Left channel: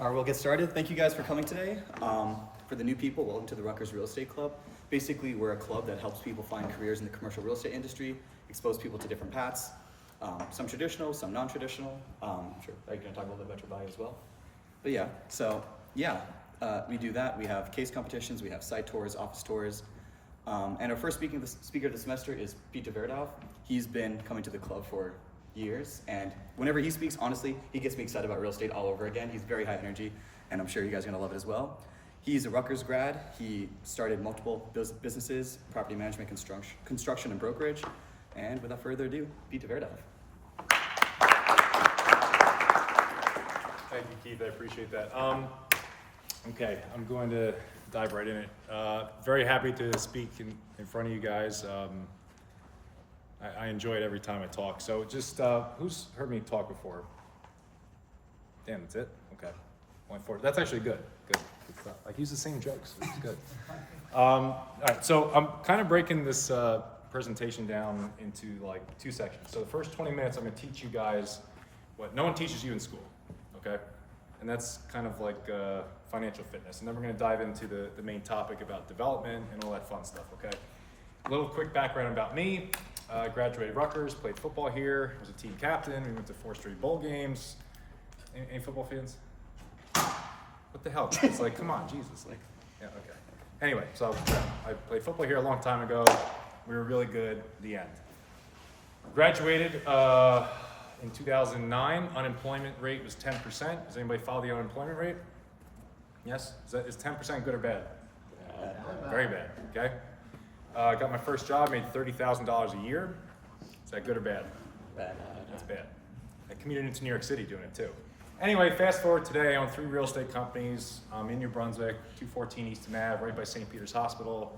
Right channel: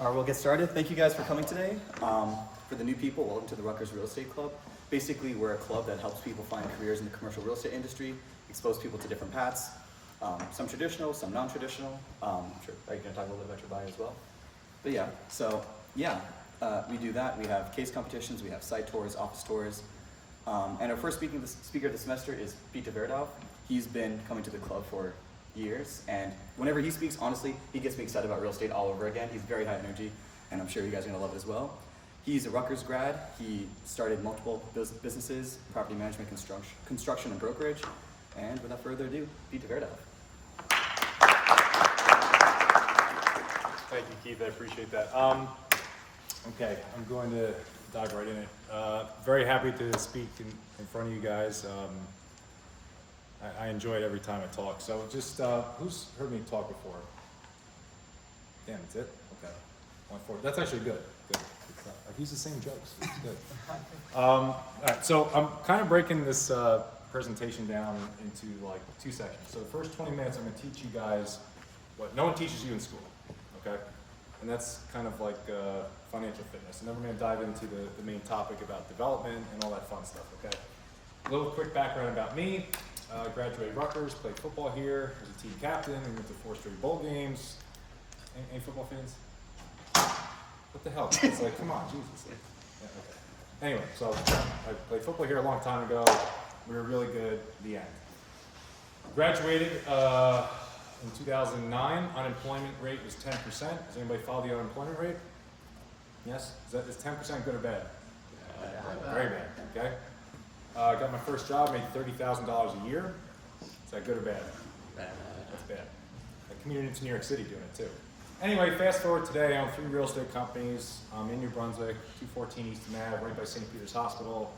All right, we'll get started. Thank you guys for coming today. For the new people, welcome to the Rutgers Real Estate Club. Basically, we're a club that helps people find careers in the commercial real estate industry, expose people to different paths, some traditional, some non-traditional. Sure, are you gonna talk a little bit about your bio as well? But we do that. We have case competitions, we have site tours, office tours. And our first speaker of the semester is Tverdov. He's been coming to the club for years, and whenever he speaks, honestly, he gets me excited about real estate all over again. He's very high energy, and I'm sure you guys are gonna love it as well. He's a Rutgers grad. He started multiple businesses, property management, construction, and brokerage. And without further ado, Tverdov. Thank you, Keith. I appreciate that. Okay, I'm going to dive right in it. Very happy to speak in front of you guys. I enjoy it every time I talk. So just, who's heard me talk before? Damn, that's it? Okay. 140. That's actually good. Good. Like, use the same jokes. It's good. All right, so I'm kind of breaking this presentation down into like two sections. So the first 20 minutes, I'm going to teach you guys what no one teaches you in school, okay? And that's kind of like financial fitness. And then we're going to dive into the main topic about development and all that fun stuff, okay? A little quick background about me. Graduated Rutgers, played football here, was a team captain. We went to 4 straight bowl games. Any football fans? What the hell? It's like, come on, Jesus. Like, yeah, okay. Anyway, so yeah, I played football here a long time ago. We were really good. The end. Graduated in 2009. Unemployment rate was 10%. Does anybody follow the unemployment rate? Yes? Is 10% good or bad? Very bad. Okay. Got my first job, made $30,000 a year. Is that good or bad? Bad. That's bad. I commuted into New York City doing it too. Anyway, fast forward today, I own 3 real estate companies. I'm in New Brunswick, 214 Easton Ave, right by St. Peter's Hospital.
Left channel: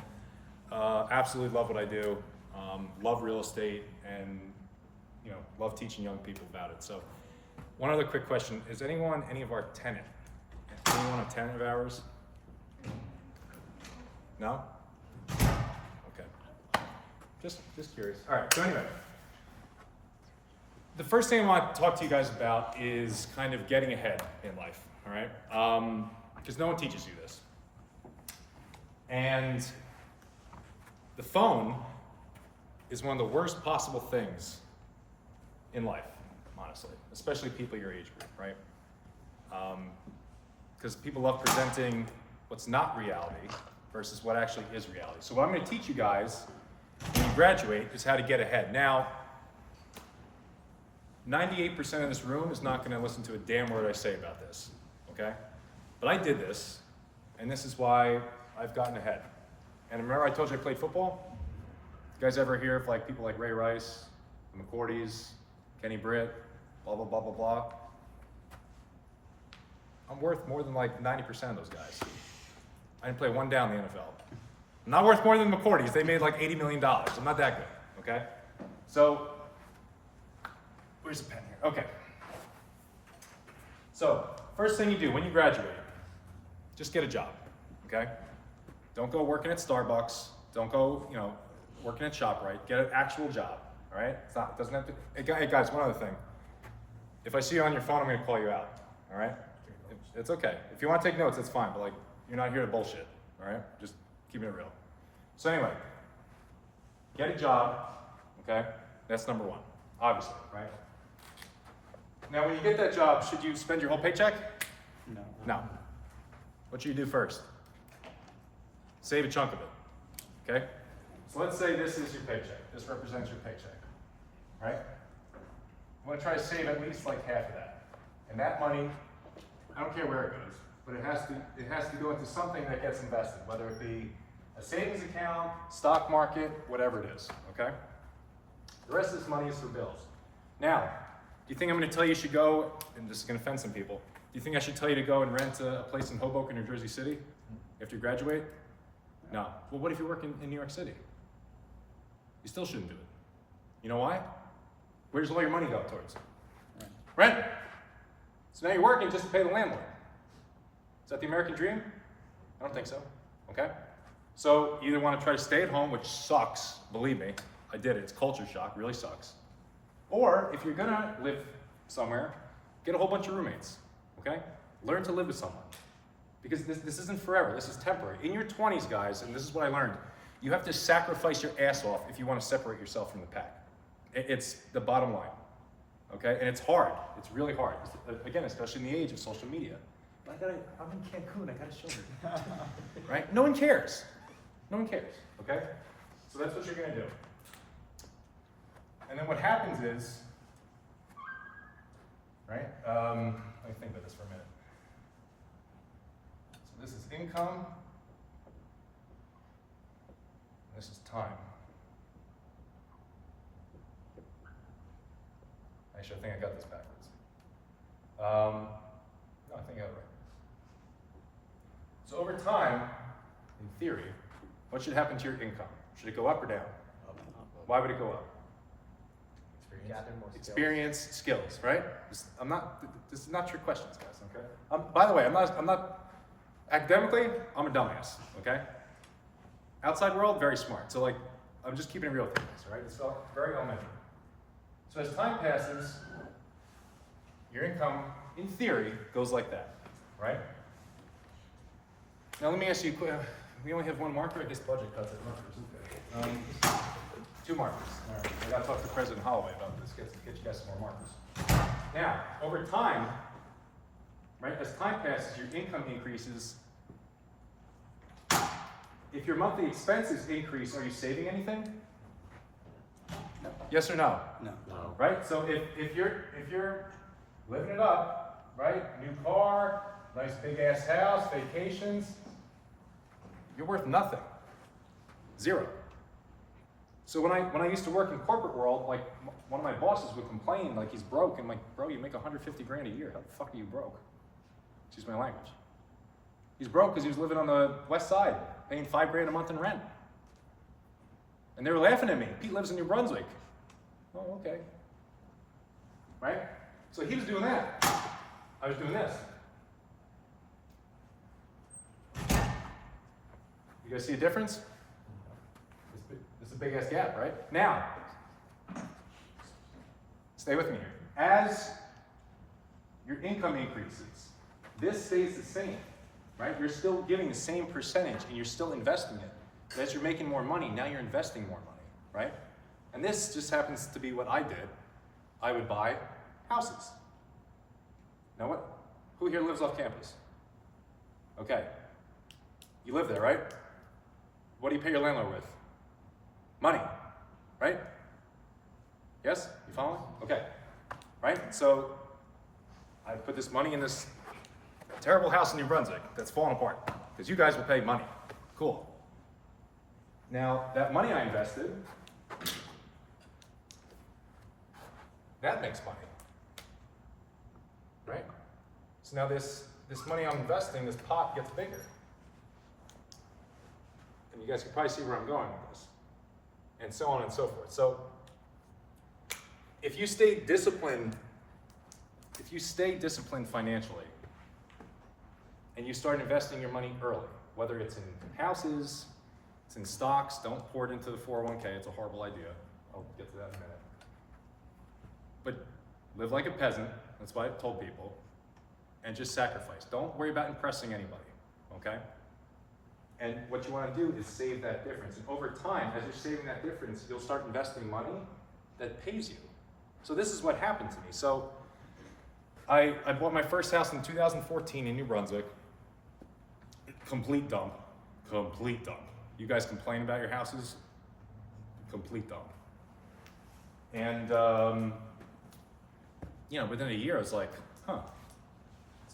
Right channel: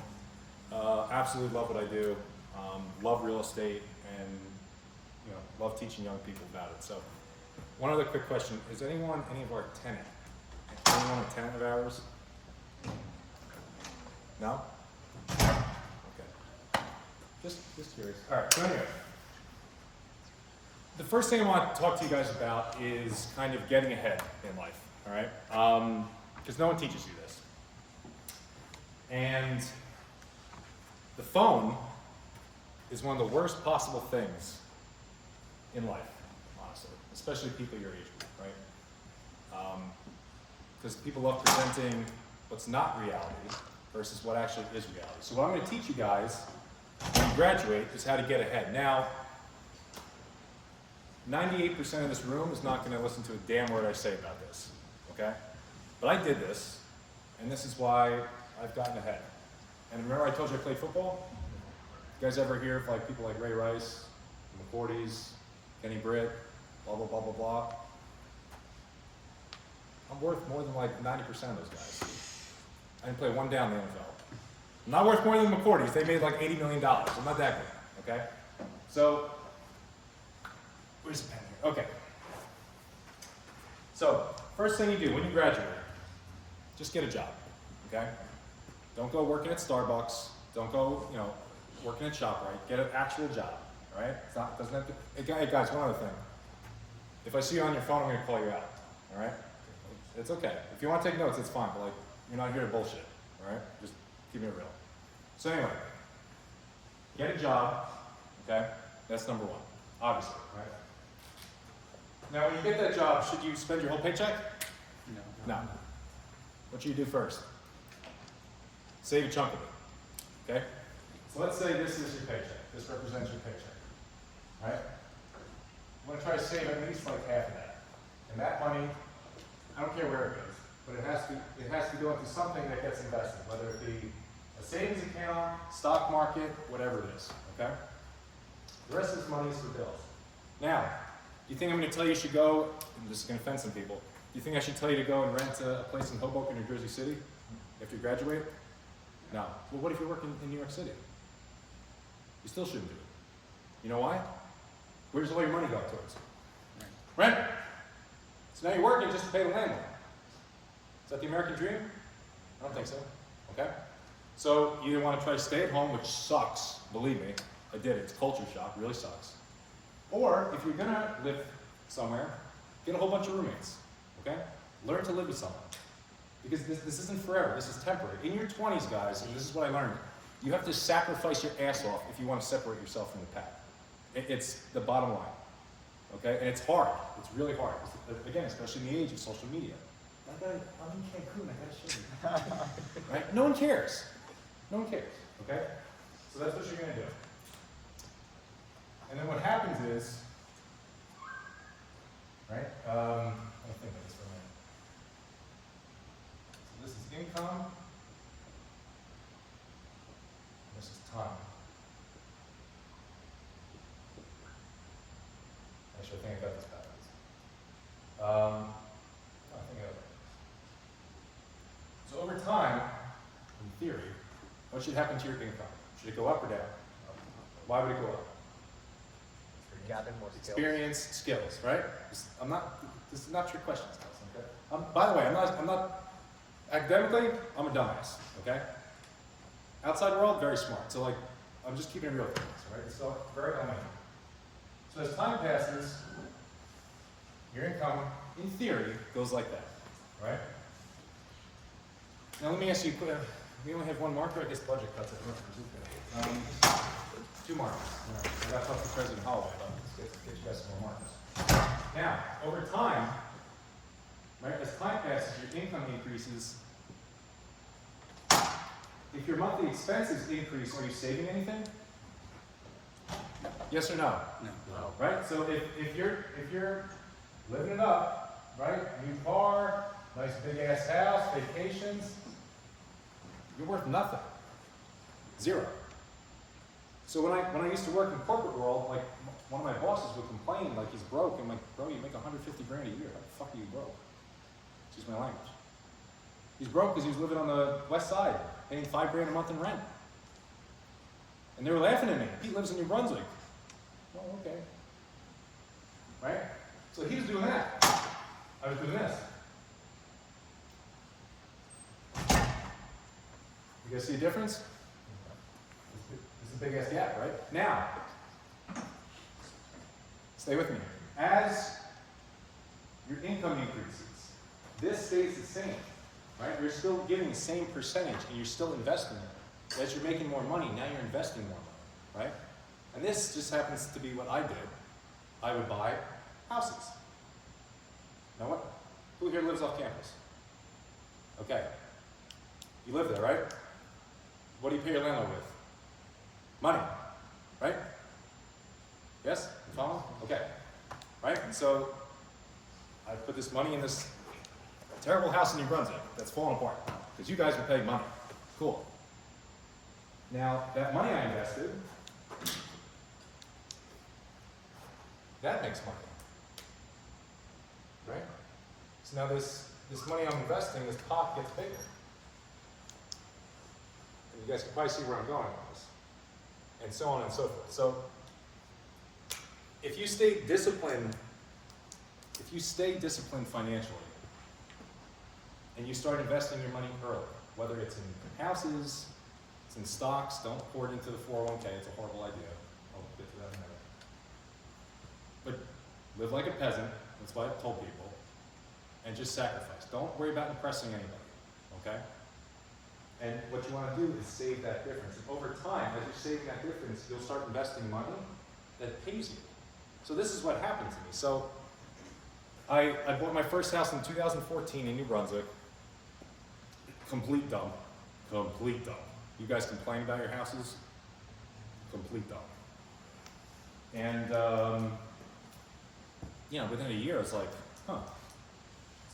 Absolutely love what I do. Love real estate, and love teaching young people about it. So, one other quick question: is any of our tenant? Anyone a tenant of ours? No? Okay. Just curious. All right. So anyway. The first thing I want to talk to you guys about is kind of getting ahead in life, all right? Because no one teaches you this. And the phone is one of the worst possible things in life, honestly, especially people your age group, right? Because people love presenting what's not reality versus what actually is reality. So what I'm going to teach you guys when you graduate is how to get ahead. Now, 98% of this room is not going to listen to a damn word I say about this, okay? But I did this, and this is why I've gotten ahead. And remember I told you I played football? You guys ever hear of like people like Ray Rice, McCourties, Kenny Britt, blah, blah, blah, blah, blah? I'm worth more than like 90% of those guys. I didn't play one down in the NFL. I'm not worth more than McCourties. They made like $80 million. I'm not that good, okay? So, where's the pen here? Okay. So, first thing you do when you graduate, just get a job, okay? Don't go working at Starbucks. Don't go, working at ShopRite. Get an actual job, all right? It doesn't have to, hey guys, one other thing. If I see you on your phone, I'm gonna call you out, all right? It's okay. If you want to take notes, it's fine, but like, you're not here to bullshit, all right? Just keep it real. So anyway, get a job, okay? That's number one, obviously, right? Now, when you get that job, should you spend your whole paycheck? No. No. What should you do first? Save a chunk of it, okay? So let's say this is your paycheck. This represents your paycheck, right? I'm gonna try to save at least like half of that. And that money, I don't care where it goes, but it has to go into something that gets invested, whether it be a savings account, stock market, whatever it is, okay? The rest of this money is for bills. Now, do you think I'm going to tell you should go, and this is going to offend some people, do you think I should tell you to go and rent a place in Hoboken or Jersey City after you graduate? No. Well, what if you're working in New York City? You still shouldn't do it. You know why? Where does all your money go towards? Rent. So now you're working just to pay the landlord. Is that the American dream? I don't think so. Okay? So you either want to try to stay at home, which sucks, believe me. I did it. It's culture shock. Really sucks. Or if you're gonna live somewhere, get a whole bunch of roommates, okay? Learn to live with someone. Because this isn't forever, this is temporary. In your 20s, guys, and this is what I learned, you have to sacrifice your ass off if you want to separate yourself from the pack. It's the bottom line, okay? And it's hard, it's really hard. Again, especially in the age of social media. I'm in Cancun, I gotta show you. Right? No one cares. No one cares, okay? So that's what you're gonna do. And then what happens is, right? Let me think of this for a minute. So this is income. This is time. Actually, I think I got this backwards. No, I think I got it backwards. So over time, in theory, what should happen to your income? Should it go up or down? Why would it go up? Experience, skills, right? This is not trick questions, guys, okay? By the way, I'm not, academically, I'm a dumbass, okay? Outside world, very smart. So like, I'm just keeping it real with you guys, right? So very elementary. So as time passes, your income, in theory, goes like that, right? Now let me ask you, we only have one marker, I guess budget cuts it. Two markers. All right. I gotta talk to President Holloway about this, get you guys some more markers. Now, over time, right, as time passes, your income increases. If your monthly expenses increase, are you saving anything? No. Yes or no? No. Right? So if you're living it up, right? New car, nice big ass house, vacations, you're worth nothing. Zero. So when I used to work in the corporate world, like one of my bosses would complain like he's broke. I'm like, bro, you make 150 grand a year. How the fuck are you broke? Excuse my language. He's broke because he was living on the west side, paying $5 grand a month in rent. And they were laughing at me. He lives in New Brunswick. Oh, okay. Right? So he was doing that. I was doing this. You guys see a difference? It's a big ass gap, right? Now, stay with me. As your income increases, this stays the same, right? You're still giving the same percentage and you're still investing it. As you're making more money, now you're investing more money, right? And this just happens to be what I did. I would buy houses. You know what? Who here lives off campus? Okay. You live there, right? What do you pay your landlord with? Money, right? Yes? You following? Okay. Right? So I put this money in this terrible house in New Brunswick that's falling apart because you guys will pay money. Cool. Now, that money I invested, that makes money. Right? So now this money I'm investing, this pot gets bigger. And you guys can probably see where I'm going with this. And so on and so forth. So if you stay disciplined financially, and you start investing your money early, whether it's in houses, it's in stocks, don't pour it into the 401k, it's a horrible idea. I'll get to that in a minute. But live like a peasant, that's what I've told people, and just sacrifice. Don't worry about impressing anybody, okay? And what you want to do is save that difference. And over time, as you're saving that difference, you'll start investing money that pays you. So this is what happened to me. So I bought my first house in 2014 in New Brunswick. Complete dump. Complete dump. You guys complain about your houses? Complete dump. And, you know, within a year, I was like, huh.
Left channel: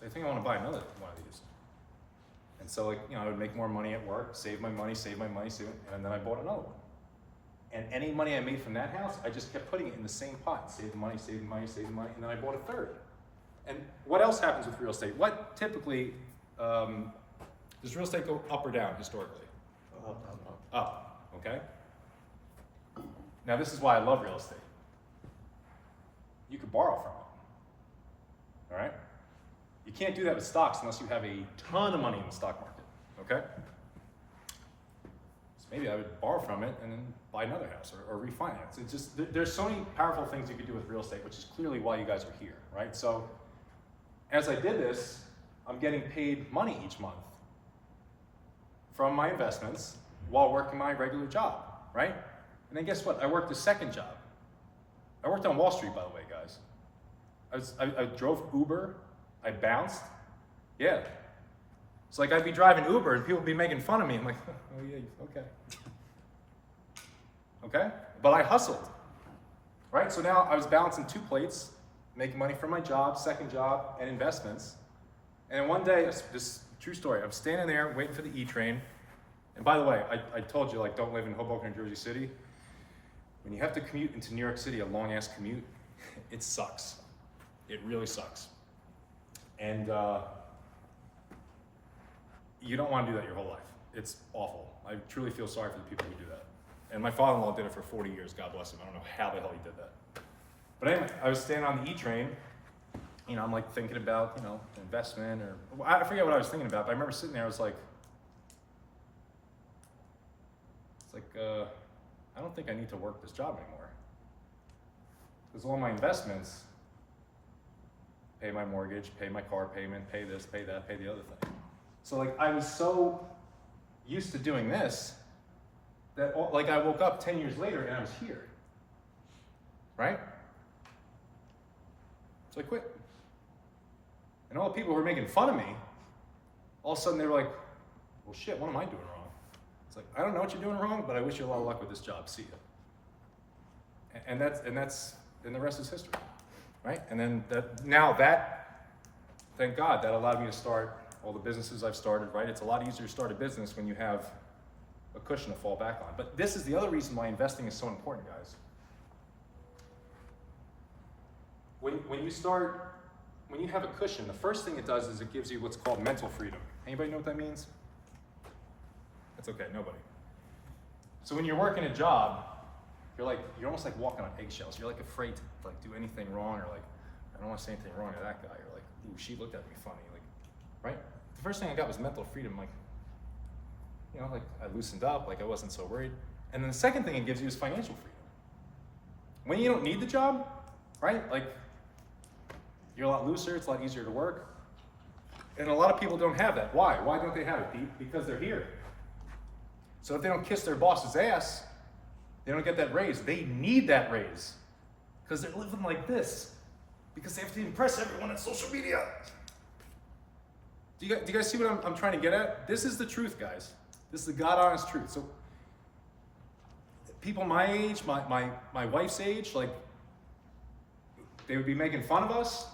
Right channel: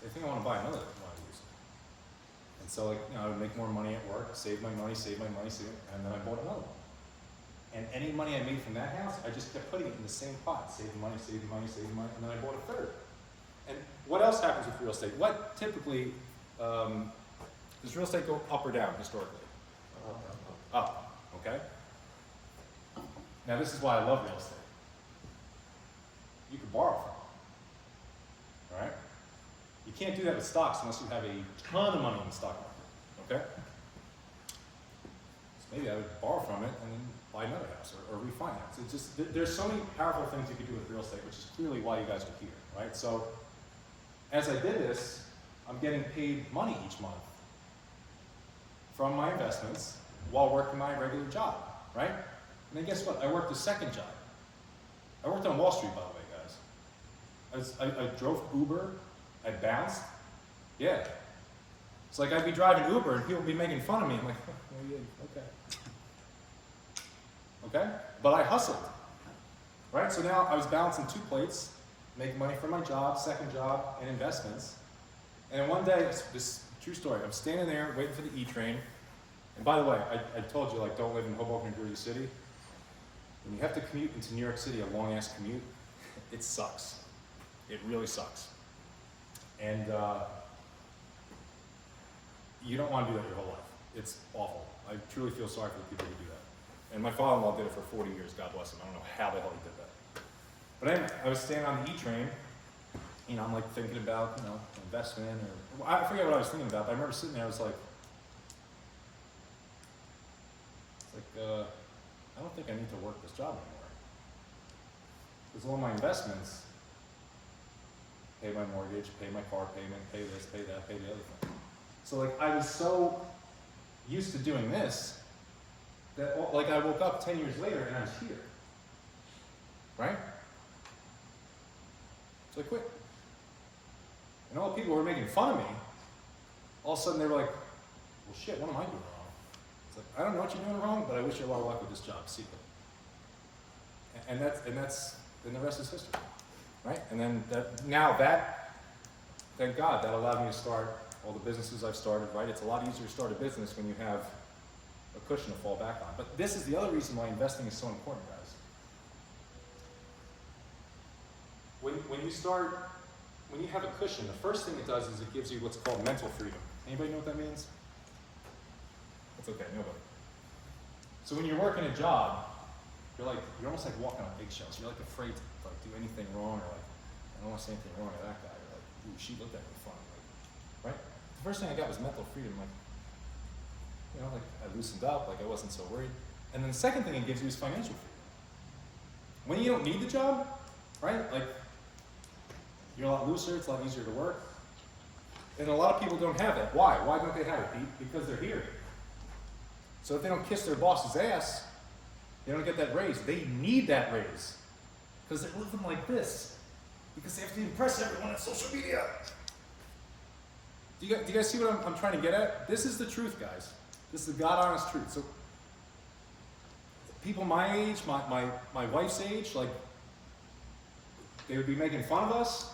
So I think I want to buy another one of these. And so, like, you know, I would make more money at work, save my money, and then I bought another one. And any money I made from that house, I just kept putting it in the same pot, saving money, and then I bought a third. And what else happens with real estate? What typically, does real estate go up or down historically? Up, okay? Now this is why I love real estate. You can borrow from it, all right? You can't do that with stocks unless you have a ton of money in the stock market, okay? So maybe I would borrow from it and then buy another house or refinance. It's just, there's so many powerful things you could do with real estate, which is clearly why you guys are here, right? So as I did this, I'm getting paid money each month from my investments while working my regular job, right? And then guess what? I worked a second job. I worked on Wall Street, by the way, guys. I drove Uber, I bounced. Yeah. It's like I'd be driving Uber and people would be making fun of me. I'm like, oh yeah, okay. Okay? But I hustled, right? So now I was balancing 2 plates, making money from my job, second job, and investments. And one day, this true story, I'm standing there waiting for the E-train. And by the way, I told you, like, don't live in Hoboken or Jersey City. When you have to commute into New York City, a long ass commute, it sucks. It really sucks. And you don't want to do that your whole life. It's awful. I truly feel sorry for the people who do that. And my father-in-law did it for 40 years, God bless him. I don't know how the hell he did that. But anyway, I was standing on the E-train, you know, I'm like thinking about, you know, investment or, I forget what I was thinking about, but I remember sitting there, I was like, I don't think I need to work this job anymore. Because all my investments pay my mortgage, pay my car payment, pay this, pay that, pay the other thing. So like I was so used to doing this that like I woke up 10 years later and I was here, right? So I quit. And all the people who were making fun of me, all of a sudden they were like, well shit, what am I doing wrong? It's like, I don't know what you're doing wrong, but I wish you a lot of luck with this job, see ya. And the rest is history, right? And then thank God, that allowed me to start all the businesses I've started, right? It's a lot easier to start a business when you have a cushion to fall back on. But this is the other reason why investing is so important, guys. When you have a cushion, the first thing it does is it gives you what's called mental freedom. Anybody know what that means? That's okay, nobody. So when you're working a job, you're almost like walking on eggshells. You're like afraid to like do anything wrong, or like, I don't want to say anything wrong to that guy. You're like, ooh, she looked at me funny, like, right? The first thing I got was mental freedom, like, you know, like I loosened up, like I wasn't so worried. And then the second thing it gives you is financial freedom. When you don't need the job, right? Like, you're a lot looser, it's a lot easier to work. And a lot of people don't have that. Why? Why don't they have it, Pete? Because they're here. So if they don't kiss their boss's ass, they don't get that raise. They need that raise because they're living like this because they have to impress everyone on social media. Do you guys see what I'm trying to get at? This is the truth, guys. This is the God-honest truth. So people my age, my wife's age, like, they would be making fun of us,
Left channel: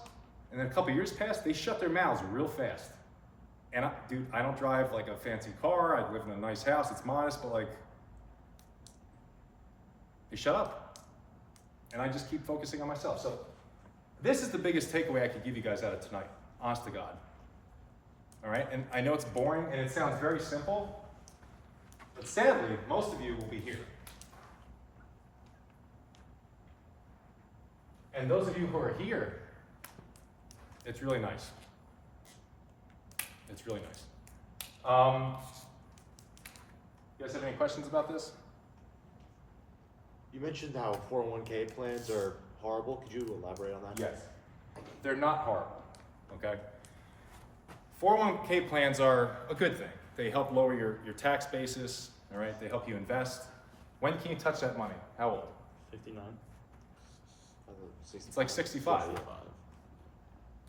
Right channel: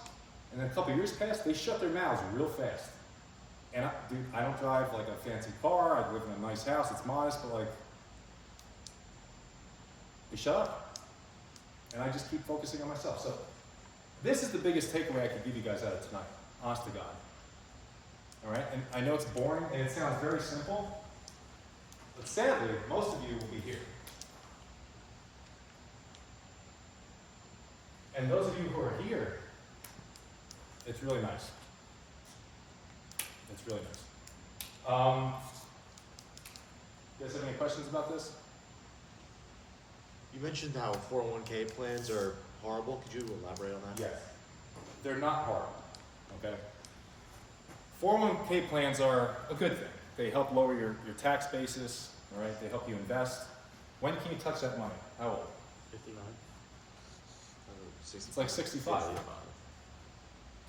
and then a couple years passed, they shut their mouths real fast. And dude, I don't drive like a fancy car, I live in a nice house, it's modest, but like, they shut up. And I just keep focusing on myself. So this is the biggest takeaway I could give you guys out of tonight, honest to God. All right, and I know it's boring and it sounds very simple, but sadly, most of you will be here. And those of you who are here, it's really nice. It's really nice. You guys have any questions about this? You mentioned how 401k plans are horrible. Could you elaborate on that? Yes. They're not horrible, okay? 401k plans are a good thing. They help lower your tax basis, all right? They help you invest. When can you touch that money? How old? 59. It's like 65.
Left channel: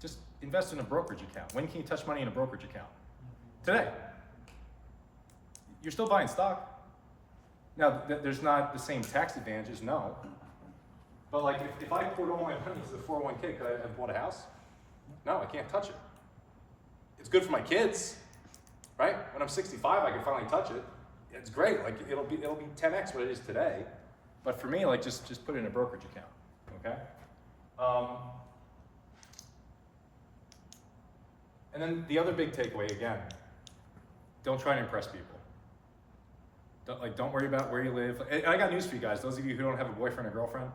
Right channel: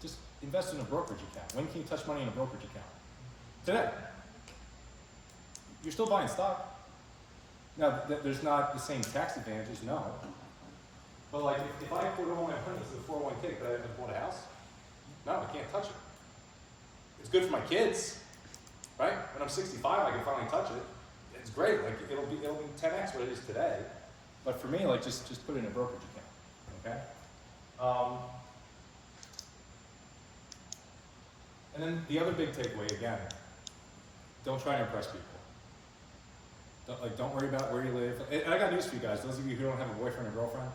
Just invest in a brokerage account. When can you touch money in a brokerage account? Today. You're still buying stock. Now, there's not the same tax advantages, no. But like, if I put all my money into the 401k, could I have bought a house? No, I can't touch it. It's good for my kids, right? When I'm 65, I can finally touch it. It's great. Like, it'll be 10x what it is today. But for me, like, just put it in a brokerage account, okay? And then the other big takeaway, again, don't try to impress people. Don't worry about where you live. And I got news for you guys. Those of you who don't have a boyfriend or girlfriend,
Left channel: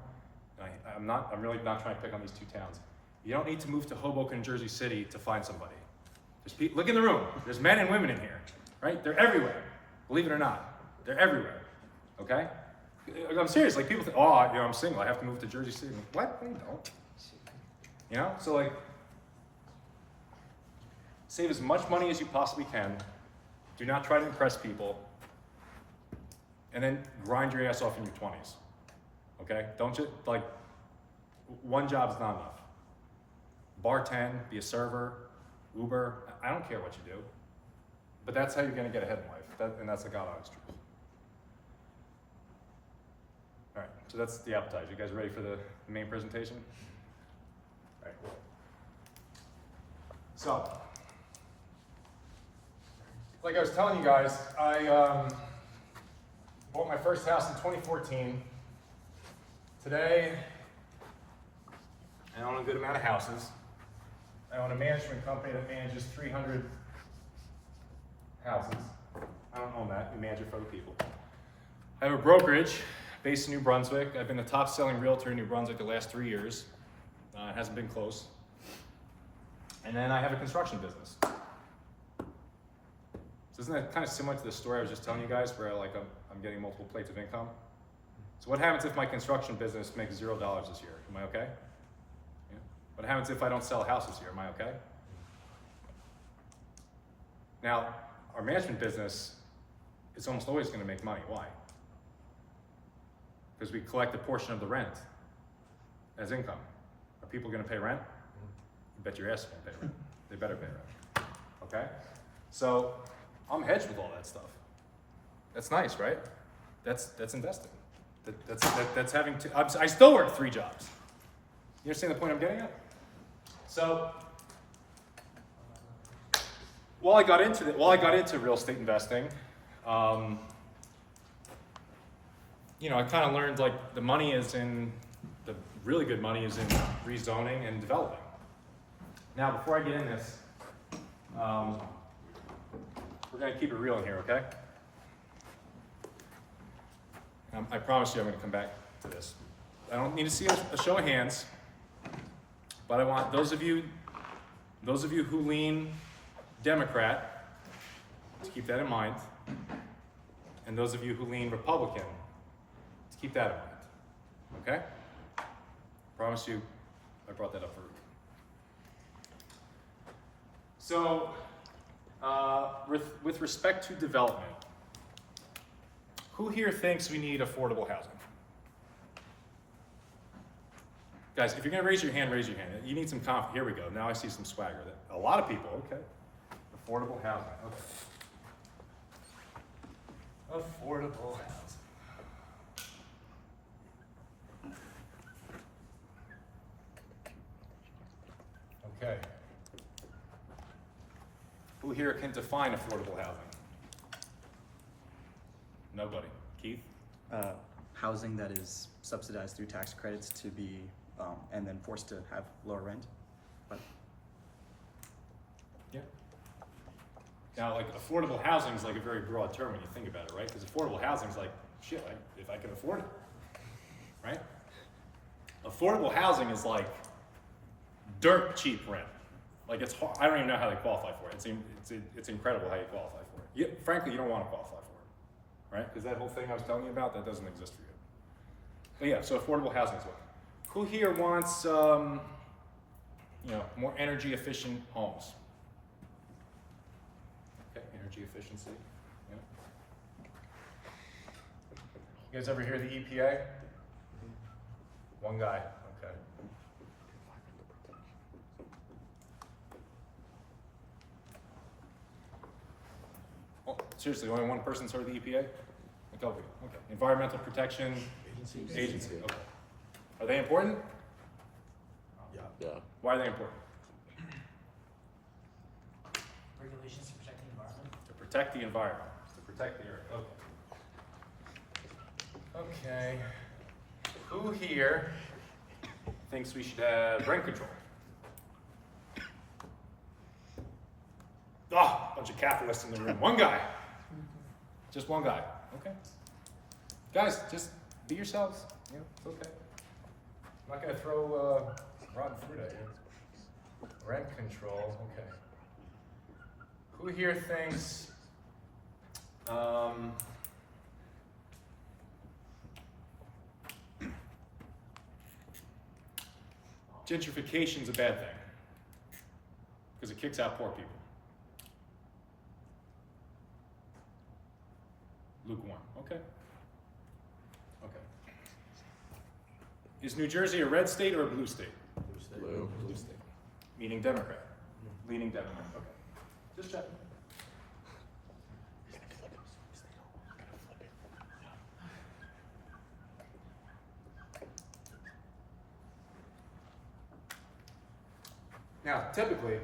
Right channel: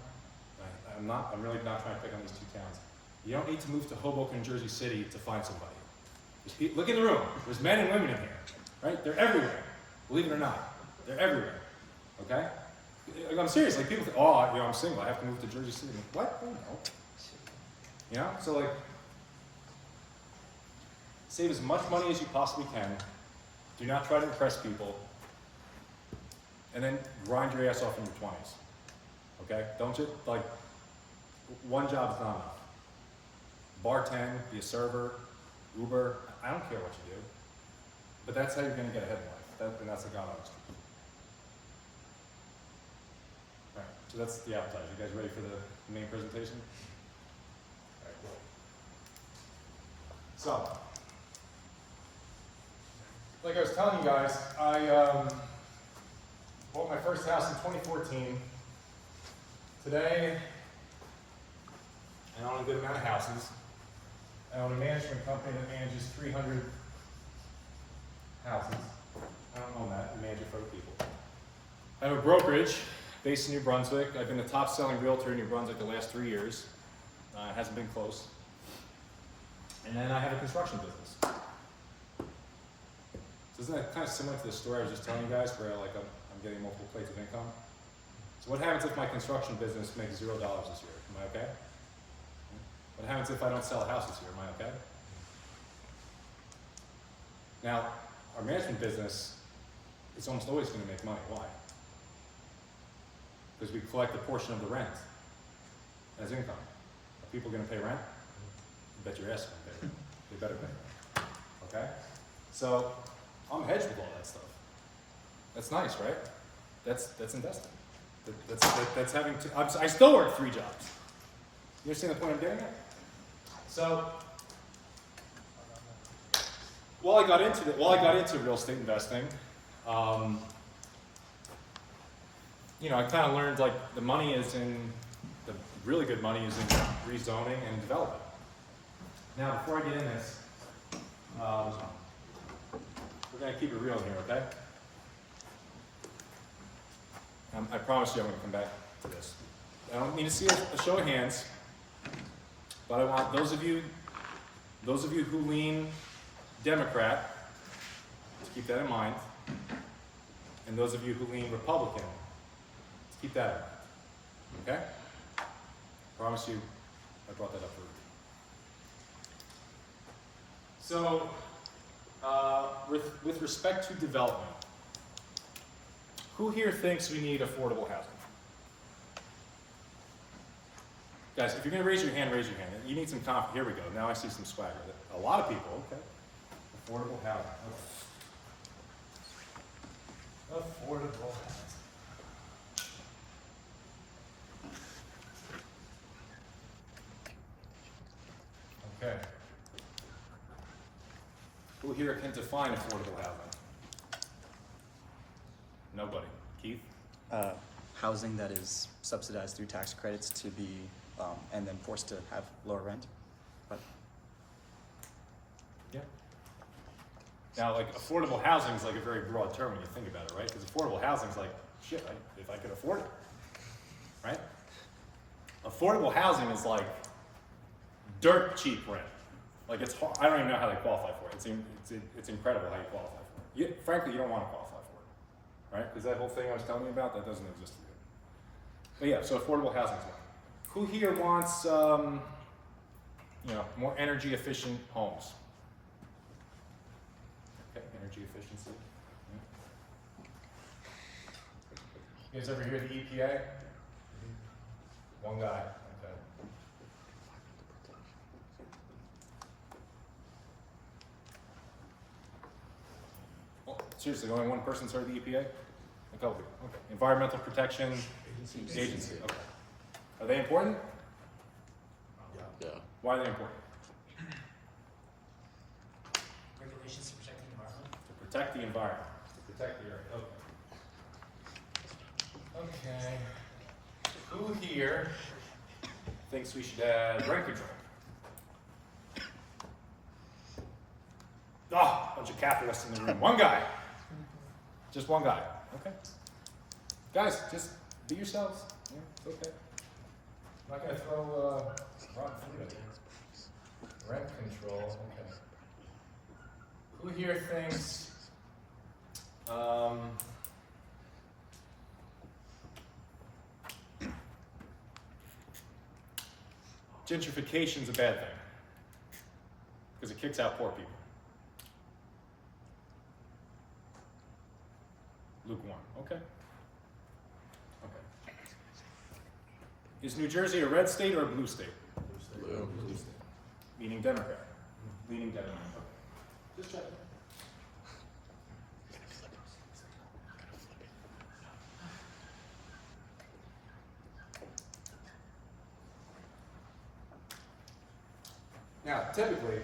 I'm really not trying to pick on these 2 towns. You don't need to move to Hoboken, Jersey City to find somebody. Look in the room. There's men and women in here, right? They're everywhere. Believe it or not, they're everywhere. Okay? I'm serious. Like, people think, oh, you know, I'm single. I have to move to Jersey City. I'm like, what? No, you don't. You know? So like, Save as much money as you possibly can. Do not try to impress people. And then grind your ass off in your 20s. Okay? Don't just, like, one job is not enough. Bartend, be a server, Uber, I don't care what you do. But that's how you're gonna get ahead in life. And that's the God honest truth. All right, so that's the appetizer. You guys ready for the main presentation? All right, cool. So, like I was telling you guys, I bought my first house in 2014. Today, I own a good amount of houses. I own a management company that manages 300 houses. I don't own that, I manage it for other people. I have a brokerage based in New Brunswick. I've been the top selling realtor in New Brunswick the last 3 years. It hasn't been close. And then I have a construction business. So isn't that kind of similar to the story I was just telling you guys where like I'm getting multiple plates of income? So what happens if my construction business makes $0 this year? Am I okay? Yeah. What happens if I don't sell a house this year? Am I okay? Now, our management business is almost always going to make money. Why? Because we collect a portion of the rent as income. Are people going to pay rent? Bet your ass they're going to pay rent. They better pay rent. Okay? So, I'm hedged with all that stuff. That's nice, right? That's investing. That's having two. I still work 3 jobs. You understand the point I'm getting at? So, while I got into real estate investing, you know, I kind of learned like the really good money is in rezoning and developing. Now, before I get in this, we're going to keep it real in here, okay? I promise you I'm going to come back to this. I don't need to see a show of hands, but I want those of you who lean Democrat to keep that in mind, and those of you who lean Republican to keep that in mind, okay? Promise you I brought that up for you. So, with respect to development, who here thinks we need affordable housing? Guys, if you're gonna raise your hand, raise your hand. You need some confidence. Here we go. Now I see some swagger. A lot of people, okay. Affordable housing, okay. Affordable housing. Okay. Who here can define affordable housing? Nobody. Keith? Housing that is subsidized through tax credits to be, and then forced to have lower rent. But Yeah. Now, like, affordable housing is like a very broad term when you think about it, right? Because affordable housing is like, shit, if I can afford it, right? Affordable housing is like dirt cheap rent. Like, it's hard. I don't even know how they qualify for it. It's incredible how you qualify for it. Frankly, you don't want to qualify for it, right? Because that whole thing I was telling you about, that doesn't exist for you. But yeah, so affordable housing is one. Who here wants, you know, more energy efficient homes? Okay, energy efficiency. Yeah. You guys ever hear the EPA? One guy. Okay. Oh, seriously, only one person's heard of the EPA? A couple people. Okay. Environmental Protection Agency. Okay. Are they important? Yeah. Why are they important? Regulations to protect the environment. To protect the environment. To protect the earth. Okay. Okay. Who here thinks we should have rent control? Ah, bunch of capitalists in the room. One guy. Just one guy. Okay. Guys, just be yourselves. You know, it's okay. I'm not gonna throw rotten fruit at you. Rent control. Okay. Who here thinks gentrification's a bad thing? Because it kicks out poor people. Okay. Okay. Is New Jersey a red state or a blue state? Blue state. Meaning Democrat. Leaning Democrat. Okay. Just checking. Now, typically,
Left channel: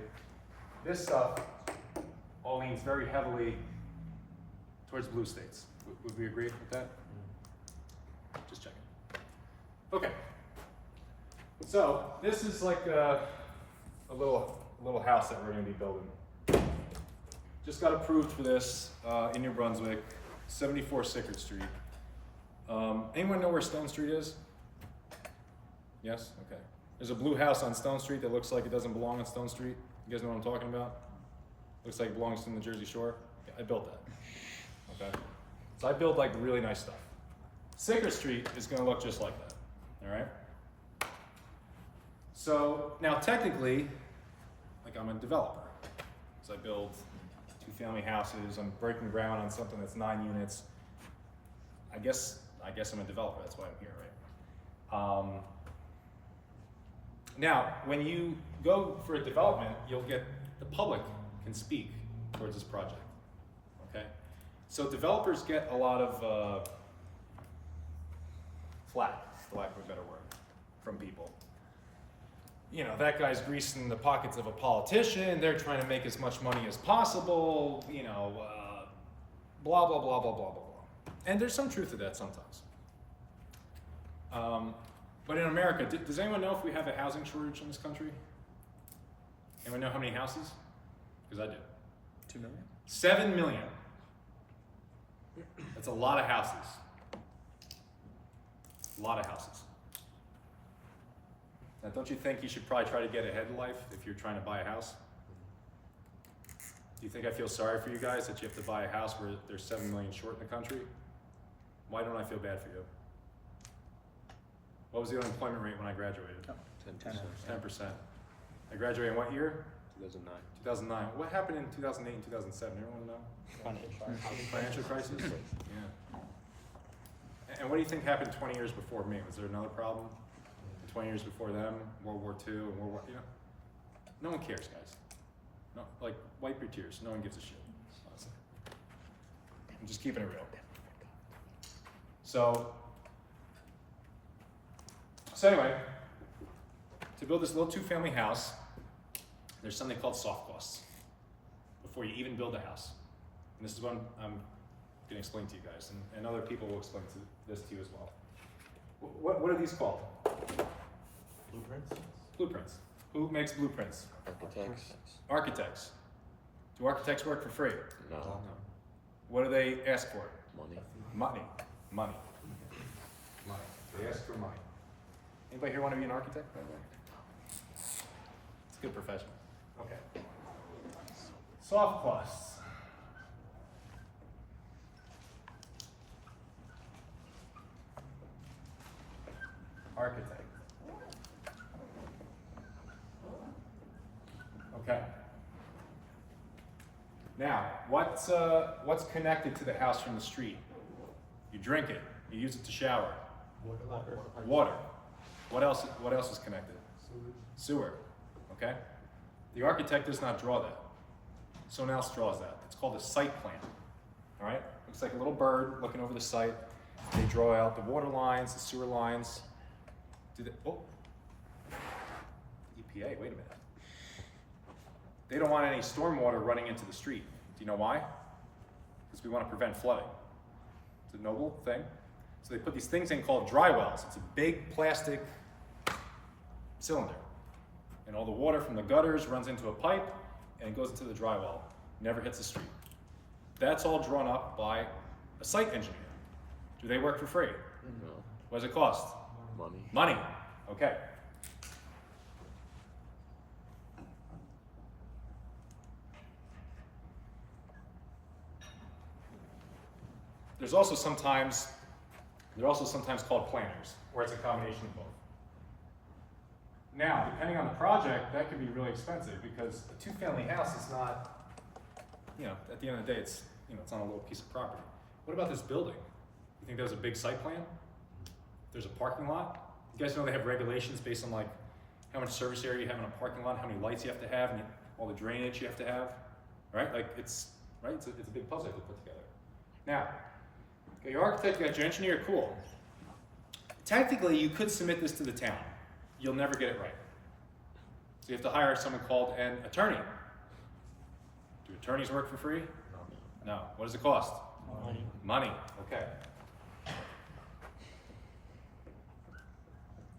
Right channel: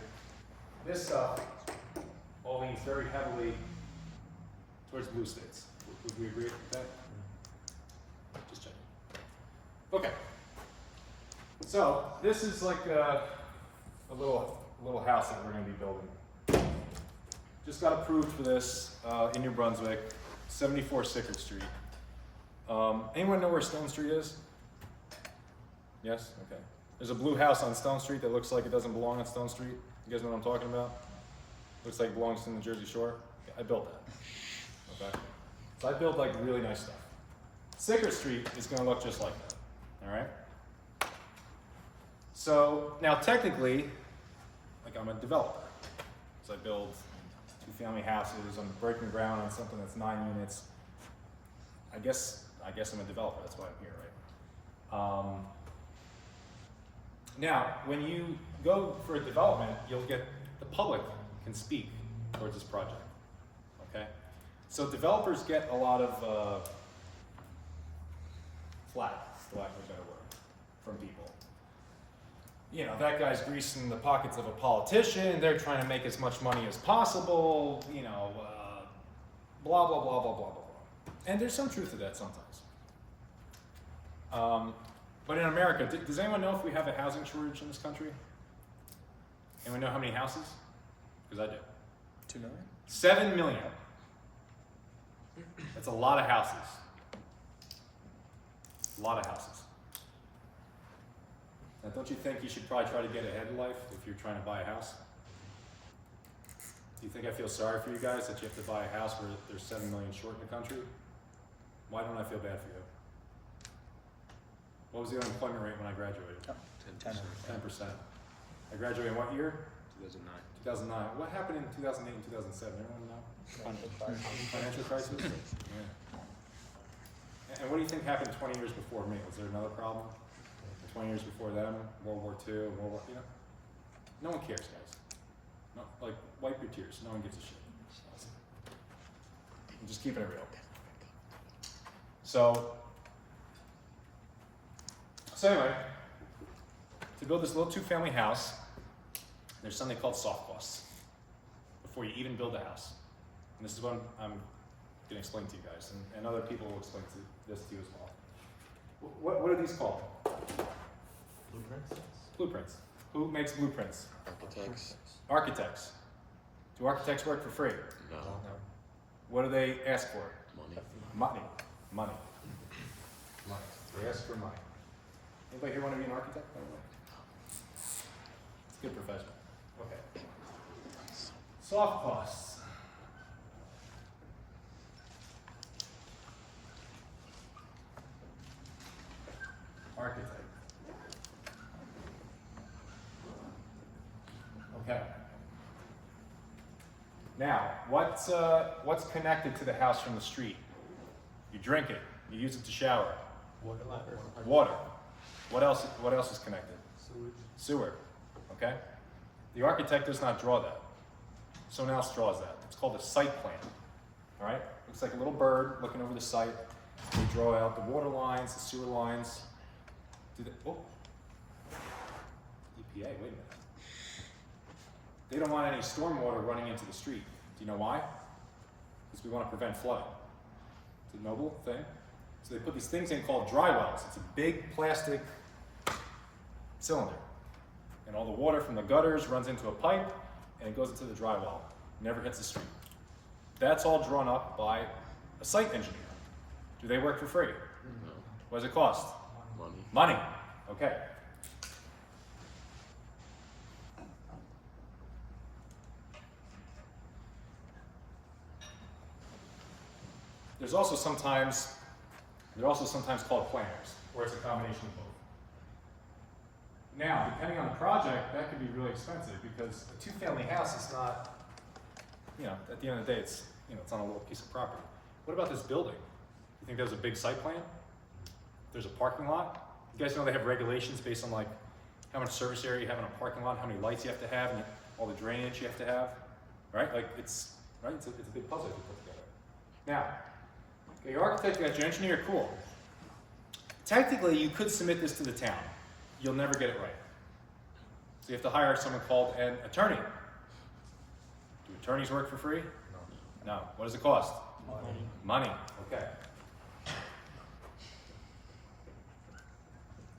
this stuff all leans very heavily towards blue states. Would we agree with that? Just checking. Okay. So this is like a little house that we're going to be building. Just got approved for this in New Brunswick, 74 Sickert Street. Anyone know where Stone Street is? Yes? Okay. There's a blue house on Stone Street that looks like it doesn't belong on Stone Street. You guys know what I'm talking about? Looks like it belongs in the Jersey Shore. I built that. Okay. So I build like really nice stuff. Sickert Street is going to look just like that. All right. So now technically, like I'm a developer. So I build 2-family houses. I'm breaking ground on something that's 9 units. I guess I'm a developer. That's why I'm here, right? Now, when you go for a development, you'll get the public can speak towards this project. Okay, so developers get a lot of flack, for lack of a better word, from people. You know, that guy's greasing the pockets of a politician. They're trying to make as much money as possible. You know, blah blah blah blah blah blah blah. And there's some truth to that sometimes. But in America, does anyone know if we have a housing shortage in this country? Anyone know how many houses? Because I do. 2 million? 7 million. That's a lot of houses. A lot of houses. Now, don't you think you should probably try to get ahead in life if you're trying to buy a house? Do you think I feel sorry for you guys that you have to buy a house where there's 7 million short in the country? Why don't I feel bad for you? What was the unemployment rate when I graduated? 10%. 10%. I graduated in what year? 2009. 2009. What happened in 2008 and 2007? Anyone know? Financial crisis? Yeah. And what do you think happened 20 years before me? Was there another problem? 20 years before them, World War II, and World War, you know? No one cares, guys. No, like, wipe your tears. No one gives a shit. I'm just keeping it real. So anyway, to build this little 2-family house, there's something called soft costs before you even build a house. And this is what I'm going to explain to you guys, and other people will explain this to you as well. What are these called? Blueprints. Who makes blueprints? Architects. Architects. Do architects work for free? No. What do they ask for? Money. Money. Money. They ask for money. Anybody here want to be an architect, by the way? It's a good profession. Okay. Soft costs. Architect. Okay. Now, what's connected to the house from the street? You drink it. You use it to shower. Water. What else is connected? Sewer. Okay? The architect does not draw that. Someone else draws that. It's called a site plan. All right? It's like a little bird looking over the site. They draw out the water lines, the sewer lines. EPA, wait a minute. They don't want any stormwater running into the street. Do you know why? Because we want to prevent flooding. It's a noble thing. So they put these things in called dry wells. It's a big plastic cylinder. And all the water from the gutters runs into a pipe and it goes into the dry well. Never hits the street. That's all drawn up by a site engineer. Do they work for free? No. What does it cost? Money. Money. Okay. They're also sometimes called planners, or it's a combination of both. Now, depending on the project, that could be really expensive because a 2-family house is not, at the end of the day, it's on a little piece of property. What about this building? You think there's a big site plan? There's a parking lot? You guys know they have regulations based on like how much service area you have in a parking lot, how many lights you have to have, and all the drainage you have to have, right? Like it's a big puzzle to put together. Now, you got your architect, you got your engineer, cool. Technically, you could submit this to the town. You'll never get it right. So you have to hire someone called an attorney. Do attorneys work for free? No. What does it cost? Money. Okay.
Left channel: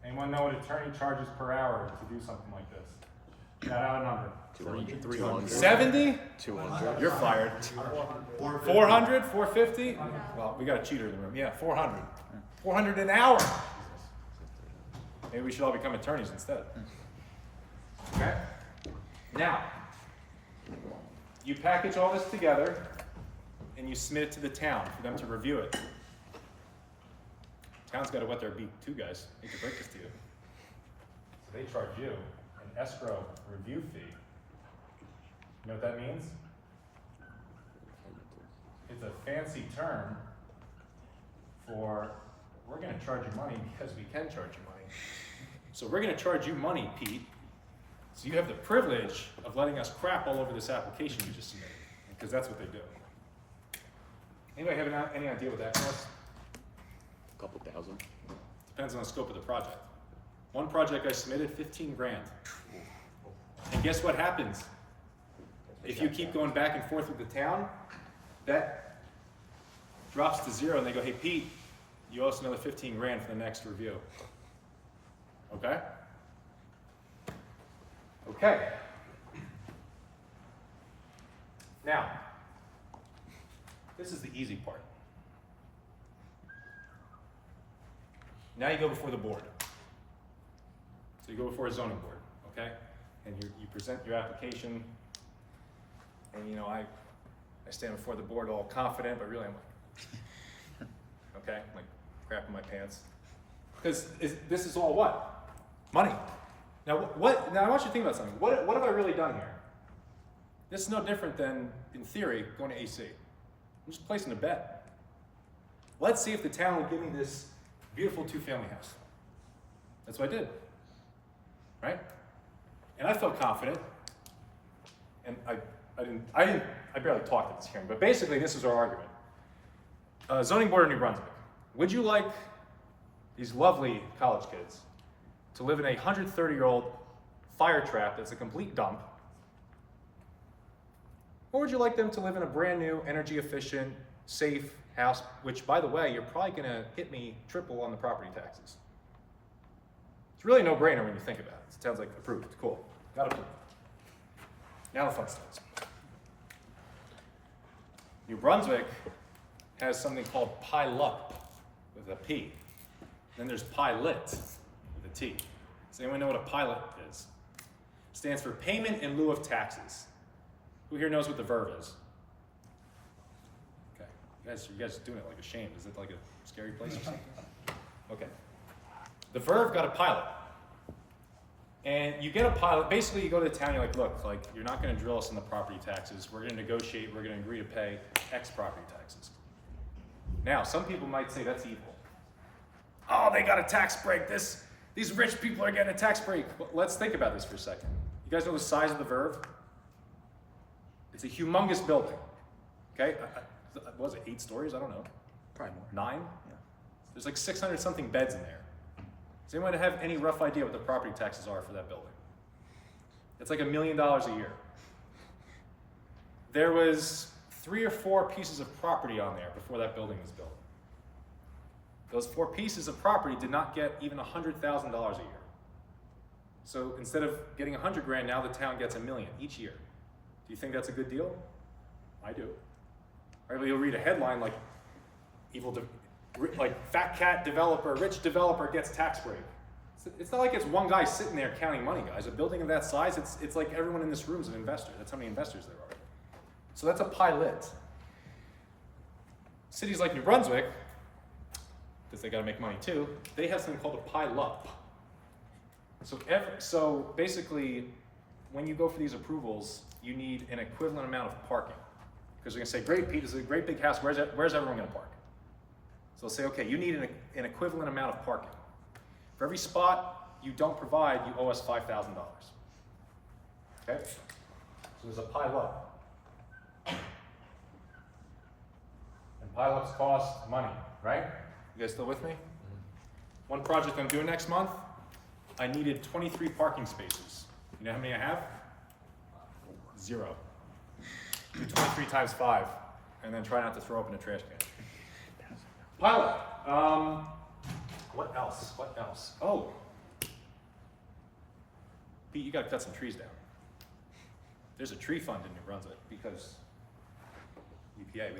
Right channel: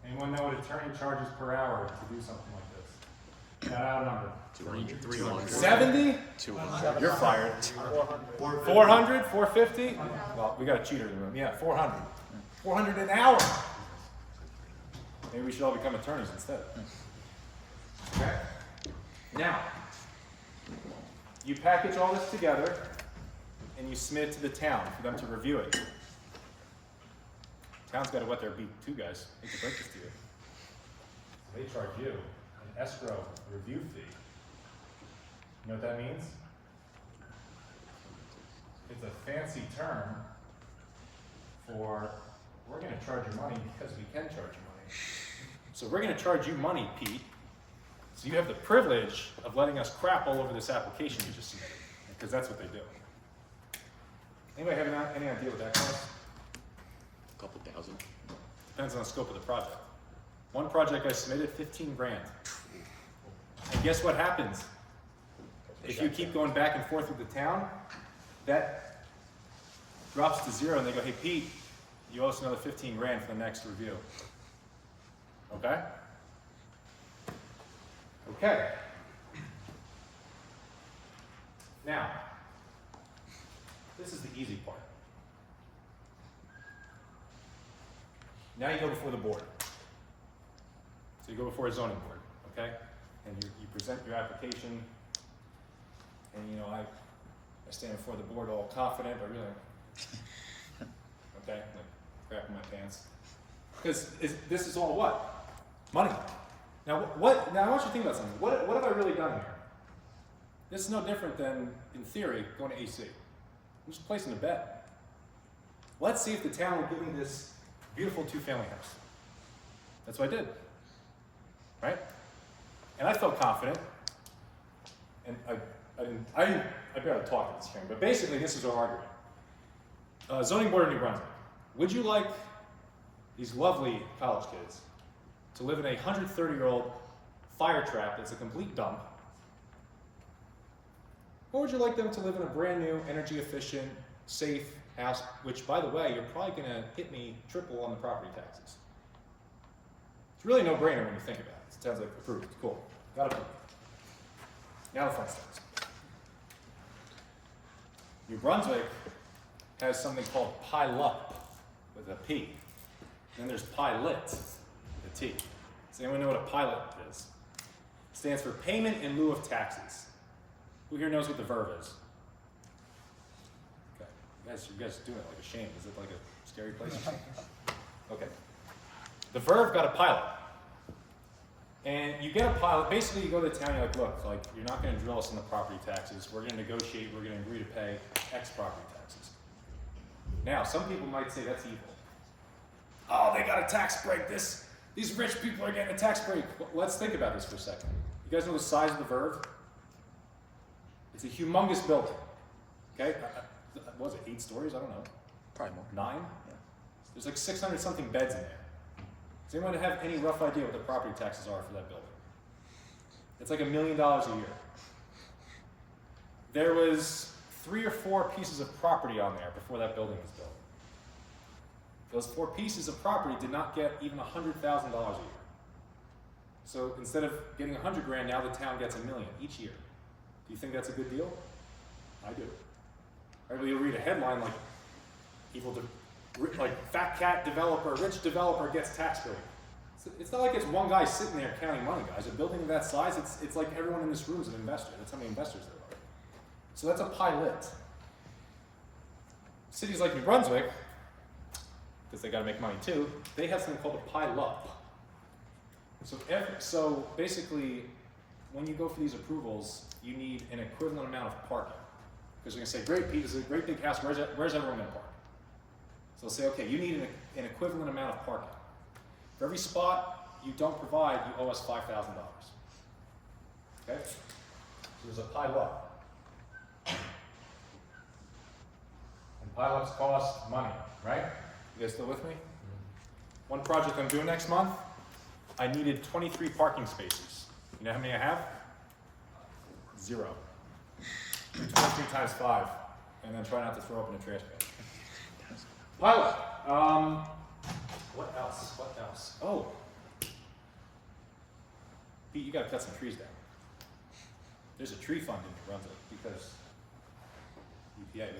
Anyone know what attorney charges per hour to do something like this? Shout out a number. 300. 70? 200. You're fired. 400? 450? Well, we got a cheater in the room. Yeah, 400. 400 an hour. Maybe we should all become attorneys instead. Okay? Now, you package all this together and you submit it to the town for them to review it. Town's got to wet their beak too, guys. I hate to break this to you. So they charge you an escrow review fee. You know what that means? It's a fancy term for we're going to charge you money because we can charge you money. So we're going to charge you money, Pete. So you have the privilege of letting us crap all over this application you just submitted, because that's what they do. Anybody have any idea what that costs? A couple thousand. Depends on the scope of the project. One project I submitted, 15 grand. And guess what happens? If you keep going back and forth with the town, that drops to zero and they go, hey Pete, you owe us another 15 grand for the next review. Okay? Okay. Now, this is the easy part. Now you go before the board. So you go before a zoning board, okay? And you present your application, and you know, I stand before the board all confident, but really I'm like, okay, I'm like crapping my pants. Because this is all what? Money. Now now I want you to think about something. What have I really done here? This is no different than, in theory, going to AC. I'm just placing a bet. Let's see if the town will give me this beautiful 2-family house. That's what I did, right? And I felt confident, and I barely talked at this hearing, but basically this is our argument. Zoning Board of New Brunswick, would you like these lovely college kids to live in a 130-year-old fire trap that's a complete dump? Or would you like them to live in a brand new, energy efficient, safe house, which by the way, you're probably gonna hit me triple on the property taxes? It's really no brainer when you think about it. It sounds like approved, cool, got approved. Now the fun starts. New Brunswick has something called PILUP with a P. Then there's PILOT with a T. Does anyone know what a pilot is? It stands for payment in lieu of taxes. Who here knows what the verb is? Okay, you guys are doing it like a shame. Is it like a scary place or something? Okay. The verb got a pilot. And you get a pilot, basically you go to the town, you're like, look, like you're not gonna drill us on the property taxes. We're gonna negotiate, we're gonna agree to pay X property taxes. Now, some people might say that's evil. Oh, they got a tax break. These rich people are getting a tax break. Well, let's think about this for a second. You guys know the size of the verb? It's a humongous building, okay? What was it, 8 stories? I don't know. Probably more. 9? Yeah. There's like 600 something beds in there. Does anyone have any rough idea what the property taxes are for that building? It's like $1 million a year. There was 3 or 4 pieces of property on there before that building was built. Those 4 pieces of property did not get even $100,000 a year. So instead of getting 100 grand, now the town gets $1 million each year. Do you think that's a good deal? I do. Right, well, you'll read a headline like, fat cat developer, rich developer gets tax break. It's not like it's one guy sitting there counting money, guys. A building of that size, it's like everyone in this room is an investor. That's how many investors there are. So that's a pilot. Cities like New Brunswick, because they got to make money too, they have something called a PILUP. So basically, when you go for these approvals, you need an equivalent amount of parking. Because you're gonna say, great, Pete, this is a great big house, where's everyone gonna park? So they'll say, okay, you need an equivalent amount of parking. For every spot you don't provide, you owe us $5,000. Okay? So there's a pile up. And pile-ups cost money, right? You guys still with me? One project I'm doing next month, I needed 23 parking spaces. You know how many I have? 0. Do 23 times 5, and then try not to throw up in a trash can. Pilot. What else? What else? Oh, Pete, you got to cut some trees down. There's a tree fund in New Brunswick because UPA,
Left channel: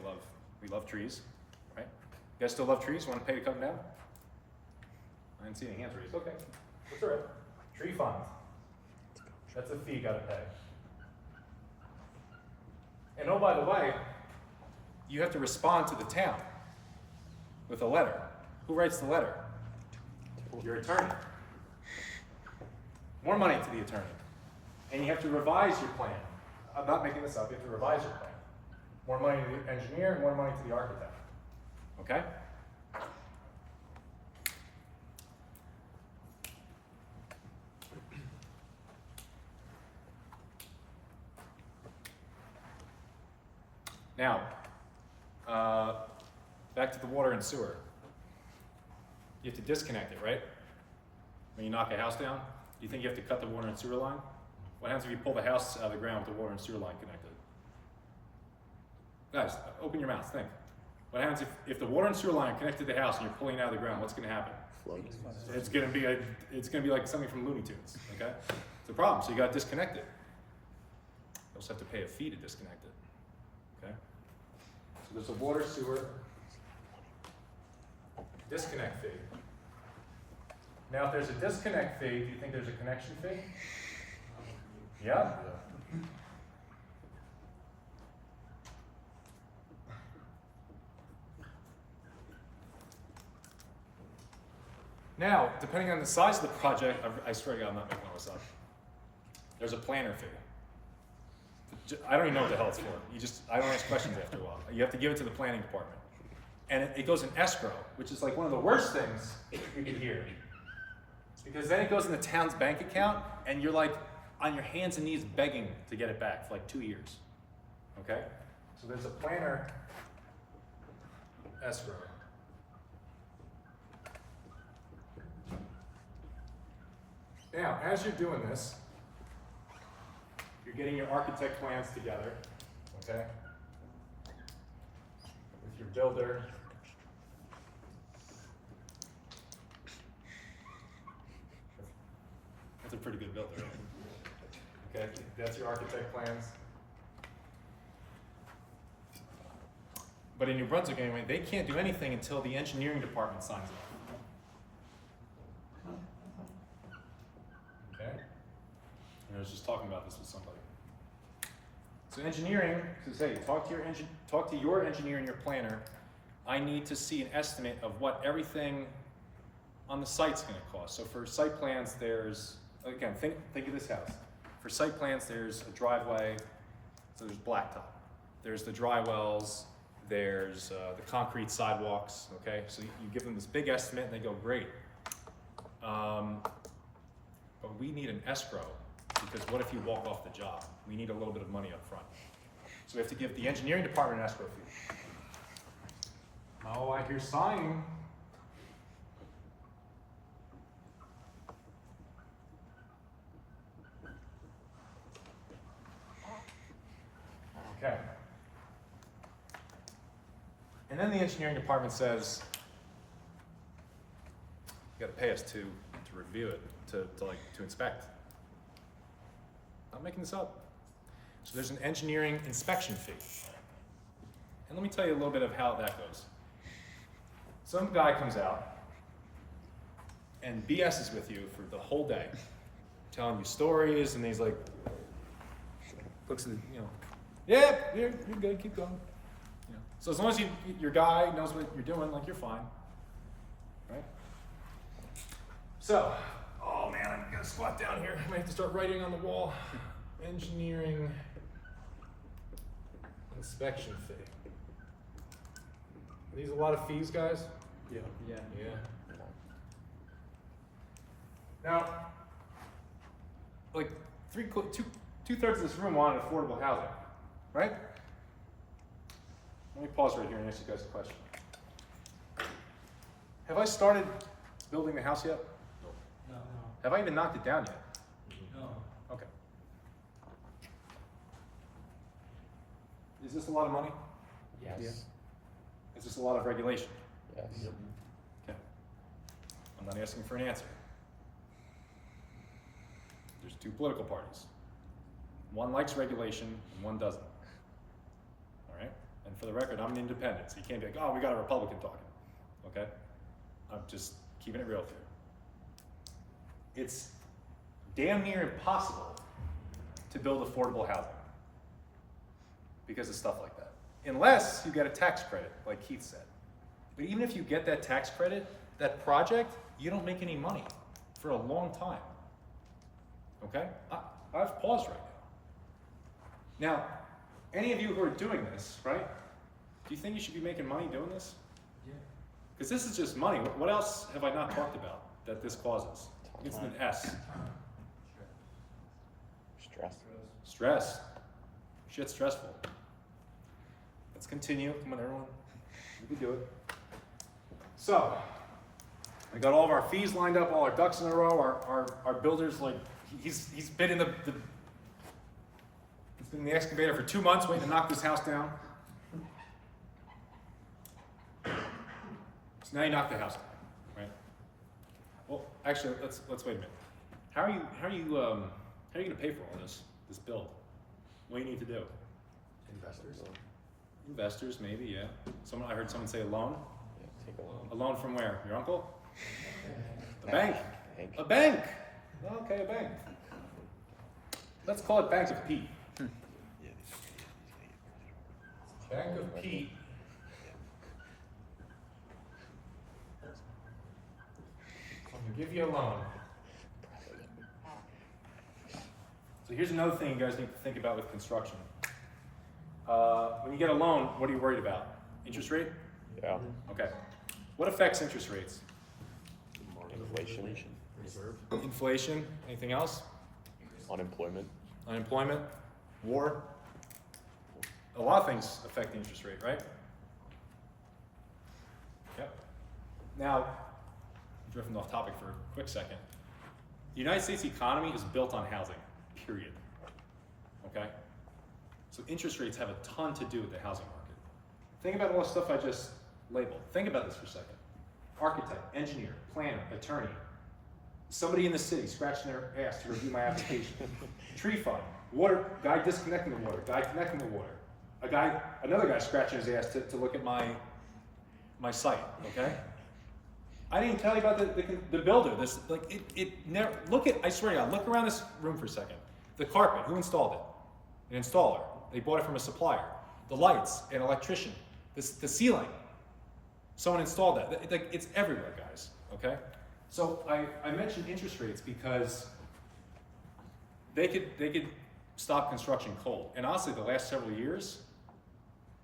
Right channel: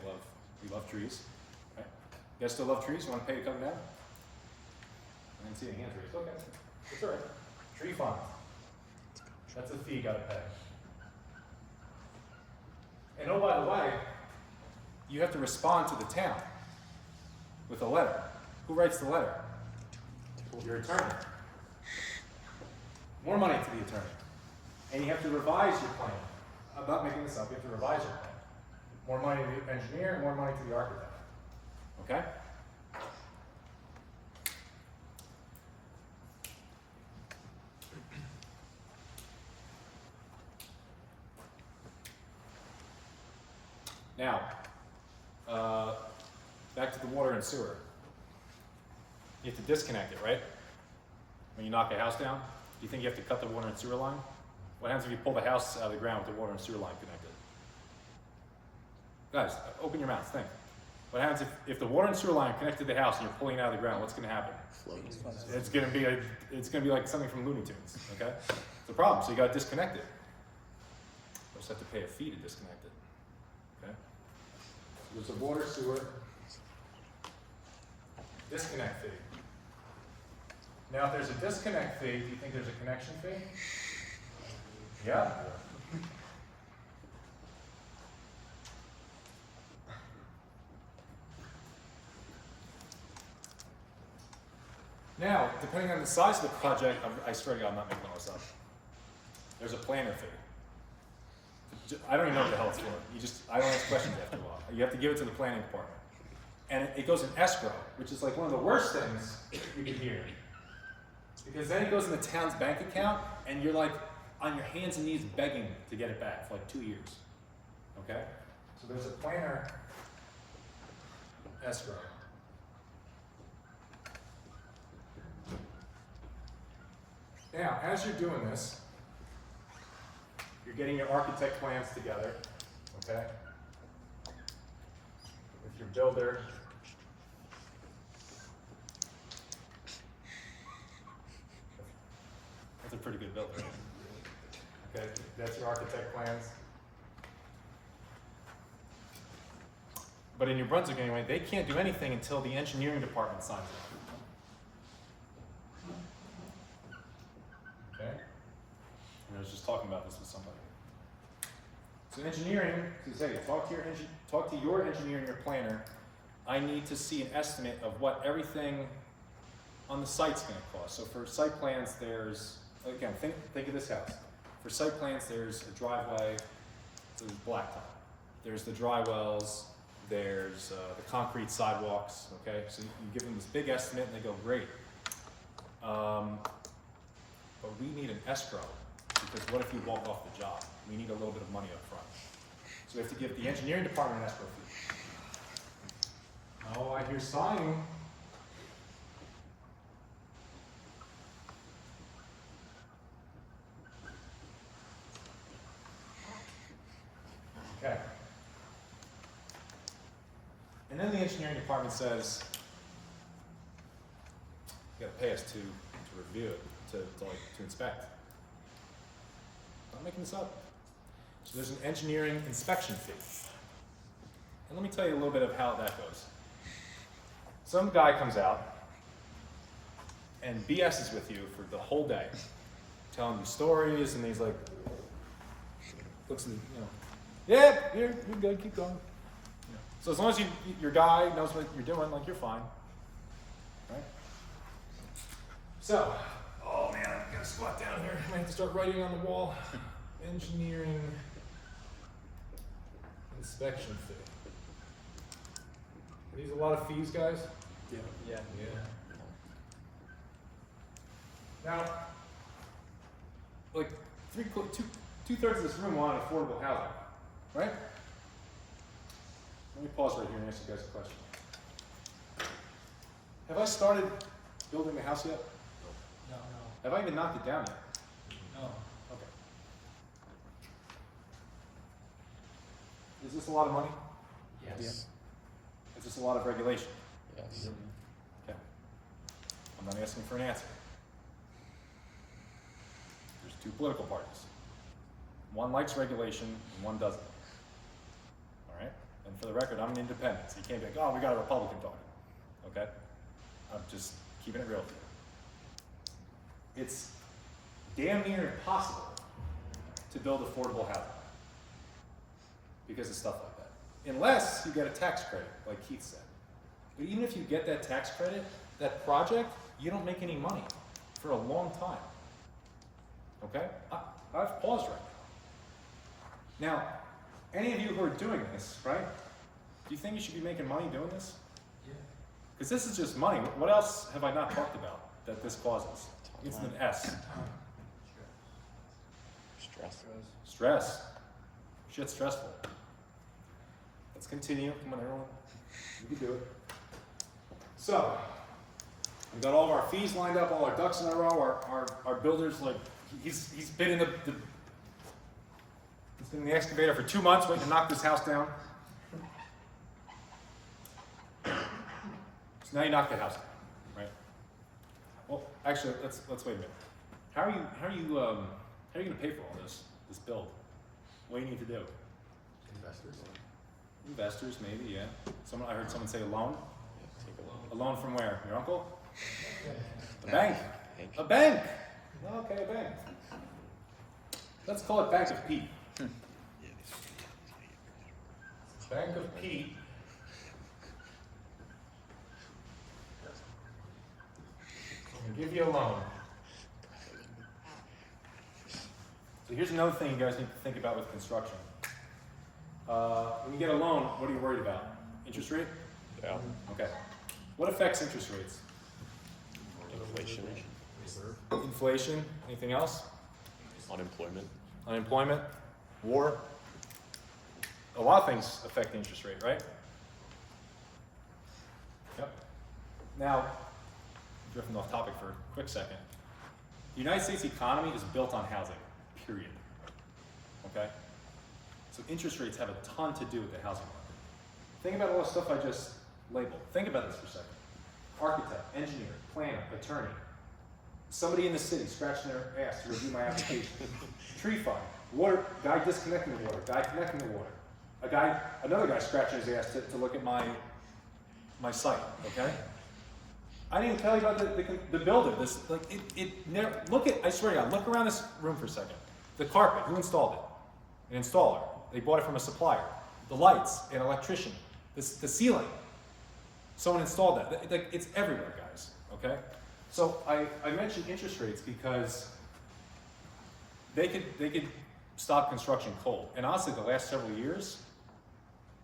we love trees, right? You guys still love trees? Want to pay to cut them down? I didn't see any hands raised. Okay, that's all right. Tree fund. That's a fee you got to pay. And oh, by the way, you have to respond to the town with a letter. Who writes the letter? Your attorney. More money to the attorney. And you have to revise your plan. I'm not making this up, you have to revise your plan. More money to the engineer, and more money to the architect. Okay? Now, back to the water and sewer. You have to disconnect it, right? When you knock a house down, do you think you have to cut the water and sewer line? What happens if you pull the house out of the ground with the water and sewer line connected? Guys, open your mouths, think. What happens if the water and sewer line connected to the house and you're pulling it out of the ground? What's going to happen? It's going to be like something from Looney Tunes. Okay, it's a problem. So you got to disconnect it. You also have to pay a fee to disconnect it. Okay, so there's a water sewer disconnect fee. Now, if there's a disconnect fee, do you think there's a connection fee? Yeah. Now, depending on the size of the project, I swear to God, I'm not making all this up. There's a planner fee. I don't even know what the hell it's for. I don't ask questions after a while. You have to give it to the planning department. And it goes in escrow, which is like one of the worst things you could hear. Because then it goes in the town's bank account, and you're like on your hands and knees begging to get it back for like 2 years. Okay? So there's a planner escrow. Now, as you're doing this, you're getting your architect plans together, okay? With your builder. That's a pretty good builder. Okay, that's your architect plans. But in New Brunswick anyway, they can't do anything until the engineering department signs it. Okay? And I was just talking about this with somebody. So engineering, so say, talk to your engineer and your planner. I need to see an estimate of what everything on the site's gonna cost. So for site plans, there's, again, think of this house. For site plans, there's a driveway, so there's blacktop. There's the dry wells, there's the concrete sidewalks, okay? So you give them this big estimate and they go, great. But we need an escrow, because what if you walk off the job? We need a little bit of money up front. So we have to give the engineering department an escrow fee. Oh, I hear sighing. Okay. And then the engineering department says, you gotta pay us to review it, to inspect. I'm not making this up. So there's an engineering inspection fee. And let me tell you a little bit of how that goes. Some guy comes out and BS's with you for the whole day, telling you stories, and he's like, looks at the, yeah, you're good, keep going. So as long as your guy knows what you're doing, like, you're fine, right? So, oh man, I'm gonna squat down here. I might have to start writing on the wall. Engineering inspection fee. Are these a lot of fees, guys? Yeah. Yeah. Now, like two-thirds of this room wanted affordable housing, right? Let me pause right here and ask you guys a question. Have I started building the house yet? No. Have I even knocked it down yet? No. Okay. Is this a lot of money? Yes. Is this a lot of regulation? Yes. Okay. I'm not asking for an answer. There's two political parties. One likes regulation and one doesn't. All right? And for the record, I'm an independent, so you can't be like, oh, we got a Republican talking. Okay? I'm just keeping it real with you. It's damn near impossible to build affordable housing because of stuff like that. Unless you get a tax credit, like Keith said. But even if you get that tax credit, that project, you don't make any money for a long time. Okay? I've paused right now. Now, any of you who are doing this, right? Do you think you should be making money doing this? Yeah. Because this is just money. What else have I not talked about that this causes? It's an S. Stress. Stress. Shit's stressful. Let's continue. Come on, everyone. We can do it. So, we got all of our fees lined up, all our ducks in a row. Our builder's like, he's been in he's been in the excavator for 2 months waiting to knock this house down. So now you knock the house down, right? Well, actually, let's wait a minute. How are you gonna pay for all this build? What do you need to do? Investors, maybe, yeah. I heard someone say a loan. A loan from where? Your uncle? A bank. A bank. Okay, a bank. Let's call it Bank of Pete. Bank of Pete. I'll give you a loan. So here's another thing you guys need to think about with construction. When you get a loan, what are you worried about? Interest rate? Yeah. Okay. What affects interest rates? Inflation. Inflation. Anything else? Unemployment. Unemployment? War? A lot of things affect the interest rate, right? Yep. Now, drifting off topic for a quick second. The United States economy is built on housing, period. Okay? So interest rates have a ton to do with the housing market. Think about all the stuff I just labeled. Think about this for a second. Architect, engineer, planner, attorney. Somebody in the city scratching their ass to review my application. Tree fund, water, guy disconnecting the water, guy connecting the water. Another guy scratching his ass to look at my site, okay? I didn't even tell you about the builder. I swear to God, look around this room for a second. The carpet, who installed it? An installer. They bought it from a supplier. The lights, an electrician. The ceiling, someone installed that. It's everywhere, guys, okay? So I mentioned interest rates because they could stop construction cold. And honestly, the last several years,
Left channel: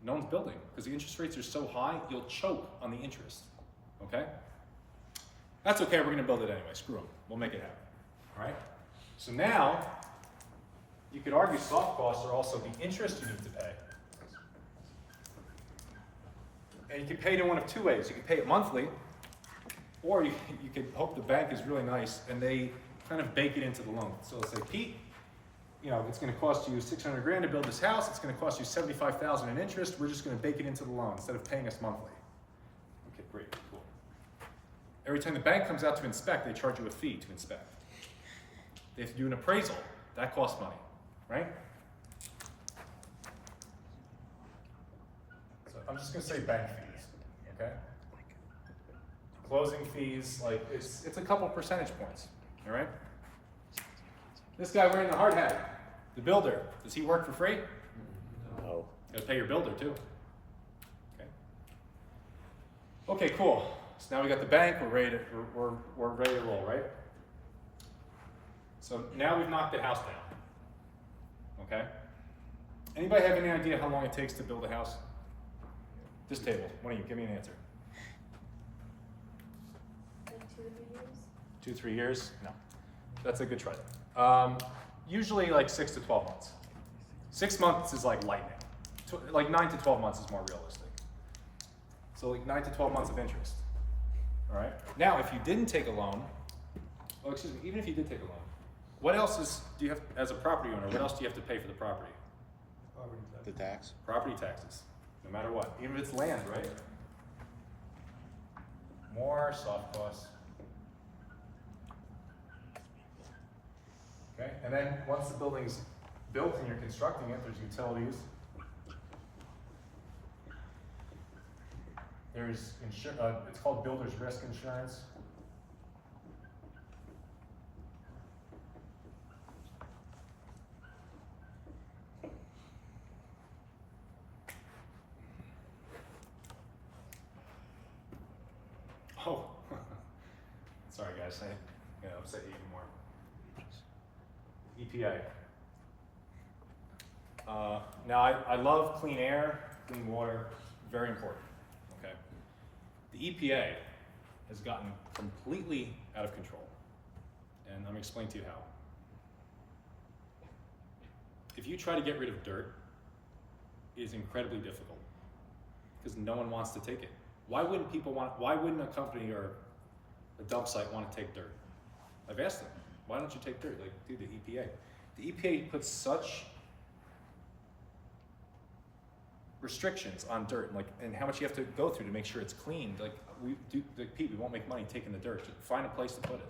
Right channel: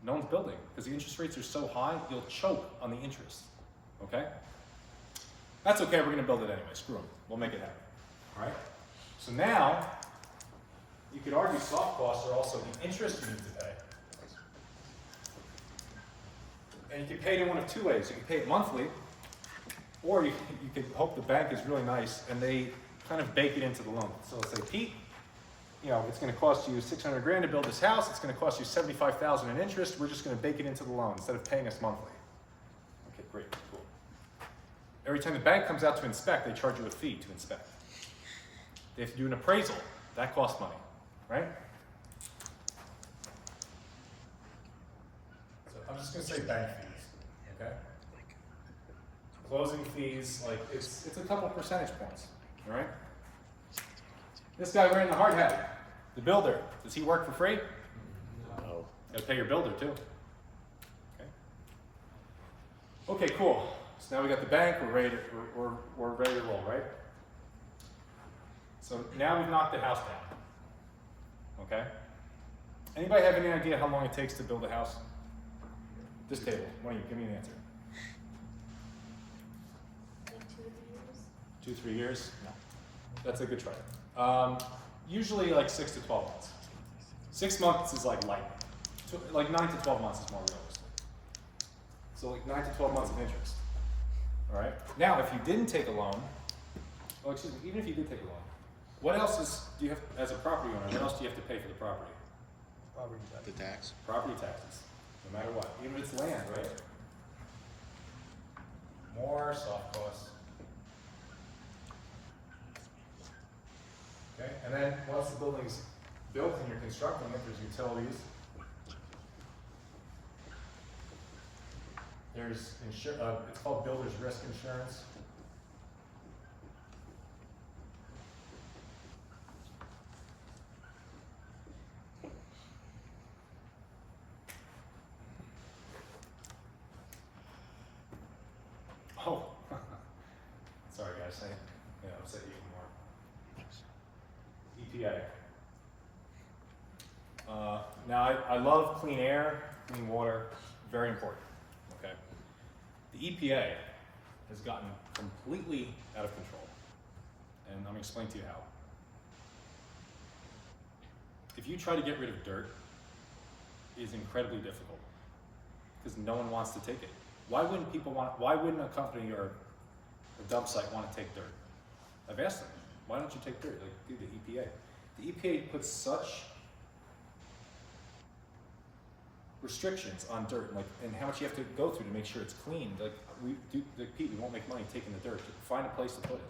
no one's building because the interest rates are so high, you'll choke on the interest, okay? That's okay, we're gonna build it anyway, screw them, we'll make it happen, all right? So now, you could argue soft costs are also the interest you need to pay. And you can pay it in one of two ways. You can pay it monthly, or you could hope the bank is really nice and they kind of bake it into the loan. So it's like, Pete, it's gonna cost you 600 grand to build this house, it's gonna cost you 75,000 in interest, we're just gonna bake it into the loan instead of paying us monthly. Okay, great, cool. Every time the bank comes out to inspect, they charge you a fee to inspect. They have to do an appraisal, that costs money, right? So I'm just gonna say bank fees, okay? Closing fees, it's a couple percentage points, all right? This guy wearing the hard hat, the builder, does he work for free? No. Gotta pay your builder too. Okay. Okay, cool. So now we got the bank, we're ready to roll, right? So now we've knocked the house down. Okay? Anybody have any idea how long it takes to build a house? This table, one of you, give me an answer. 2-3 years? No. That's a good try. Usually like 6 to 12 months. 6 months is like lightning. Like 9 to 12 months is more realistic. So like 9 to 12 months of interest. All right. Now, if you didn't take a loan, oh, excuse me, even if you did take a loan, what else do you have, as a property owner, what else do you have to pay for the property? The tax? Property taxes, no matter what, even if it's land, right? More soft costs. Okay, and then once the building's built and you're constructing it, there's utilities. There's it's called builder's risk insurance. Oh, sorry guys, I upset you even more. EPA. Now I love clean air, clean water, very important, okay? The EPA has gotten completely out of control, and I'm gonna explain to you how. If you try to get rid of dirt, it is incredibly difficult, because no one wants to take it. Why wouldn't a company or a dump site want to take dirt? I've asked them, why don't you take dirt? Like, dude, the EPA. The EPA puts such restrictions on dirt, and how much you have to go through to make sure it's clean. Pete, we won't make money taking the dirt. Just find a place to put it.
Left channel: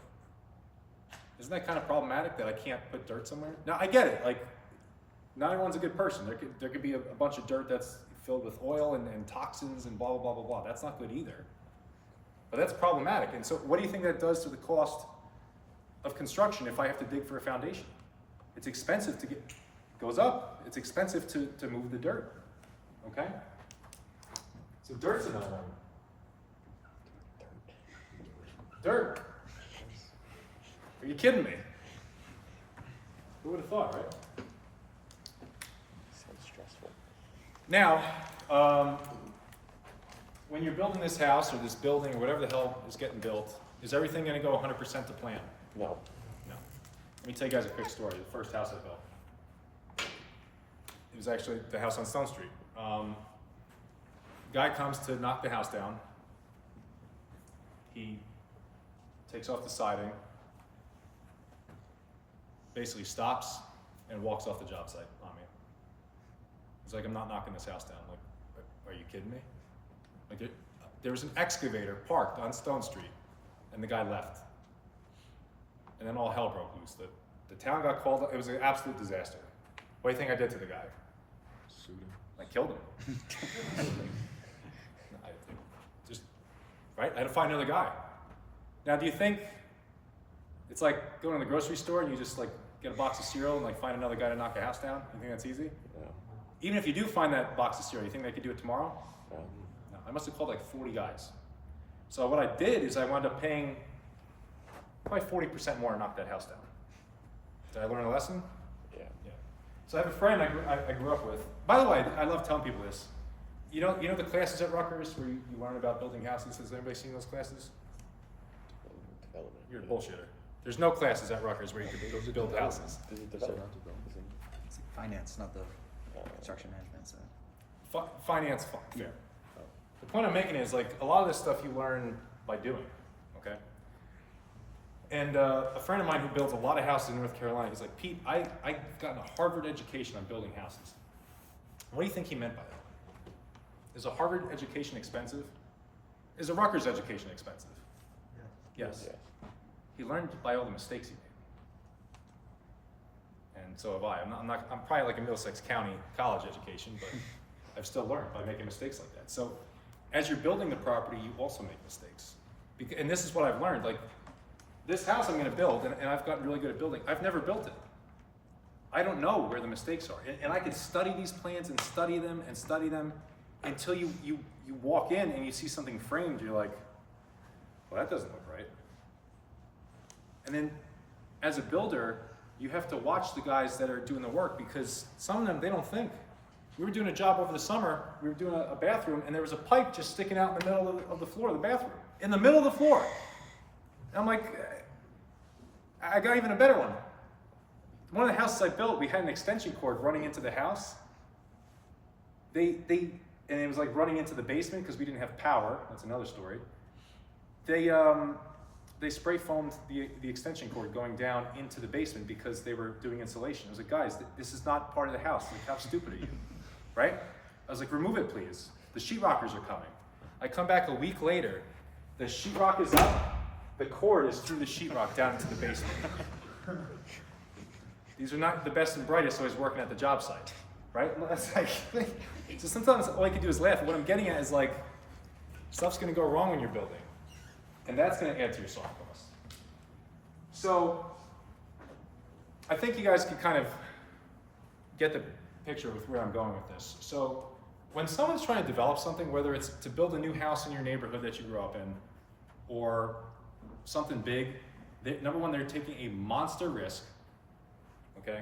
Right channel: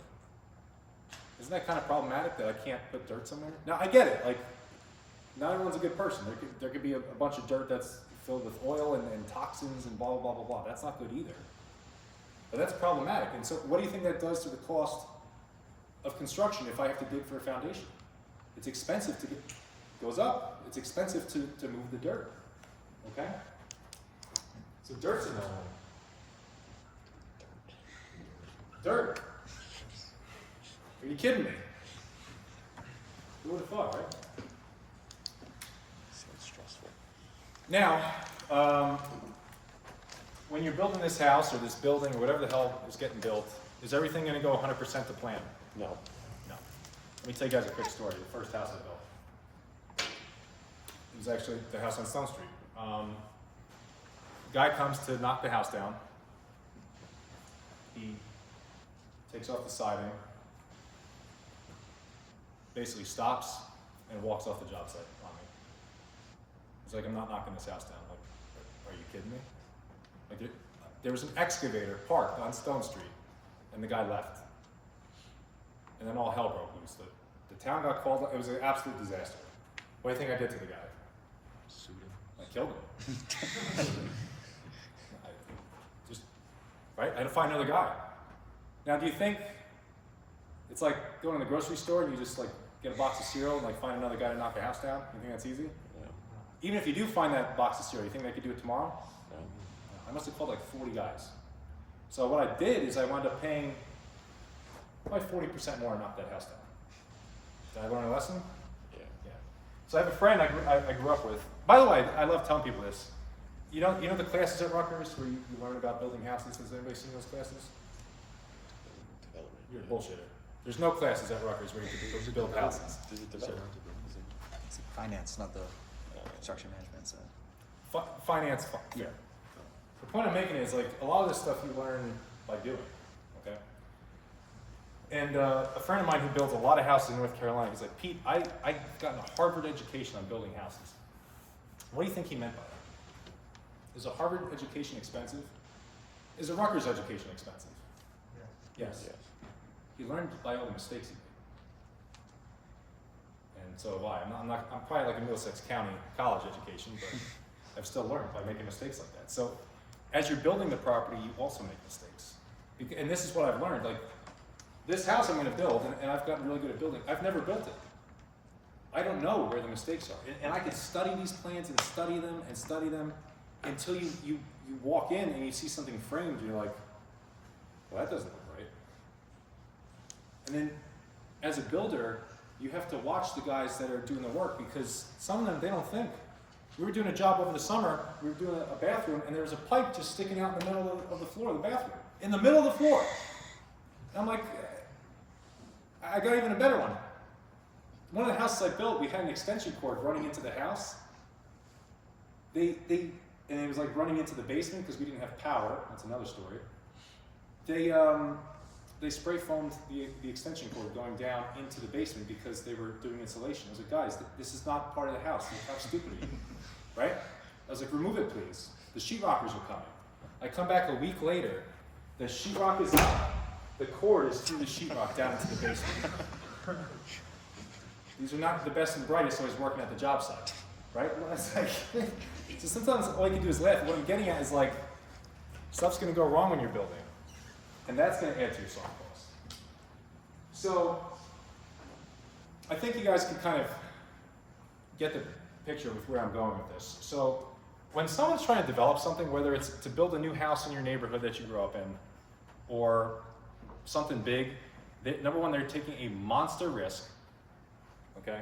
Isn't that kind of problematic that I can't put dirt somewhere? Now, I get it. Like, not everyone's a good person. There could be a bunch of dirt that's filled with oil and toxins and blah, blah, blah, blah, blah. That's not good either. But that's problematic. And so what do you think that does to the cost of construction if I have to dig for a foundation? It's expensive goes up. It's expensive to move the dirt, okay? So dirt's another one. Dirt. Are you kidding me? Who would have thought, right? Sounds stressful. Now, when you're building this house or this building or whatever the hell is getting built, is everything going to go 100% to plan? No. No. Let me tell you guys a quick story. The first house I built. It was actually the house on Stone Street. Guy comes to knock the house down. He takes off the siding, basically stops and walks off the job site on me. He's like, I'm not knocking this house down. I'm like, are you kidding me? Like, there was an excavator parked on Stone Street, and the guy left. And then all hell broke loose. The town got called. It was an absolute disaster. What do you think I did to the guy? Sued him. I killed him. Right? I had to find another guy. Now, do you think it's like going to the grocery store and you just like get a box of cereal and like find another guy to knock a house down? You think that's easy? Yeah. Even if you do find that box of cereal, you think they could do it tomorrow? Yeah. No, I must have called like 40 guys. So what I did is I wound up paying probably 40% more to knock that house down. Did I learn a lesson? Yeah. Yeah. So I have a friend I grew up with. By the way, I love telling people this. You know the classes at Rutgers where you learn about building houses? Has anybody seen those classes? Development. You're a bullshitter. There's no classes at Rutgers where you can build houses. Does it develop? It's finance, not the construction management side. Finance, yeah. The point I'm making is like a lot of this stuff you learn by doing, okay? And a friend of mine who builds a lot of houses in North Carolina, he's like, Pete, I've gotten a Harvard education on building houses. What do you think he meant by that? Is a Harvard education expensive? Is a Rutgers education expensive? Yes. Yes. He learned by all the mistakes he made. And so have I. I'm probably like a Middlesex County college education, but I've still learned by making mistakes like that. So as you're building the property, you also make mistakes. And this is what I've learned. Like this house I'm gonna build, and I've gotten really good at building, I've never built it. I don't know where the mistakes are. And I could study these plans and study them until you walk in and you see something framed, you're like, well, that doesn't look right. And then as a builder, you have to watch the guys that are doing the work because some of them, they don't think. We were doing a job over the summer, we were doing a bathroom, and there was a pipe just sticking out in the middle of the floor of the bathroom. In the middle of the floor. And I'm like, I got even a better one. One of the houses I built, we had an extension cord running into the house. And it was like running into the basement because we didn't have power. That's another story. They spray foamed the extension cord going down into the basement because they were doing insulation. I was like, guys, this is not part of the house. Like, how stupid are you? Right? I was like, remove it, please. The sheetrockers are coming. I come back a week later. The sheetrock is up. The cord is through the sheetrock down into the basement. These are not the best and brightest, so he's working at the job site, right? That's like, so sometimes all I can do is laugh. What I'm getting at is like, stuff's gonna go wrong when you're building, and that's gonna add to your soft cost. So, I think you guys can kind of get the picture with where I'm going with this. So, when someone's trying to develop something, whether it's to build a new house in your neighborhood that you grew up in, or something big, number one, they're taking a monster risk, okay?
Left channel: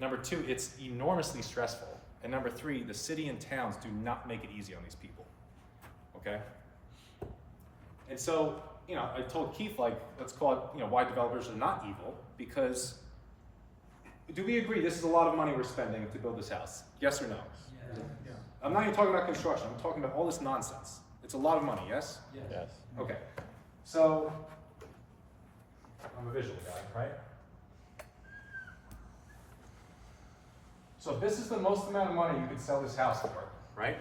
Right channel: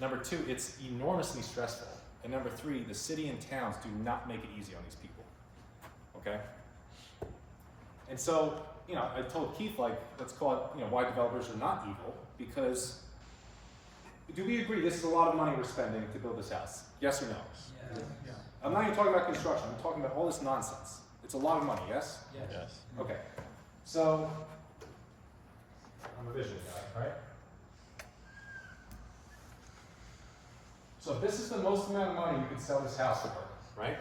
Number two, it's enormously stressful. And number three, the city and towns do not make it easy on these people, okay? And so, you know, I told Keith, like, let's call it, you know, why developers are not evil, because do we agree this is a lot of money we're spending to build this house? Yes or no? Yeah. I'm not even talking about construction, I'm talking about all this nonsense. It's a lot of money, yes? Yes. Okay, so, I'm a visual guy, right? So this is the most amount of money you could sell this house for, right?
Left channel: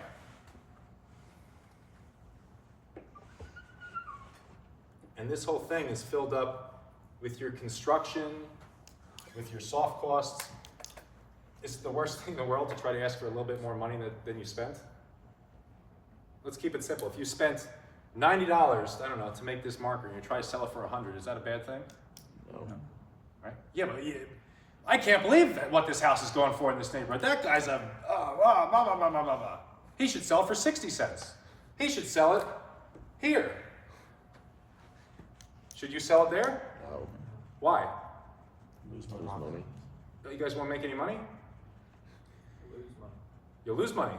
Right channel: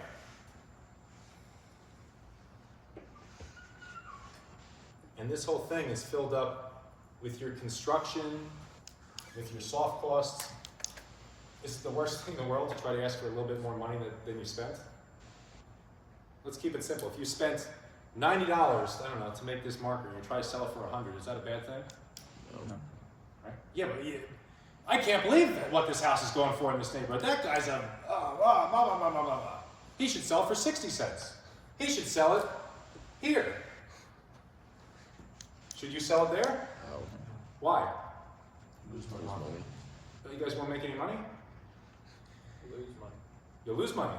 And this whole thing is filled up with your construction, with your soft costs. Is it the worst thing in the world to try to ask for a little bit more money than you spent? Let's keep it simple. If you spent $90, I don't know, to make this marker, and you try to sell it for $100, is that a bad thing? No. Right? Yeah, but I can't believe what this house is going for in this neighborhood. That guy's a, blah, blah, blah, blah, blah. He should sell it for 60 cents. He should sell it here. Should you sell it there? No. Why? Lose money. You guys won't make any money? You'll lose money.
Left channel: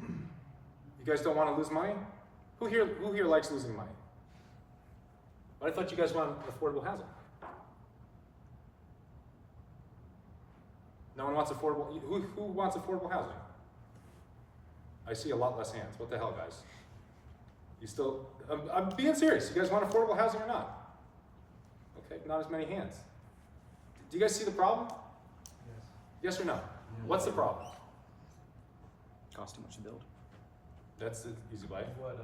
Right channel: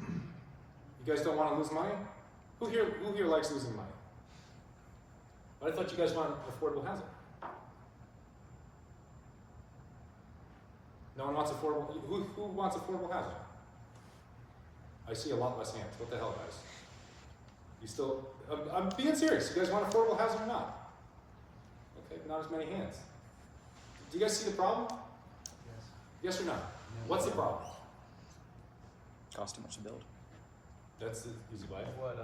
You guys don't want to lose money? Who here likes losing money? But I thought you guys wanted affordable housing. No one wants affordable. Who wants affordable housing? I see a lot less hands. What the hell, guys? You still? I'm being serious. You guys want affordable housing or not? Okay, not as many hands. Do you guys see the problem? Yes or no? What's the problem? Cost too much to build. That's the easy way. What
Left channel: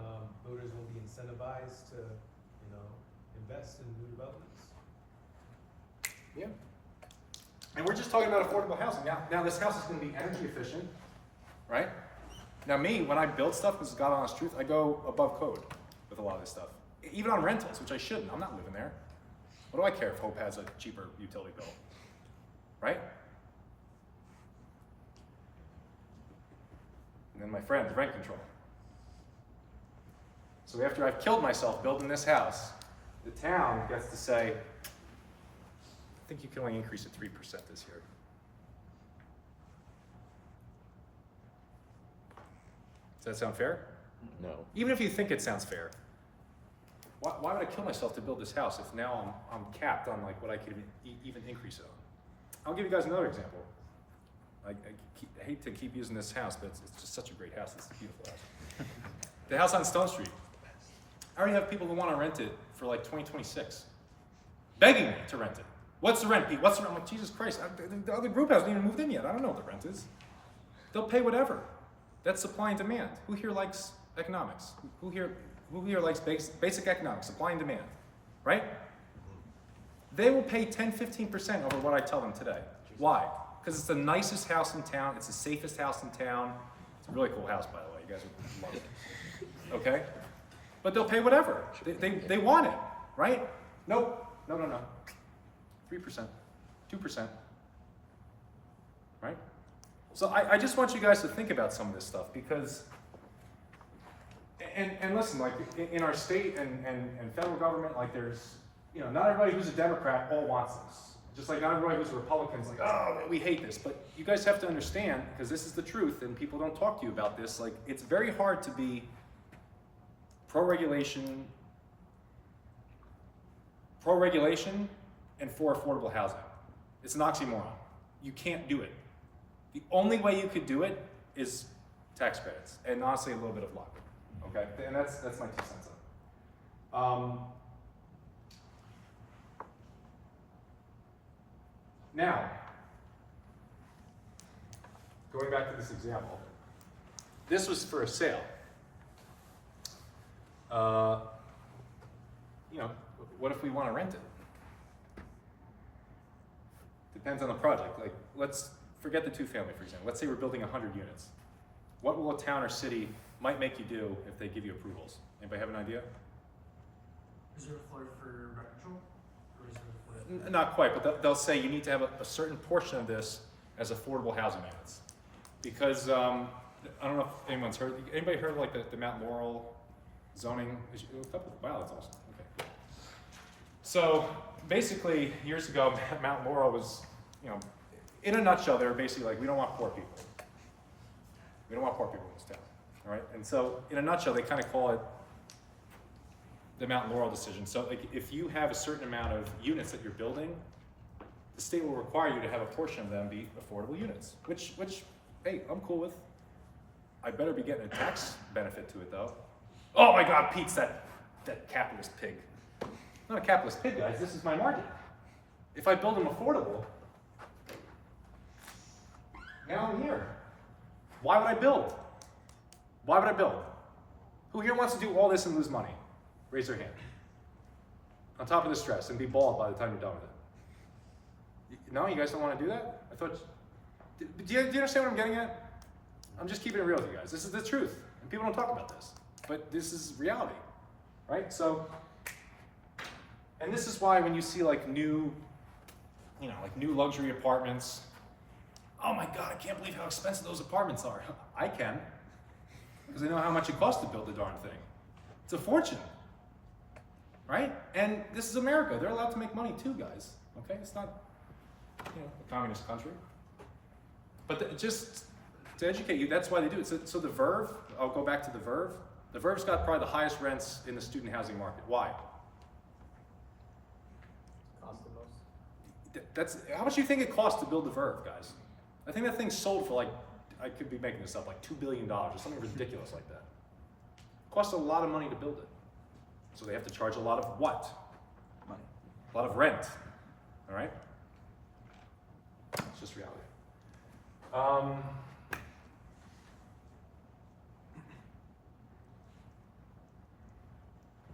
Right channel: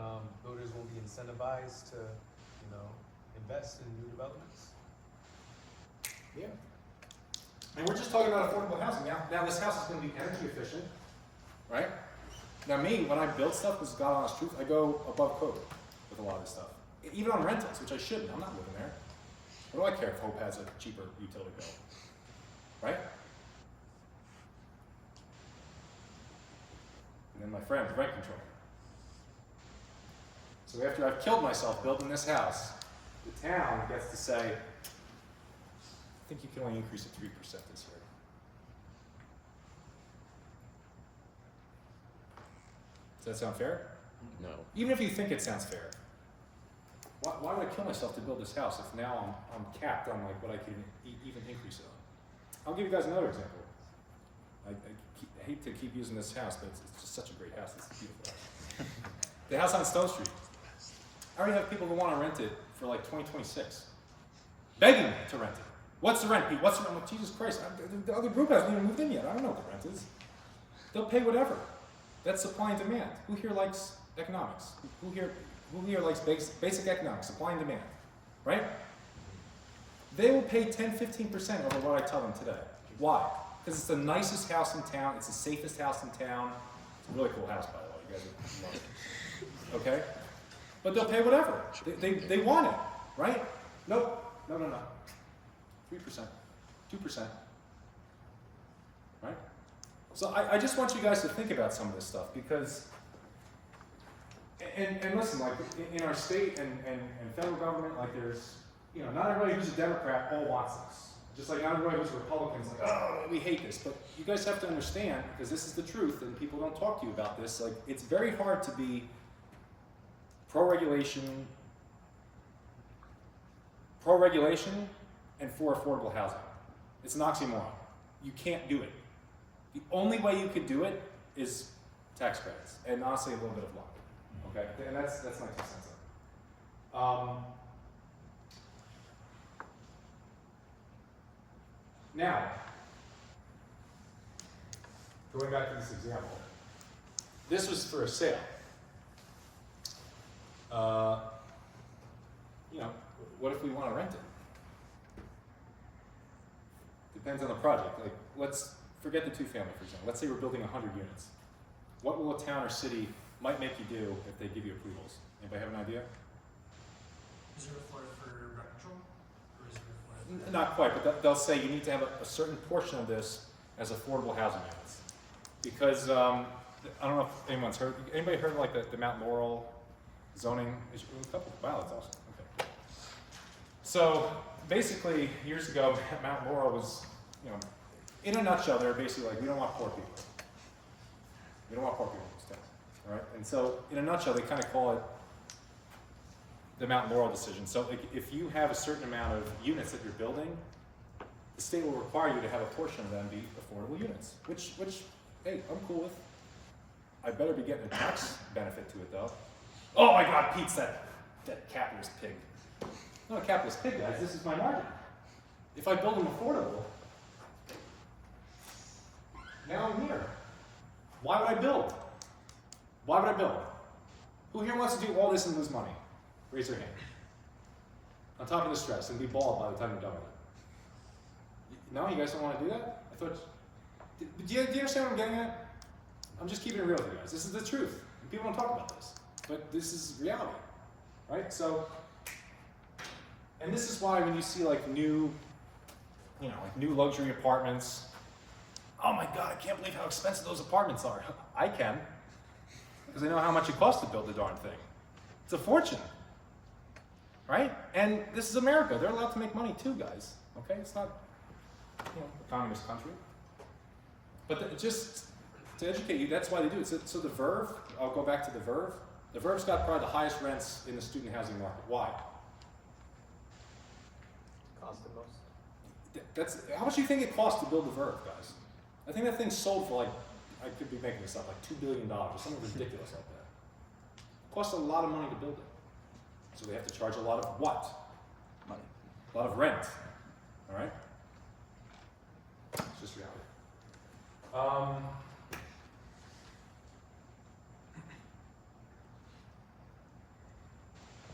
voters will be incentivized to, you know, invest in new developments. Yeah. And we're just talking about affordable housing. Now this house is going to be energy efficient, right? Now me, when I build stuff, this is God honest truth, I go above code with a lot of this stuff. Even on rentals, which I shouldn't. I'm not living there. What do I care if Hope has a cheaper utility bill? Right? And then my friend, rent control. So after I've killed myself building this house, the town gets to say, I think you can only increase it 3% this year. Does that sound fair? No. Even if you think it sounds fair, why would I kill myself to build this house if now I'm capped on like what I can even increase it on? I'll give you guys another example. I hate to keep using this house, but it's just such a great house. It's a beautiful house. The house on Stone Street. I already have people who want to rent it for like 2026, begging me to rent it. What's the rent, Pete? What's the rent? I'm like, Jesus Christ, the other group hasn't even moved in yet. I don't know what the rent is. They'll pay whatever. That's supply and demand. Who here likes economics? Who here likes basic economics, supply and demand, right? They will pay 10-15% over what I tell them today. Why? Because it's the nicest house in town. It's the safest house in town. It's a really cool house, by the way. You guys would love it. Okay? But they'll pay whatever. They want it, right? Nope. No. 3%. 2%. Right? So I just want you guys to think about some of this stuff because, and listen, like in our state and federal government, like there's, you know, not everybody who's a Democrat all wants this. Just like not everybody who's a Republican is like, oh, we hate this. But you guys have to understand, because this is the truth and people don't talk to you about this, like it's very hard to be pro-regulation and for affordable housing. It's an oxymoron. You can't do it. The only way you could do it is tax credits, and honestly, a little bit of luck. Okay, and that's my 2 cents on it. Now, going back to this example, this was for a sale. You know, what if we want to rent it? Depends on the project. Like, let's forget the 2-family, for example. Let's say we're building 100 units. What will a town or city might make you do if they give you approvals? Anybody have an idea? Reserve floor for rent control? Or reserve floor? Not quite, but they'll say you need to have a certain portion of this as affordable housing units. Because, I don't know if anyone's heard, anybody heard of like the Mount Laurel zoning? Wow, that's awesome, okay. So basically, years ago, Mount Laurel was, you know, in a nutshell, they were basically like, we don't want poor people. We don't want poor people in this town, all right? And so, in a nutshell, they kind of call it the Mount Laurel decision. So, like, if you have a certain amount of units that you're building, the state will require you to have a portion of them be affordable units, which, hey, I'm cool with. I better be getting a tax benefit to it, though. Oh my God, Pete's that capitalist pig. I'm not a capitalist pig, guys. This is my market. If I build them affordable, now I'm here. Why would I build? Why would I build? Who here wants to do all this and lose money? Raise their hand. On top of the stress and be bald by the time you're done with it. No, you guys don't want to do that? I thought. Do you understand what I'm getting at? I'm just keeping it real with you guys. This is the truth. And people don't talk about this. But this is reality. Right? So, and this is why when you see like new, you know, like new luxury apartments, oh my God, I can't believe how expensive those apartments are. I can, because I know how much it costs to build the darn thing. It's a fortune, right? And this is America. They're allowed to make money too, guys. Okay, it's not, you know, a communist country. But just to educate you, that's why they do it. So the Verve, I'll go back to the Verve. The Verve's got probably the highest rents in the student housing market. Why? Cost the most. That's how much do you think it costs to build the Verve, guys? I think that thing sold for like, I could be making this up, like $2 billion or something ridiculous like that. It costs a lot of money to build it. So they have to charge a lot of what? Money. A lot of rent. All right? It's just reality.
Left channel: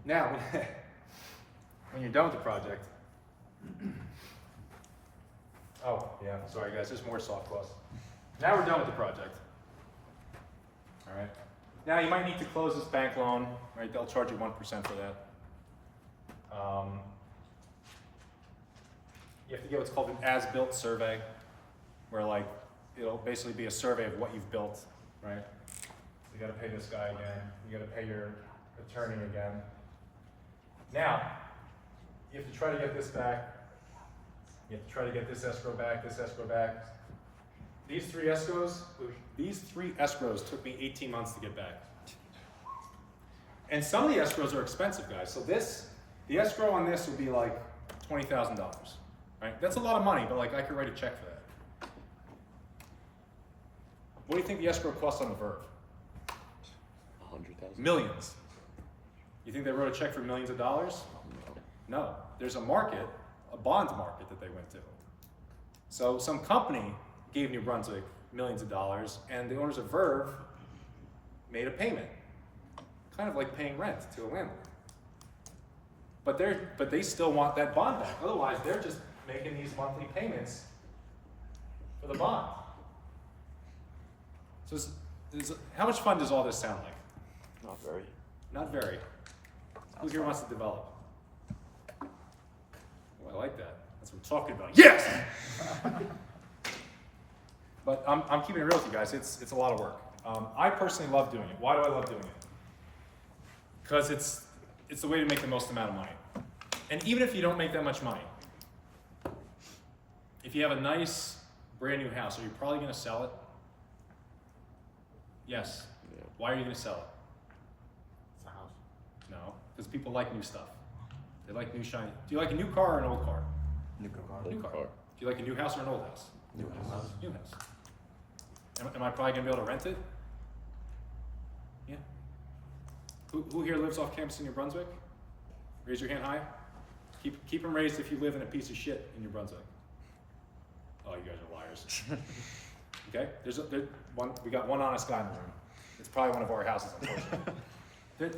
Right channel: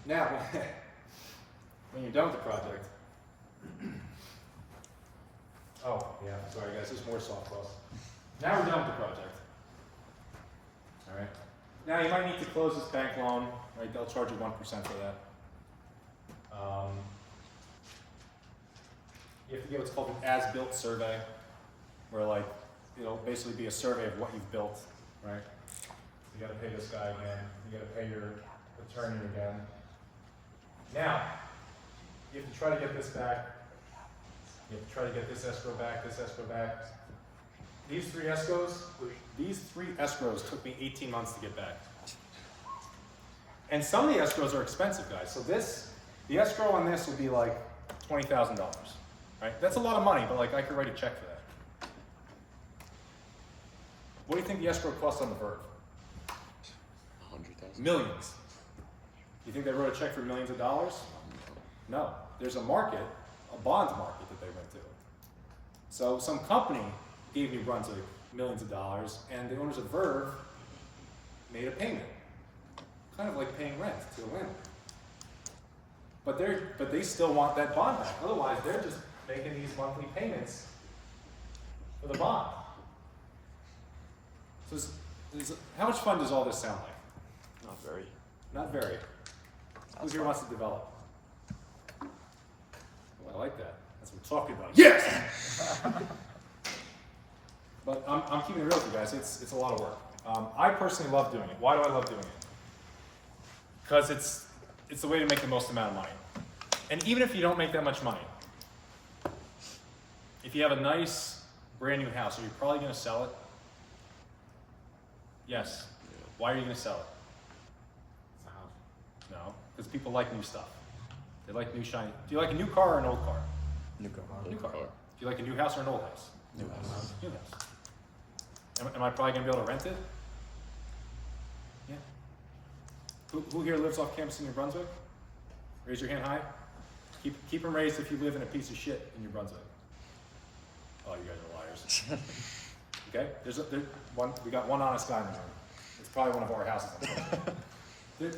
Now, when you're done with the project, oh, yeah, sorry guys, there's more soft costs. Now we're done with the project. All right. Now you might need to close this bank loan, right? They'll charge you 1% for that. You have to get what's called an as-built survey, where like, it'll basically be a survey of what you've built, right? You gotta pay this guy again, you gotta pay your attorney again. Now, you have to try to get this back. You have to try to get this escrow back, this escrow back. These three escrows took me 18 months to get back. And some of the escrows are expensive, guys. So the escrow on this would be like $20,000, right? That's a lot of money, but like I could write a check for that. What do you think the escrow costs on the Verve? 100,000. Millions. You think they wrote a check for millions of dollars? No. There's a market, a bond market that they went to. So some company gave New Brunswick millions of dollars, and the owners of Verve made a payment, kind of like paying rent to a landlord. But they still want that bond back. Otherwise, they're just making these monthly payments for the bond. So how much fun does all this sound like? Not very. Not very. Who here wants to develop? Oh, I like that. That's what I'm talking about. Yes! But I'm keeping it real with you guys. It's a lot of work. I personally love doing it. Why do I love doing it? Because it's the way to make the most amount of money. And even if you don't make that much money, if you have a nice brand new house, are you probably going to sell it? Yes. Yeah. Why are you going to sell it? No, because people like new stuff. They like new shiny. Do you like a new car or an old car? New car. New car. Do you like a new house or an old house? New house. New house. Am I probably gonna be able to rent it? Yeah. Who here lives off campus in New Brunswick? Raise your hand high. Keep them raised if you live in a piece of shit in New Brunswick. Oh, you guys are liars. Okay, we got one honest guy in the room. It's probably one of our houses, unfortunately.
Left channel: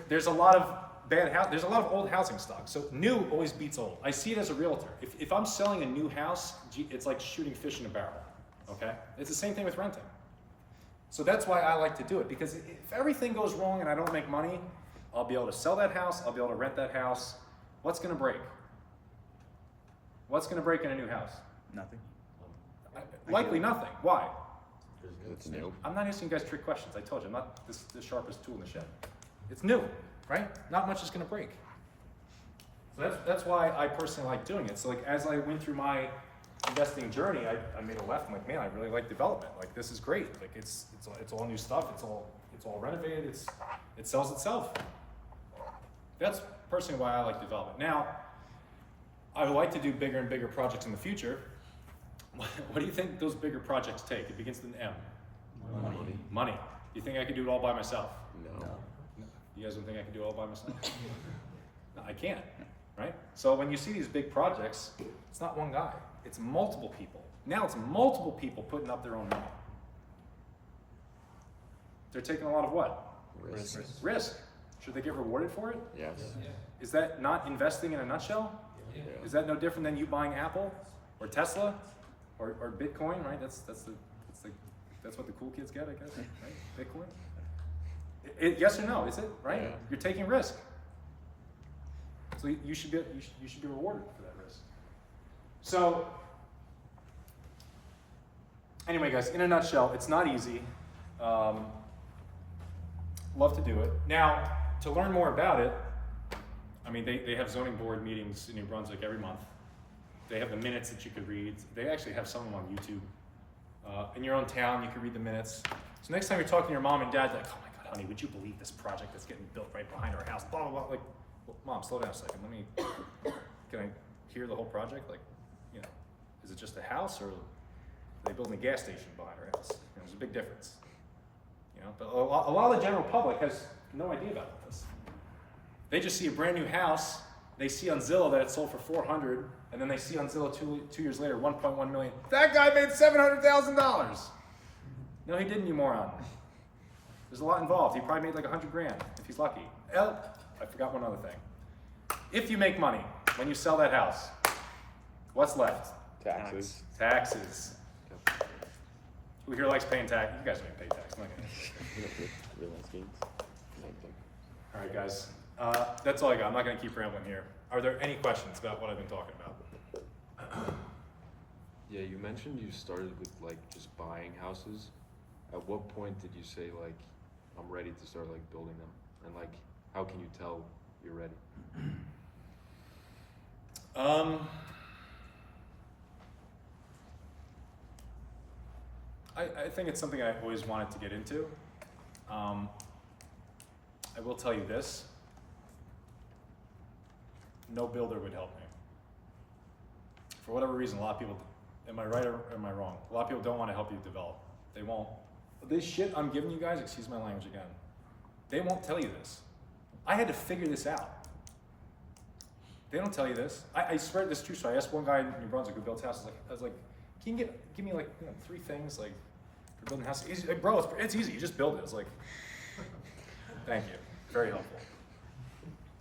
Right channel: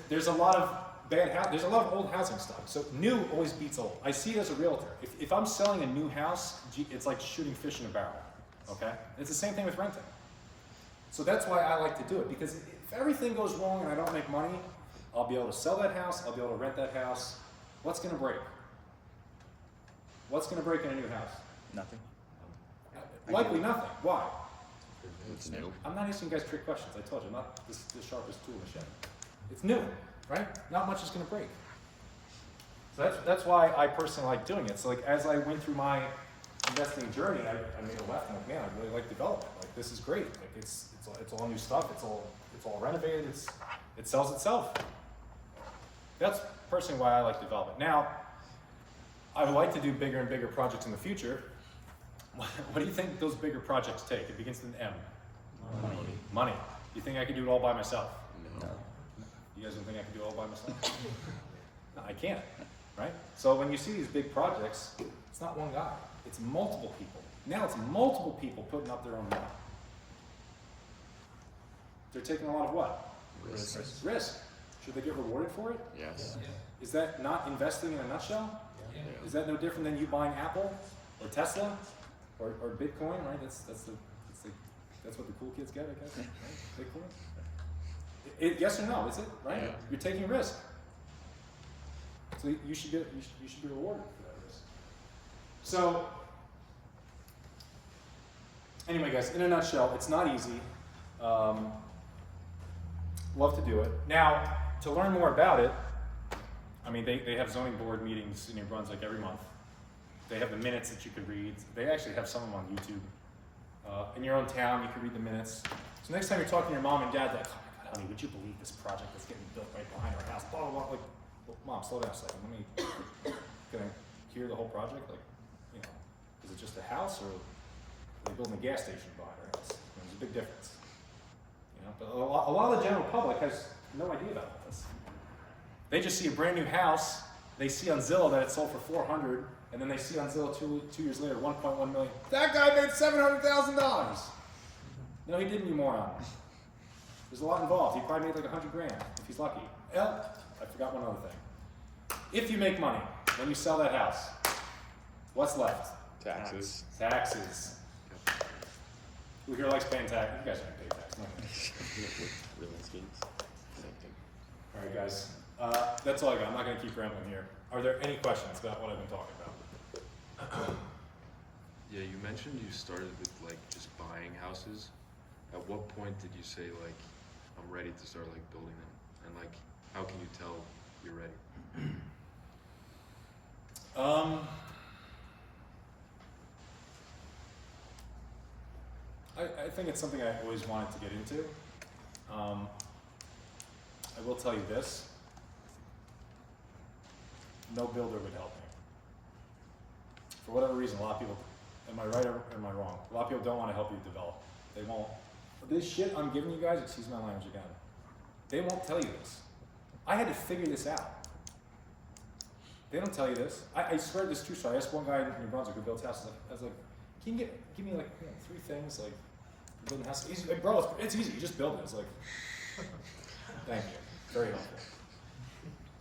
There's a lot of there's a lot of old housing stock. So new always beats old. I see it as a realtor. If I'm selling a new house, it's like shooting fish in a barrel. Okay, it's the same thing with renting. So that's why I like to do it, because if everything goes wrong and I don't make money, I'll be able to sell that house, I'll be able to rent that house. What's gonna break? What's gonna break in a new house? Nothing. Likely nothing. Why? It's new. I'm not asking you guys trick questions. I told you, I'm not the sharpest tool in the shed. It's new, right? Not much is gonna break. So that's why I personally like doing it. So like as I went through my investing journey, I made a left. I'm like, man, I really like development. Like this is great. Like it's all new stuff. It's all renovated. It sells itself. That's personally why I like development. Now, I would like to do bigger and bigger projects in the future. What do you think those bigger projects take? It begins with an M. Money. Money. Do you think I could do it all by myself? No. You guys don't think I could do it all by myself? No, I can't, right? So when you see these big projects, it's not one guy. It's multiple people. Now it's multiple people putting up their own money. They're taking a lot of what? Risk. Should they get rewarded for it? Yes. Is that not investing in a nutshell? Yeah. Is that no different than you buying Apple or Tesla or Bitcoin, right? That's what the cool kids get, I guess, right? Bitcoin? Yes or no, is it, right? Yeah. You're taking risk. So you should be rewarded for that risk. So anyway, guys, in a nutshell, it's not easy. Love to do it. Now, to learn more about it, I mean, they have zoning board meetings in New Brunswick every month. They have the minutes that you could read. They actually have some of them on YouTube. In your own town, you can read the minutes. So next time you're talking to your mom and dad, like, oh my God, honey, would you believe this project that's getting built right behind our house? Blah, blah, blah. Like, well, Mom, slow down a second. Can I hear the whole project? Like, you know, is it just a house or are they building a gas station behind our house? You know, there's a big difference. You know, but a lot of the general public has no idea about this. They just see a brand new house. They see on Zillow that it sold for $400,000, and then they see on Zillow two years later, $1.1 million. That guy made $700,000. No, he didn't, you moron. There's a lot involved. He probably made like $100,000 if he's lucky. Oh, I forgot one other thing. If you make money when you sell that house, what's left? Taxes. Taxes. Who here likes paying tax? You guys don't even pay tax. I'm not gonna. Real schemes. Same thing. All right, guys. That's all I got. I'm not going to keep rambling here. Are there any questions about what I've been talking about? Yeah, you mentioned you started with like just buying houses. At what point did you say like, I'm ready to start like building them? And like, how can you tell you're ready? I think it's something I always wanted to get into. I will tell you this. No builder would help me. For whatever reason, a lot of people, am I right or am I wrong? A lot of people don't want to help you develop. They won't. This shit I'm giving you guys, excuse my language again, they won't tell you this. I had to figure this out. They don't tell you this. I swear this is true story. I asked one guy in New Brunswick who built houses, I was like, can you give me like 3 things like for building houses? He's like, bro, it's easy, you just build it. I was like, thank you, very helpful.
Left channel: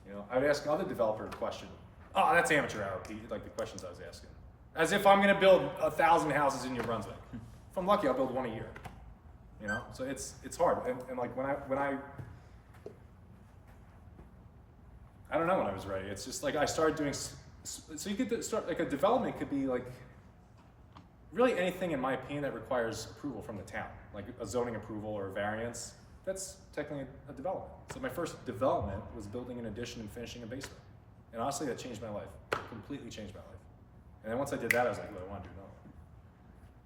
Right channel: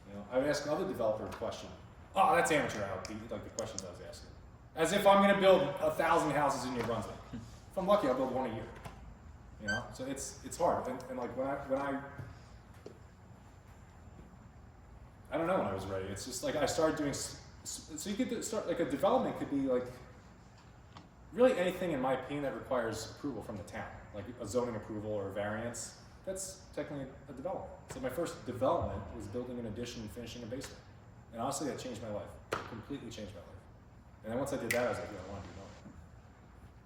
You know, I would ask another developer a question. Oh, that's amateur hour, Pete, like the questions I was asking. As if I'm gonna build 1,000 houses in New Brunswick. If I'm lucky, I'll build 1 a year. You know, so it's hard. And like when I don't know when I was ready. It's just like I started doing, so you could start, like a development could be like, really anything in my opinion that requires approval from the town. Like a zoning approval or a variance, that's technically a development. So my first development was building an addition and finishing a basement. And honestly, that changed my life. It completely changed my life. And then once I did that, I was like, do I want to do development?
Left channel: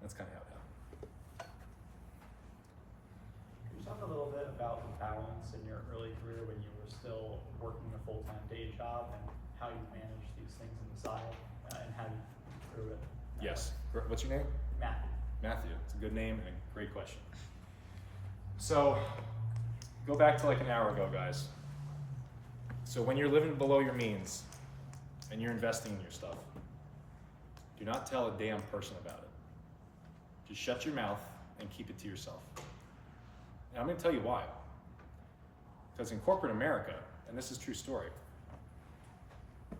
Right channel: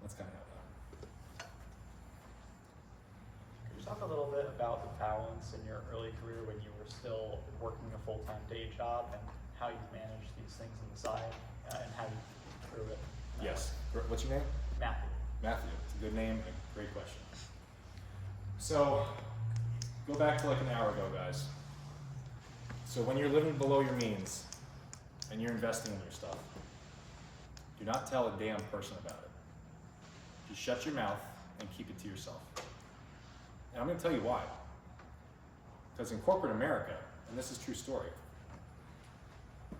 That's kind of how it happened. Can you talk a little bit about the balance in your early career when you were still working a full-time day job and how you managed these things on the side and how you Yes. What's your name? Matthew. Matthew. It's a good name and a great question. So, go back to like an hour ago, guys. So when you're living below your means and you're investing in your stuff, do not tell a damn person about it. Just shut your mouth and keep it to yourself. And I'm gonna tell you why. Because in corporate America, and this is a true story, you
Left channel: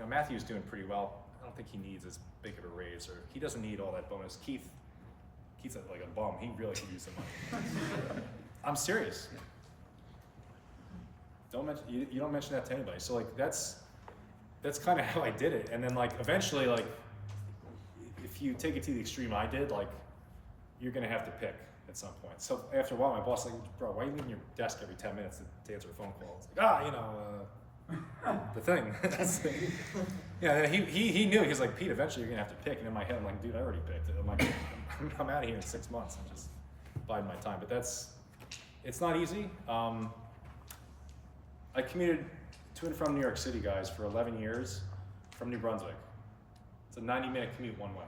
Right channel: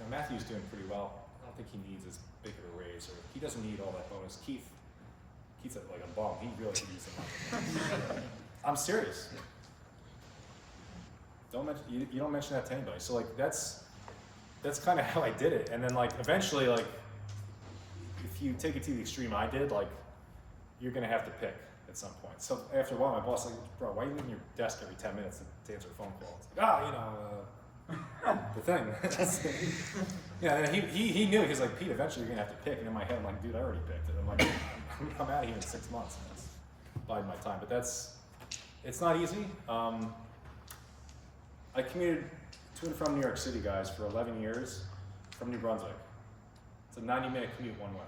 know, Matthew's doing pretty well. I don't think he needs as big of a raise, or he doesn't need all that bonus. Keith's like a bum. He really could use the money. I'm serious. Don't mention you don't mention that to anybody. So like that's kind of how I did it. And then like eventually, like if you take it to the extreme I did, like you're gonna have to pick at some point. So after a while, my boss was like, bro, why are you leaving your desk every 10 minutes to answer a phone call? It's like, the thing. Yeah, and he knew. He was like, Pete, eventually you're gonna have to pick. And in my head, I'm like, dude, I already picked it. I'm like, I'm out of here in 6 months. And that's biding my time. But it's not easy. I commuted to and from New York City, guys, for 11 years from New Brunswick. It's a 90-minute commute one way.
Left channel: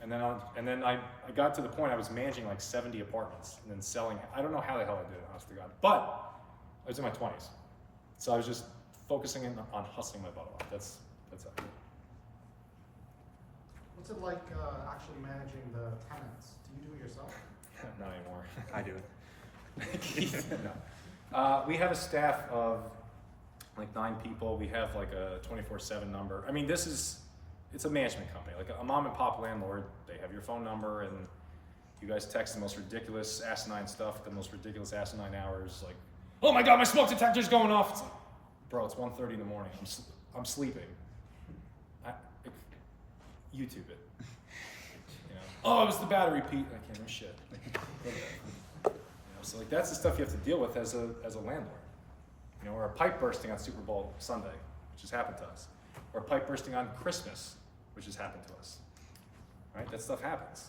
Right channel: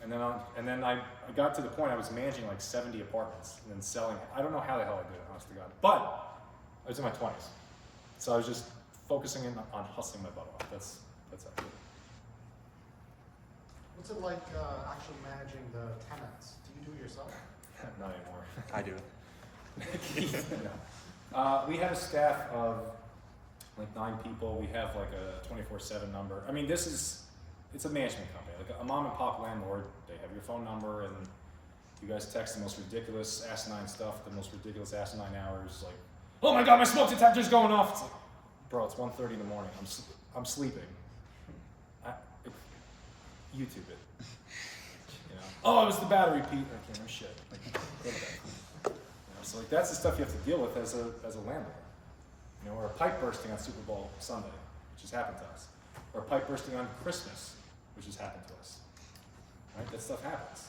And then I got to the point I was managing like 70 apartments and then selling. I don't know how the hell I did it, honest to God. But I was in my 20s, so I was just focusing in on hustling my butt off. That's actually. What's it like actually managing the tenants? Do you do it yourself? Not anymore. I do it. No. We have a staff of like 9 people. We have like a 24/7 number. I mean, it's a management company, like a mom and pop landlord. They have your phone number and you guys text the most ridiculous asinine stuff, the most ridiculous asinine hours. Like, oh my God, my smoke detector's going off. It's like, bro, it's 1:30 in the morning. I'm sleeping. YouTube it. You know? Oh, it was the battery, Pete. I can't remember shit. Like, go to bed. You know, so like that's the stuff you have to deal with as a landlord. You know, or a pipe bursting on Super Bowl Sunday, which has happened to us, or a pipe bursting on Christmas, which has happened to us. Right? That stuff happens.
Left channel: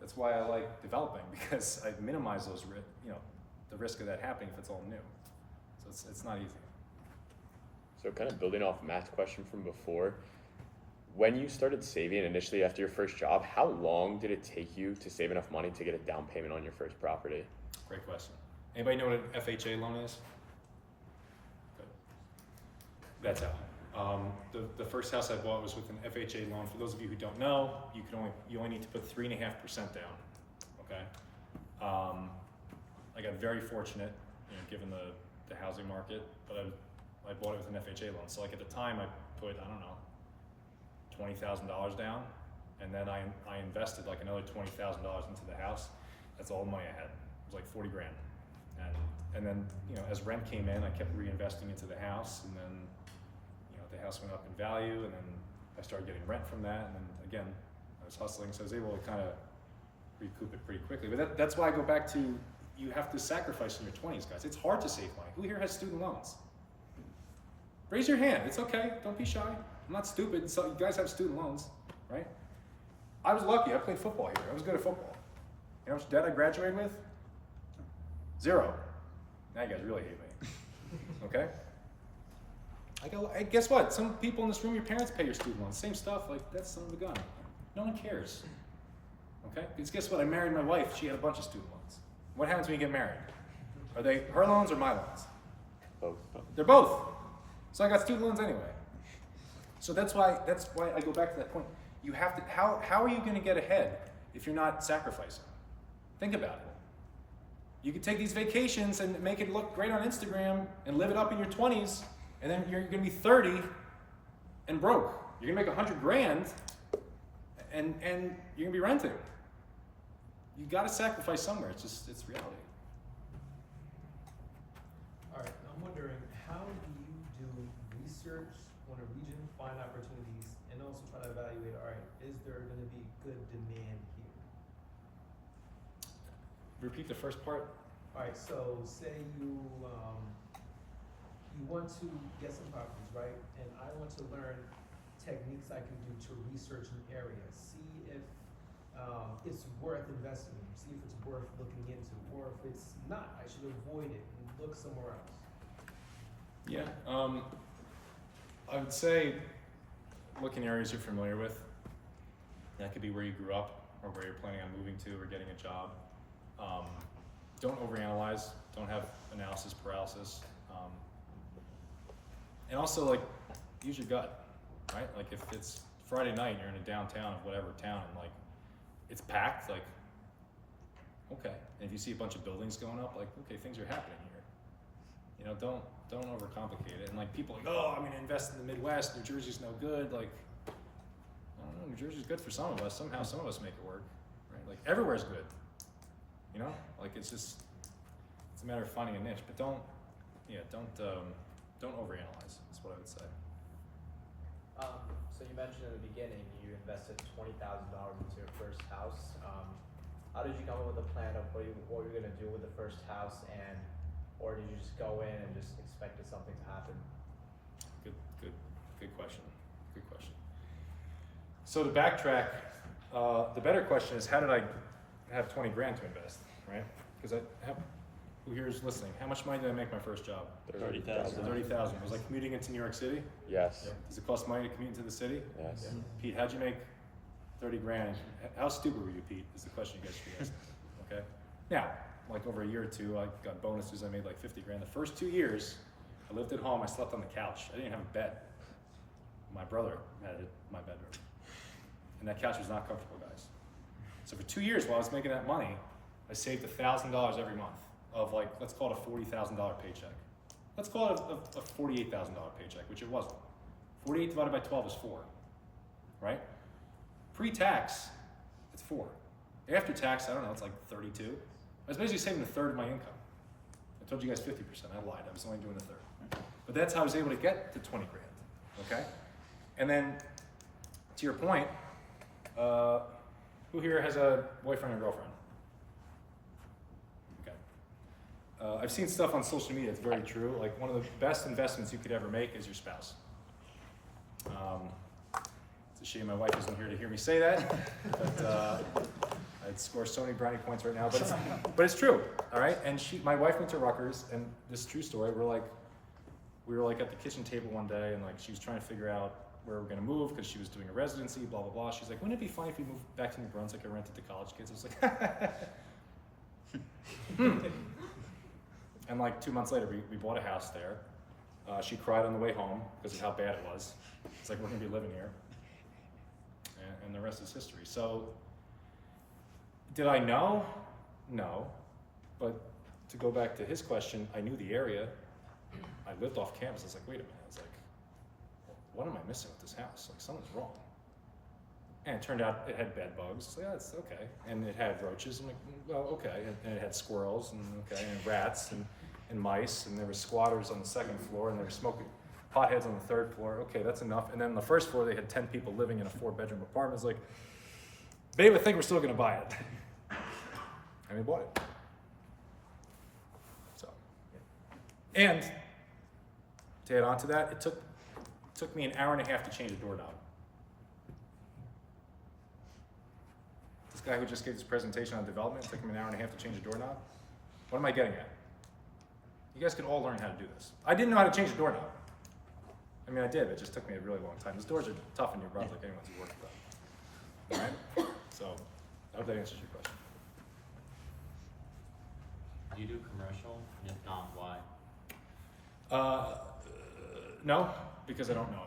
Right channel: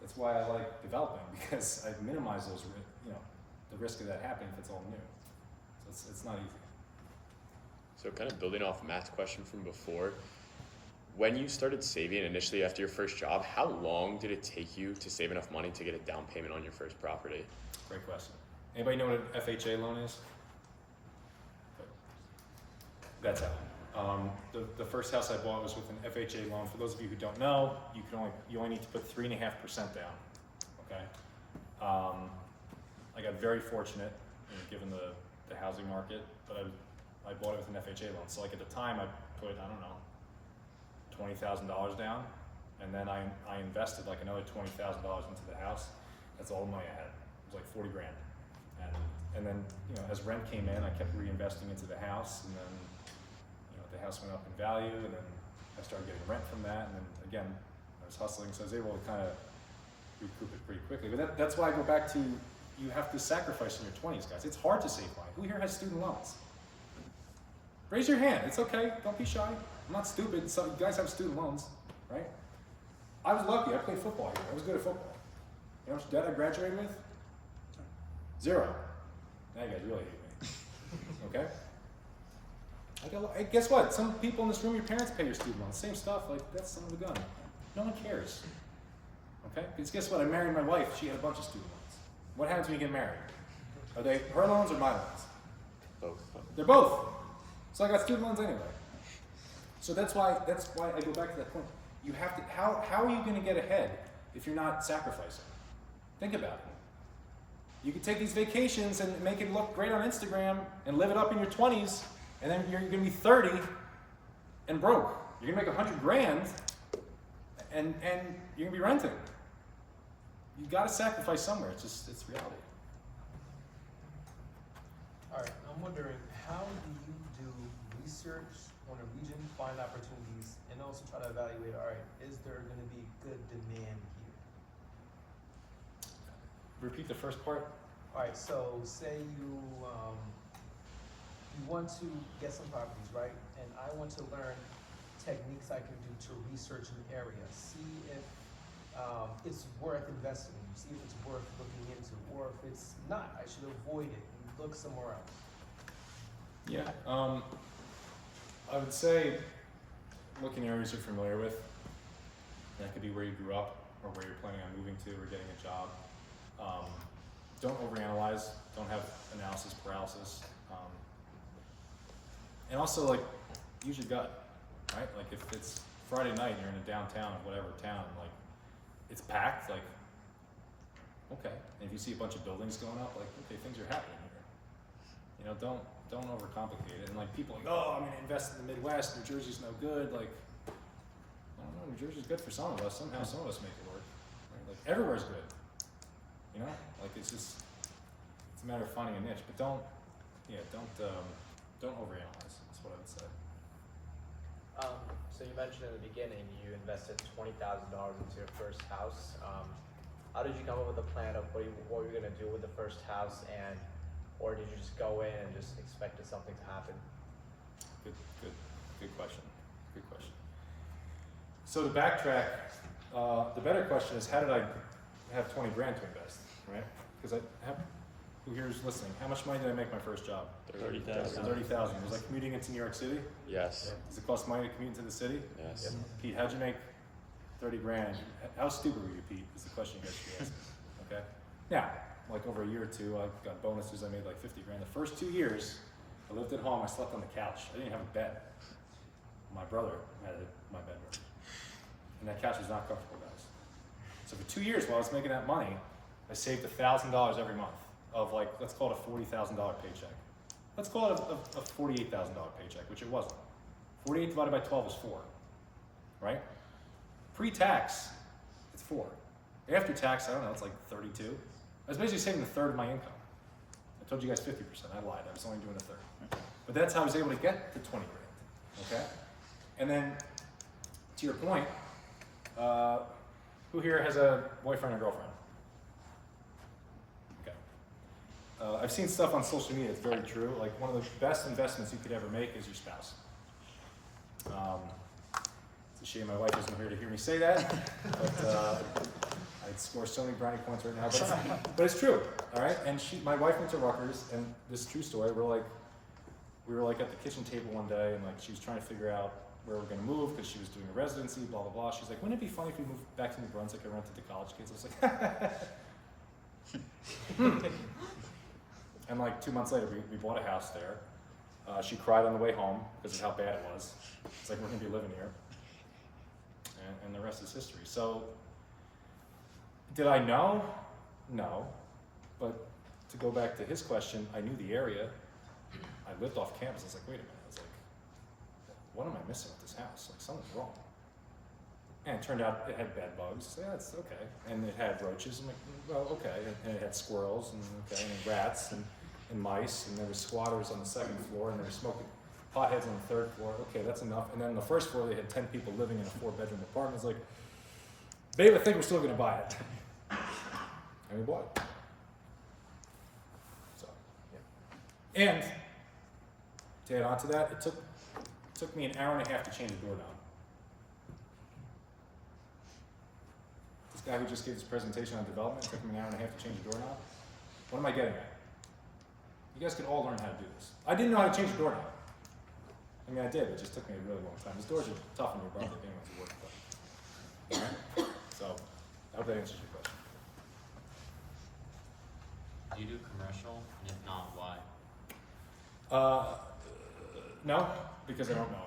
That's why I like developing, because I minimize those, the risk of that happening if it's all new. So it's not easy. So kind of building off Matt's question from before, when you started saving initially after your first job, how long did it take you to save enough money to get a down payment on your first property? Great question. Anybody know what an FHA loan is? Good. That's how. The first house I bought was with an FHA loan. For those of you who don't know, you only need to put 3.5% down. Okay. I got very fortunate, given the housing market, but I bought it with an FHA loan. So like at the time, I put $20,000 down, and then I invested like another $20,000 into the house. That's all the money I had. It was like 40 grand. And then as rent came in, I kept reinvesting into the house, and then the house went up in value, and then I started getting rent from that, and then again I was hustling, so I was able to kind of recoup it pretty quickly. But that's why I go back to, you have to sacrifice in your 20s, guys. It's hard to save money. Who here has student loans? Raise your hand. It's okay. Don't be shy. I'm not stupid. So you guys have student loans, right? I was lucky. I played football here. I was good at football. You know how much debt I graduated with? 0. Now you guys really hate me. Okay? Guess what? Some people in this room, your parents pay your student loans. Same stuff. Like, that's son of a gun. No one cares. Okay? Because guess what? I married my wife. She had a bunch of student loans. What happens when you get married? Are they her loans or my loans? Both. They're both. So I got student loans anyway. So that's why I go back to that point. You have to, how are you going to get ahead if you're not sacrificing? Think about it. You could take these vacations and make it look great on Instagram and live it up in your 20s, and then you're going to be 30 and broke. You're going to make $100 grand, and you're going to be renting. You got to sacrifice somewhere. It's reality. All right, I'm wondering, how do you do research on a region, find opportunities, and also try to evaluate, all right, is there gonna be good demand here? Repeat the first part. All right, so say you want to get some properties, right? And I want to learn techniques I can do to research an area, see if it's worth investing in, see if it's worth looking into, or if it's not, I should avoid it and look somewhere else. Yeah. I would say look in areas you're familiar with. That could be where you grew up or where you're planning on moving to or getting a job. Don't overanalyze. Don't have analysis paralysis. And also, like, use your gut, right? Like, if it's Friday night and you're in a downtown of whatever town, and like it's packed, like, okay. And if you see a bunch of buildings going up, like, okay, things are happening here. You know, don't overcomplicate it. And like people like, oh, I'm gonna invest in the Midwest. New Jersey's no good. Like, I don't know. New Jersey's good for some of us. Somehow, some of us make it work, right? Like, everywhere's good. You know, like it's a matter of finding a niche. But don't overanalyze. That's what I would say. So you mentioned in the beginning you invested $20,000 into your first house. How did you come up with a plan of what you were going to do with the first house, or did you just go in and just expected something to happen? Good question. Good question. So to backtrack, the better question is, how did I have 20 grand to invest, right? Because who here is listening? How much money did I make my first job? 30,000. 30,000. Was I commuting into New York City? Yes. Does it cost money to commute into the city? Yes. Pete, how'd you make 30 grand? How stupid were you, Pete, is the question you guys should be asking, okay? Now, like over a year or two, I got bonuses, I made like 50 grand. The first 2 years, I lived at home, I slept on the couch. I didn't have a bed. My brother had my bedroom. And that couch was not comfortable, guys. So for 2 years while I was making that money, I saved $1,000 every month of like, let's call it a $40,000 paycheck. Let's call it a $48,000 paycheck, which it wasn't. 48 divided by 12 is 4, right? Pre-tax, it's 4. After tax, I don't know, it's like 32. I was basically saving a third of my income. I told you guys 50%, I lied, I was only doing a third. But that's how I was able to get to 20 grand, okay? And then, to your point, who here has a boyfriend or girlfriend? Okay. I've seen stuff on social media that's very true. Like, one of the best investments you could ever make is your spouse. It's a shame my wife isn't here to hear me say that, but I'd score so many brownie points right now, but it's true, all right? And my wife went to Rutgers, and this is a true story. We were like at the kitchen table one day, and like she was trying to figure out where we're gonna move because she was doing a residency, blah, blah, blah. She's like, wouldn't it be funny if we moved back to New Brunswick and rented to college kids? I was like, And like 2 months later, we bought a house there. She cried on the way home because of how bad it was. It's like, we're gonna be living here. And the rest is history. So, did I know? No. But to go back to his question, I knew the area. I lived off campus. I was like, wait a minute. I was like, what am I missing with this house? Like, something's wrong. And it turned out it had bed bugs. So yeah, it's okay. And it had roaches. I'm like, well, okay. And it had squirrels, and okay, and rats, and mice, and there were squatters on the second floor, and they were smoking potheads on the third floor. Okay, that's enough. And then on the first floor, they had 10 people living in a 4-bedroom apartment. It's like, babe, I think we're still gonna buy it. And we bought it. So, yeah. And to add on to that, it took me an hour and a half to change a doorknob. This guy who just gave this presentation on development, it took him an hour and a half to change a doorknob. What am I getting at? You guys could all learn how to do this. I didn't know how to change a doorknob. I mean, I did, it just took me a really long time. These doors are tough in your brother if anyone's worked with them. All right? So, I hope that answers your question. Do you do commercial? And if not, why? No, because I don't know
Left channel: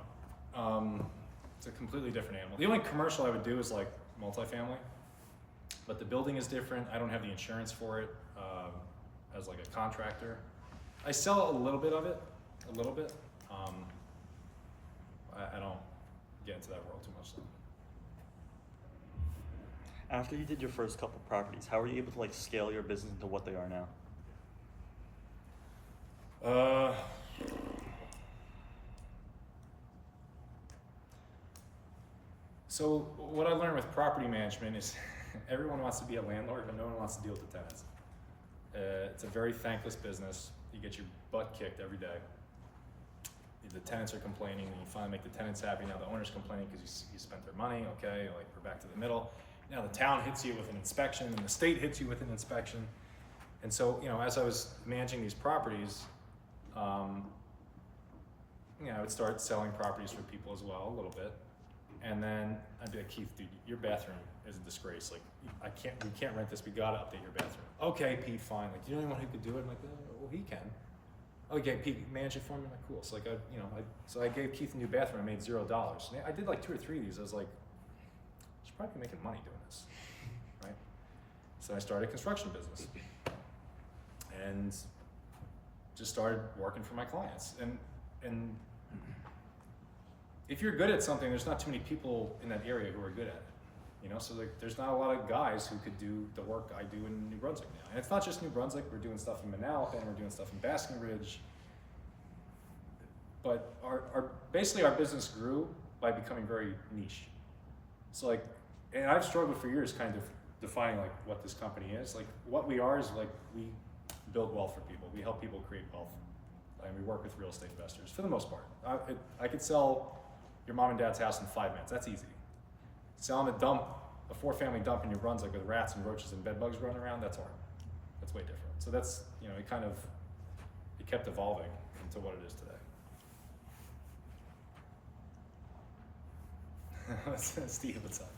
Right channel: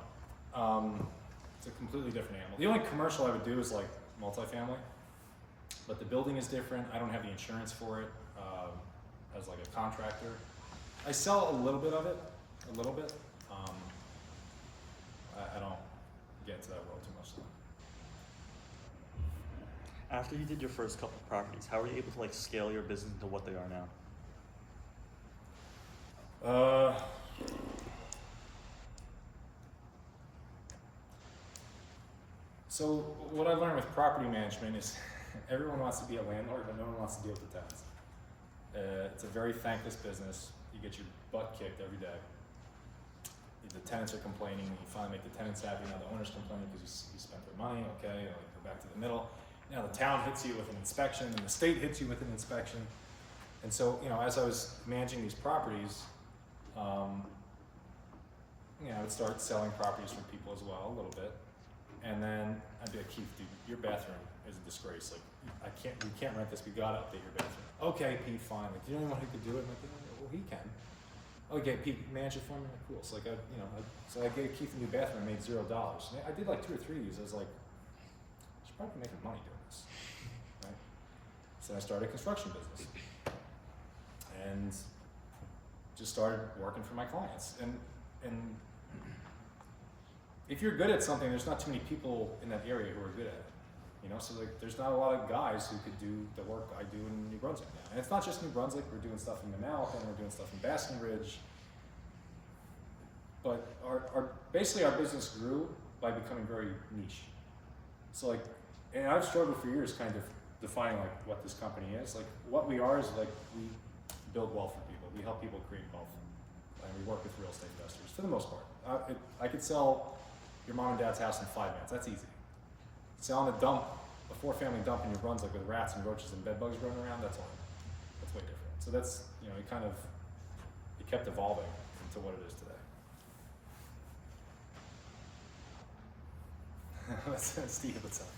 it. It's a completely different animal. The only commercial I would do is like multifamily, but the building is different. I don't have the insurance for it as like a contractor. I sell a little bit of it, a little bit. I don't get into that world too much though. After you did your first couple of properties, how were you able to like scale your business into what they are now? So what I learned with property management is everyone wants to be a landlord, but no one wants to deal with the tenants. It's a very thankless business. You get your butt kicked every day. The tenants are complaining, and you finally make the tenants happy. Now the owner's complaining because you spent their money, okay, like we're back to the middle. Now the town hits you with an inspection, and the state hits you with an inspection. And so, you know, as I was managing these properties, you know, I would start selling properties for people as well, a little bit. And then I'd be like, Keith, dude, your bathroom is a disgrace. Like, we can't rent this. We gotta update your bathroom. Okay, Pete, fine. Like, you don't anyone who could do it? I'm like, well, he can. Okay, Pete, manage it for me. I'm like, cool. So like, so I gave Keith a new bathroom. I made $0. And I did like 2 or 3 of these. I was like, I should probably be making money doing this, right? So I started a construction business, and just started working for my clients. And if you're good at something, there's not too many people in that area who are good at it. So like, there's not a lot of guys who could do the work I do in New Brunswick now. And it's not just New Brunswick, we're doing stuff in Manalapan, we're doing stuff in Basking Ridge. But basically our business grew by becoming very niche. So like, and I've struggled for years kind of defining like what this company is. Like, what we are is like, we build wealth for people. We help people create wealth. And we work with real estate investors for the most part. I could sell your mom and dad's house in 5 minutes, that's easy. Selling a 4-family dump in New Brunswick with rats and roaches and bed bugs running around, that's hard. That's way different. So that's, it kept evolving into what it is today. Steve, what's up?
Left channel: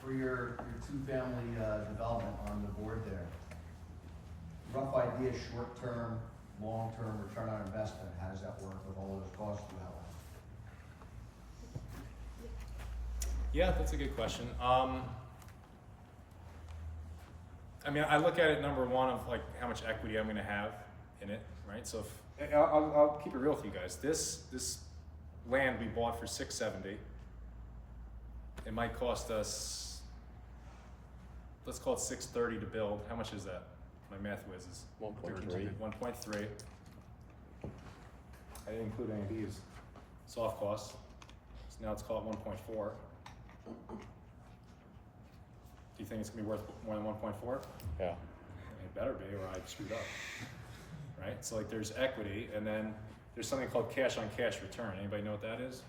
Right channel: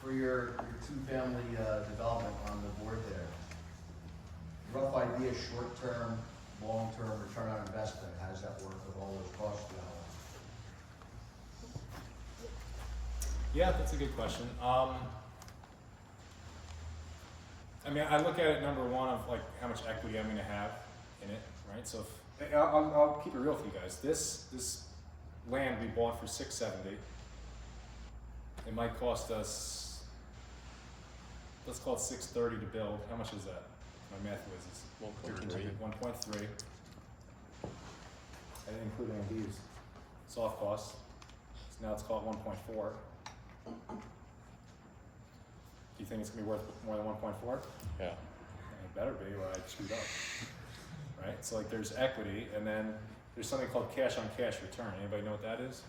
For your 2-family development on the board there, rough idea, short-term, long-term return on investment, how does that work with all those costs you outlined? Yeah, that's a good question. I mean, I look at it number one of like how much equity I'm going to have in it, right? So if, I'll keep it real with you guys. This land we bought for $670. It might cost us, let's call it $630 to build. How much is that? My math whiz is 1.3. I didn't include any of these soft costs. So now it's called 1.4. Do you think it's gonna be worth more than 1.4? Yeah. It better be, or I screwed up. Right? So like, there's equity, and then there's something called cash on cash return. Anybody know what that is?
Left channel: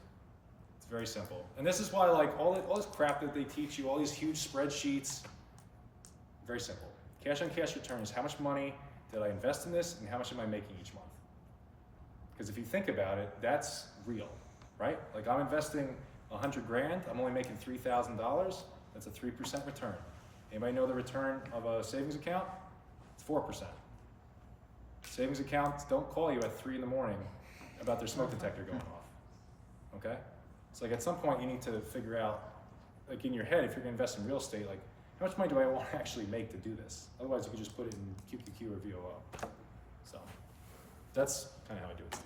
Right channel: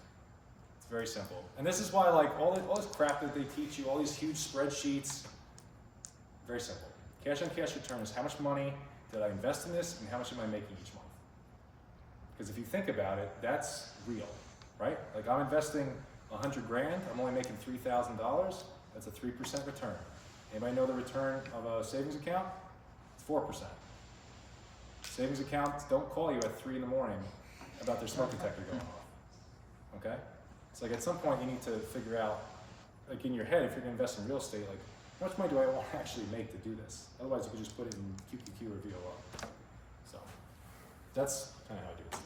It's very simple. And this is why like all this crap that they teach you, all these huge spreadsheets, very simple. Cash on cash return is how much money did I invest in this and how much am I making each month? Because if you think about it, that's real, right? Like, I'm investing 100 grand, I'm only making $3,000, that's a 3% return. Anybody know the return of a savings account? It's 4%. Savings accounts don't call you at 3 in the morning about their smoke detector going off, okay? So like, at some point you need to figure out, like in your head, if you're gonna invest in real estate, like, how much money do I want to actually make to do this? Otherwise you could just put it in QQQ or VOL. So that's kind of how I do it, Steve.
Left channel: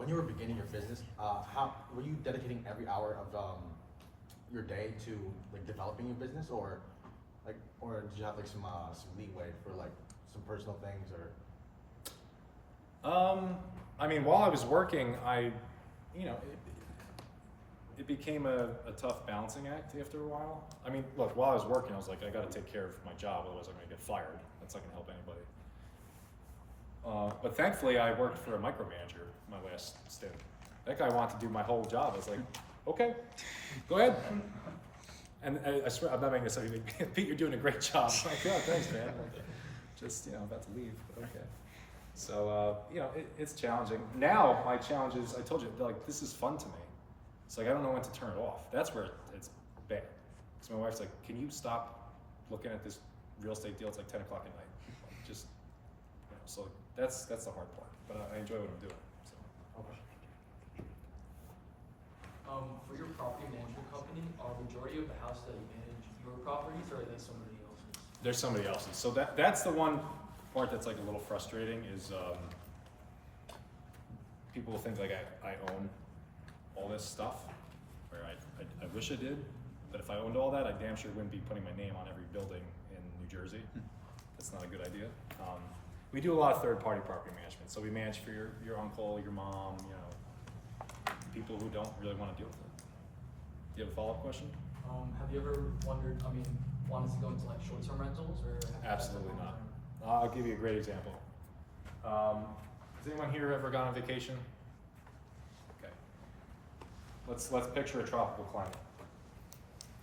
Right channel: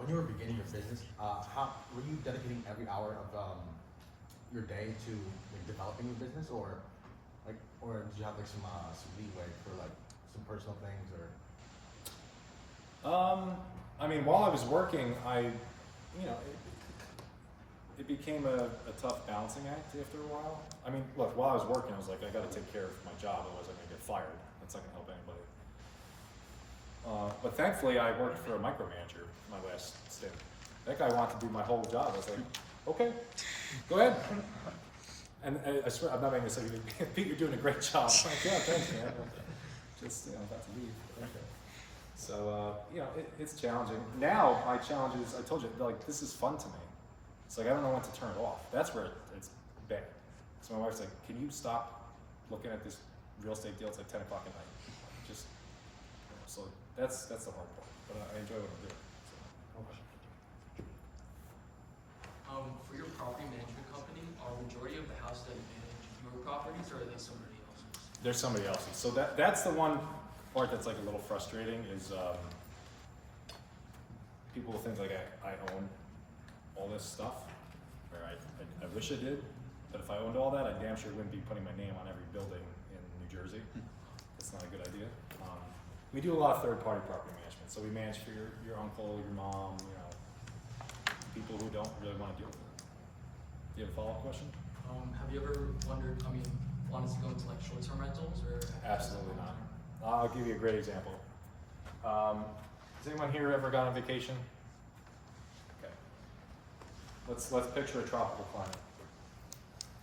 When you were beginning your business, how were you dedicating every hour of your day to like developing your business, or did you have like some leeway for like some personal things, or? I mean, while I was working, it became a tough balancing act after a while. I mean, look, while I was working, I was like, I got to take care of my job, otherwise I'm gonna get fired. That's not gonna help anybody. But thankfully, I worked for a micromanager my last stint. That guy wanted to do my whole job. I was like, okay, go ahead. And I swear, I'm not making this up. Pete, you're doing a great job. I'm like, oh, thanks, man. I'm like, just, about to leave, but okay. So, it's challenging. Now, my challenge is, I told you, like, this is fun to me. It's like, I don't know when to turn it off. That's where it's bad. So my wife's like, can you stop looking at this real estate deal? It's like 10 o'clock at night. Like, just, so that's the hard part. But I enjoy what I'm doing. So. For your property management company, are majority of the houses that you manage your properties, or are they somebody else's? They're somebody else's. So that's the one part that's like a little frustrating is people will think like I own all this stuff, or I wish I did, but if I owned all that, I damn sure wouldn't be putting my name on every building in New Jersey. That's not a good idea. We do a lot of third-party property management, so we manage for your uncle, your mom, people who don't really want to deal with it. Do you have a follow-up question? Have you ever wanted to go into like short-term rentals, or? Absolutely not. I'll give you a great example. Has anyone here ever gone on vacation? Okay. Let's picture a tropical climate.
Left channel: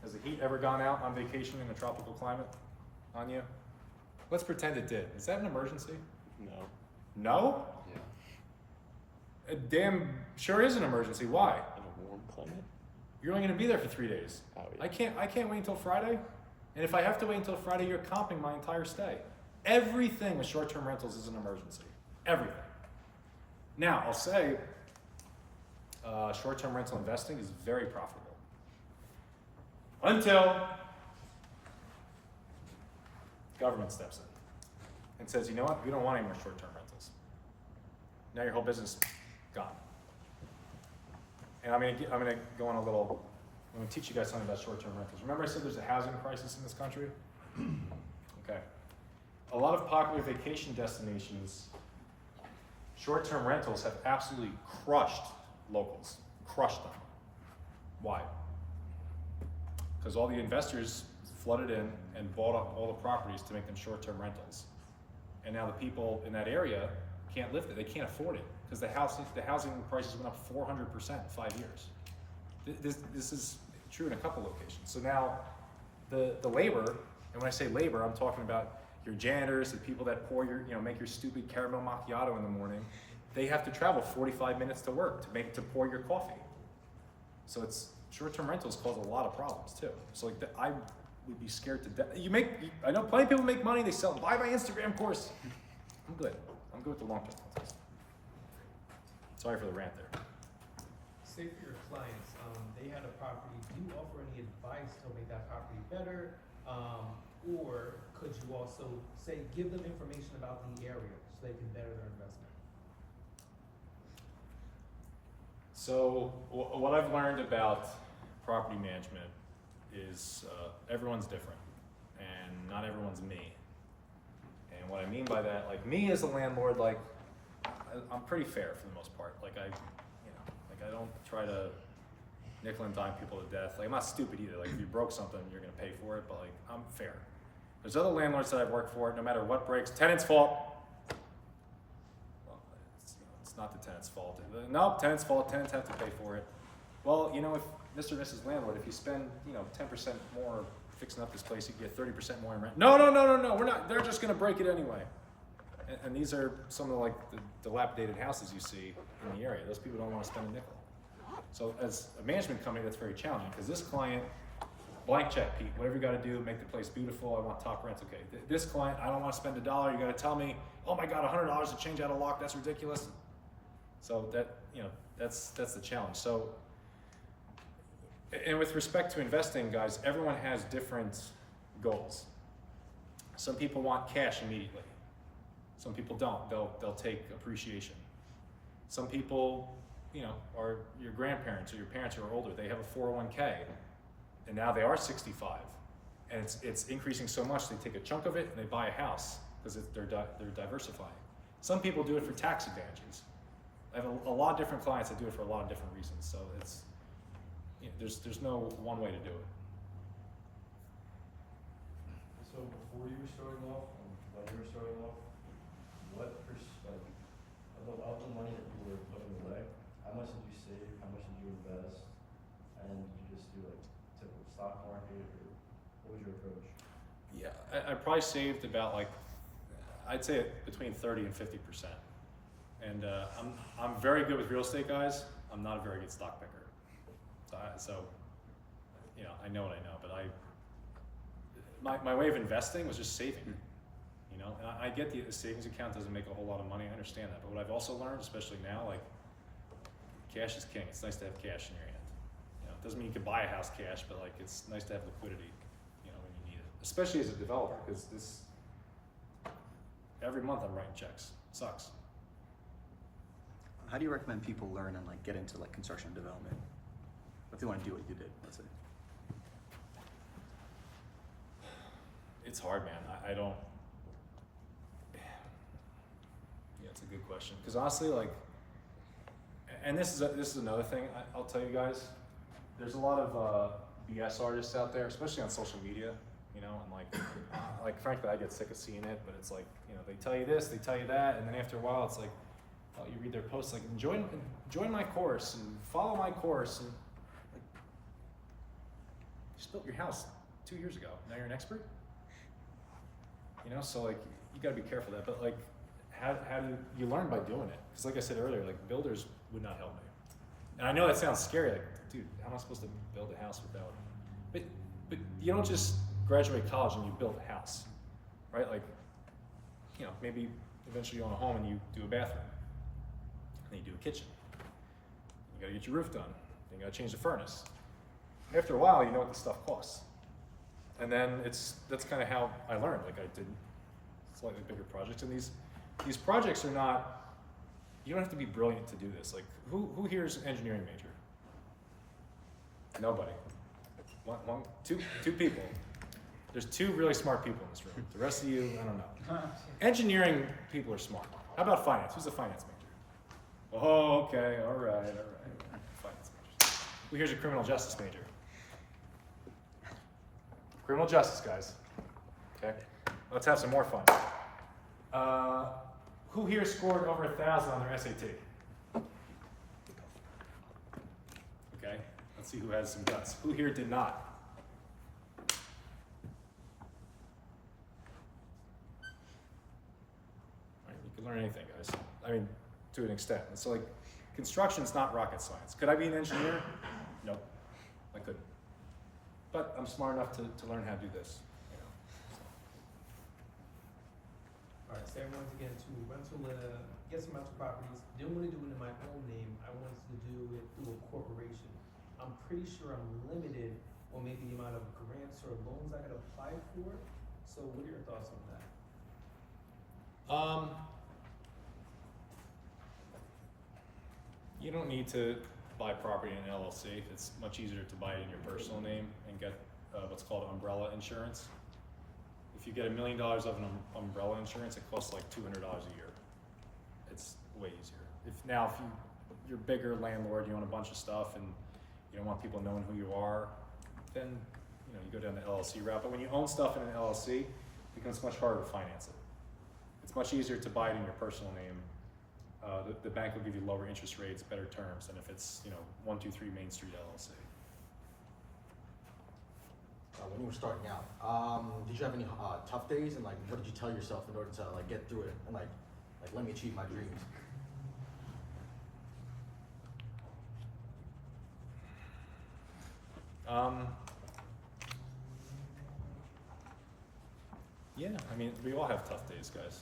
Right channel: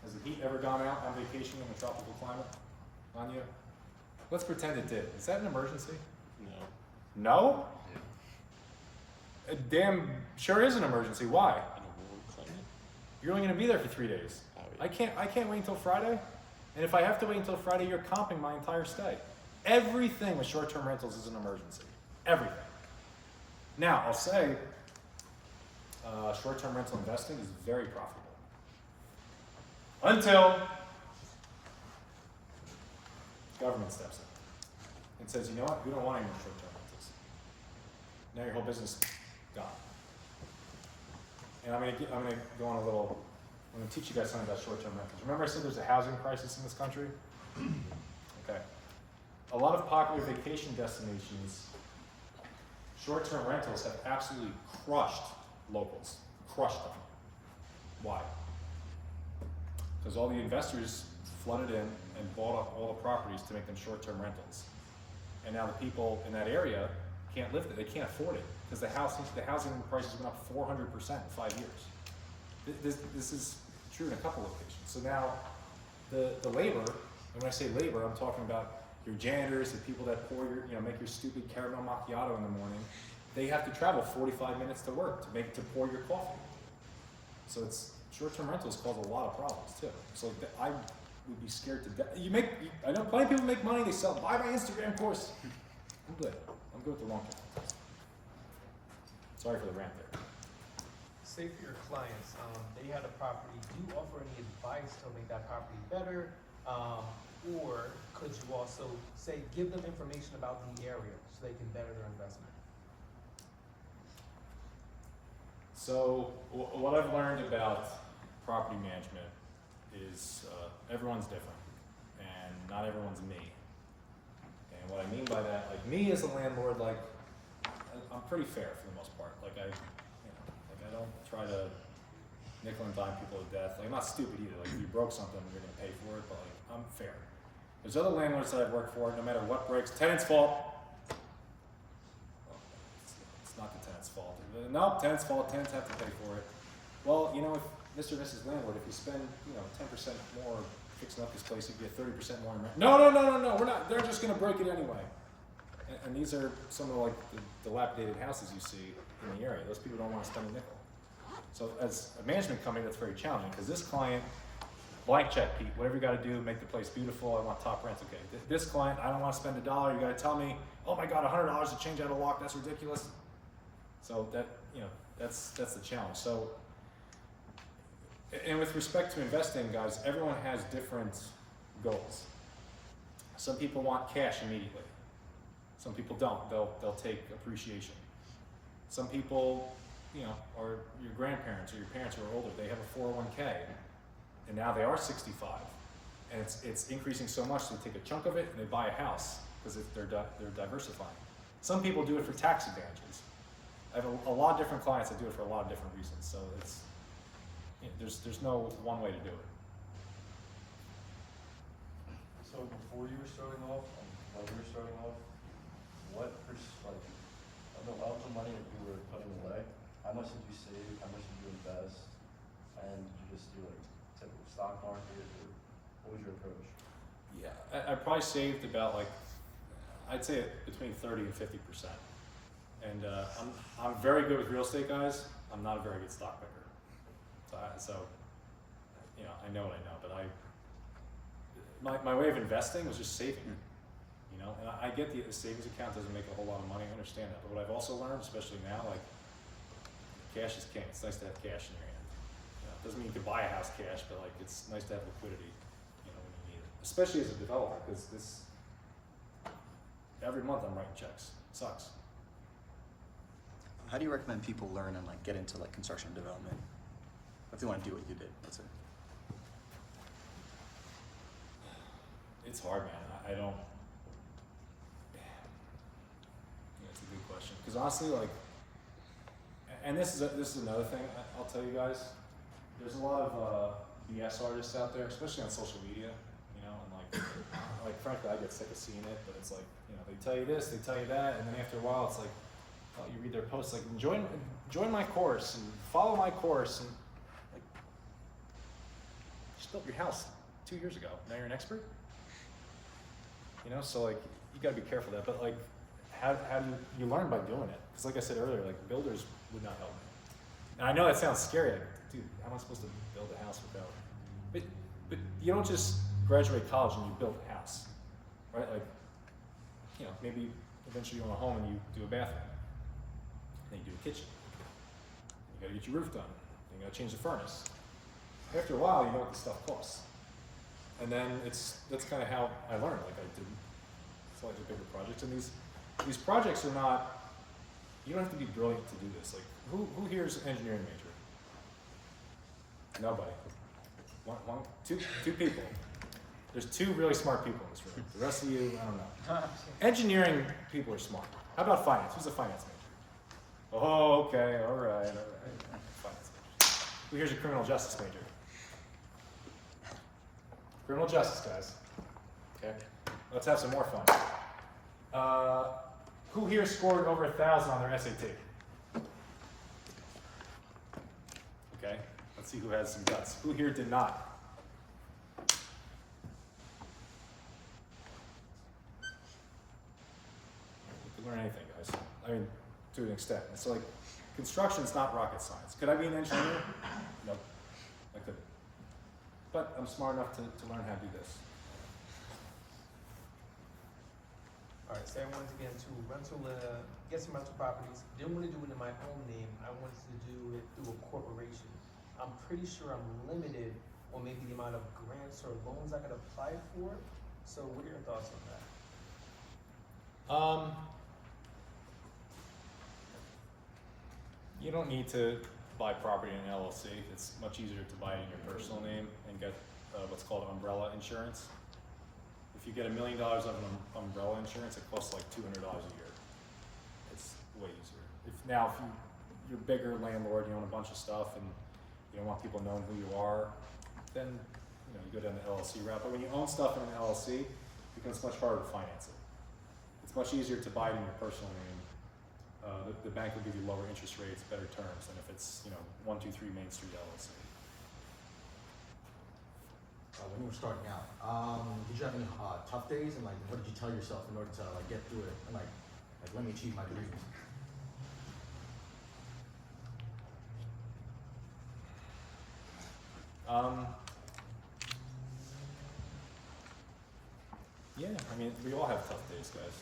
Has the heat ever gone out on vacation in a tropical climate on you? Let's pretend it did. Is that an emergency? No. No? Yeah. Damn sure is an emergency. Why? In a warm climate? You're only gonna be there for 3 days. Oh, yeah. I can't wait until Friday. And if I have to wait until Friday, you're comping my entire stay. Everything with short-term rentals is an emergency. Everything. Now, I'll say, short-term rental investing is very profitable. Until government steps in and says, you know what, we don't want any more short-term rentals. Now your whole business gone. And I'm gonna go on a little, I'm gonna teach you guys something about short-term rentals. Remember I said there's a housing crisis in this country? Okay. A lot of popular vacation destinations, short-term rentals have absolutely crushed locals, crushed them. Why? Because all the investors flooded in and bought up all the properties to make them short-term rentals. And now the people in that area can't live there, they can't afford it, because the housing prices went up 400% in 5 years. This is true in a couple locations. So now the labor, and when I say labor, I'm talking about your janitors, the people that pour your, make your stupid caramel macchiato in the morning, they have to travel 45 minutes to work to pour your coffee. So it's, short-term rentals cause a lot of problems too. So like, I would be scared to death. I know plenty of people make money, they buy my Instagram course. I'm good with the long-term rentals. Sorry for the rant there. Say for your clients, they had a property, do you offer any advice to make that property better? Or could you also say, give them information about the area so they can better their investment? So what I've learned about property management is everyone's different and not everyone's me. And what I mean by that, like me as a landlord, like I'm pretty fair for the most part. Like I don't try to nickel and dime people to death. Like I'm not stupid either. Like if you broke something, you're gonna pay for it, but like I'm fair. There's other landlords that I've worked for, no matter what breaks, tenant's fault. Well, it's not the tenant's fault. Nope, tenant's fault, tenants have to pay for it. Well, if Mr. and Mrs. Landlord, if you spend, 10% more fixing up this place, you get 30% more in rent. No, we're not, they're just gonna break it anyway. And these are some of the dilapidated houses you see in the area. Those people don't wanna spend a nickel. So as a management company, that's very challenging, because this client, blank check, Pete, whatever you gotta do, make the place beautiful, I want top rents, okay. This client, I don't wanna spend $1, you gotta tell me, oh my God, $100 to change out a lock, that's ridiculous. So that, that's the challenge. So, and with respect to investing, guys, everyone has different goals. Some people want cash immediately. Some people don't. They'll take appreciation. Some people, are your grandparents or your parents who are older. They have a 401k, and now they are 65, and it's increasing so much they take a chunk of it and they buy a house because they're diversifying. Some people do it for tax advantages. I have a lot of different clients that do it for a lot of different reasons. So it's there's no one way to do it. So before you were starting off, and when you were starting off, what of the money that you were putting away, how much did you save, how much did you invest, and did you just do typical stock market, or what was your approach? Yeah, I probably saved about I'd say between 30 and 50%. And I'm very good with real estate, guys. I'm not a very good stock picker. So I know what I know, but my way of investing was just saving. And I get the savings account doesn't make a whole lot of money. I understand that, but what I've also learned, especially now, cash is king. It's nice to have cash in your hand. It doesn't mean you can buy a house cash, but it's nice to have liquidity, when you need it. Especially as a developer, because every month I'm writing checks. It sucks. How do you recommend people learn and get into construction and development? If they want to do what you did, let's say. It's hard, man. I don't. It's a good question, because honestly, and this is another thing I'll tell you guys. There's a lot of BS artists out there, especially on social media. And frankly, I get sick of seeing it. But it's they tell you this, they tell you that, and then after a while, it's you read their posts join my course and follow my course, and you just built your house 2 years ago. Now you're an expert. So you gotta be careful of that. But how do you learn by doing it? Because like I said earlier, builders would not help me. And I know that sounds scary, dude, how am I supposed to build a house without? But you don't just graduate college and you build a house, right? Like, you know, maybe eventually you own a home and you do a bathroom, and then you do a kitchen. You gotta get your roof done. Then you gotta change the furnace. After a while, you know what this stuff costs. And then that's kind of how I learned. Like, I did slightly bigger projects, and these projects are not. You don't have to be brilliant to do this. Like, who here is an engineering major? Nobody. Two people. There's 2 really smart people in this room. The rest of you, I don't know. Engineering people are smart. How about finance? Who's a finance major? Oh, okay, all right. Finance major. Who here's a criminal justice major? Criminal justice, guys. Okay, let's have some more fun. Who here scored over 1,000 on their SAT? Okay, let's see who has some guts. Who here did not? You can learn anything, guys. I mean, to an extent. It's like, construction's not rocket science. Could I be an engineer? Nope, I couldn't. But I'm smart enough to learn how to do this. Alright, so I wanted to get into rental, get some rental properties. Didn't want to do it in my own name. I wanted to do it through a corporation. I'm pretty sure I'm limited on maybe the amount of grants or loans I could apply for. So what are your thoughts on that? You don't need to buy property in an LLC. It's much easier to buy it in your personal name and get what's called umbrella insurance. If you get $1 million of an umbrella insurance, it costs like $200 a year. It's way easier. If you're a bigger landlord, you own a bunch of stuff, and you don't want people knowing who you are, then you go down the LLC route. But when you own stuff in an LLC, it becomes much harder to finance it. It's much easier to buy it in your personal name. The bank will give you lower interest rates, better terms than if it's 123 Main Street LLC. When you were starting out, did you have any tough days, and like what did you tell yourself in order to like get through it and like let me achieve my dreams? Yeah, I mean, we all have tough days, guys.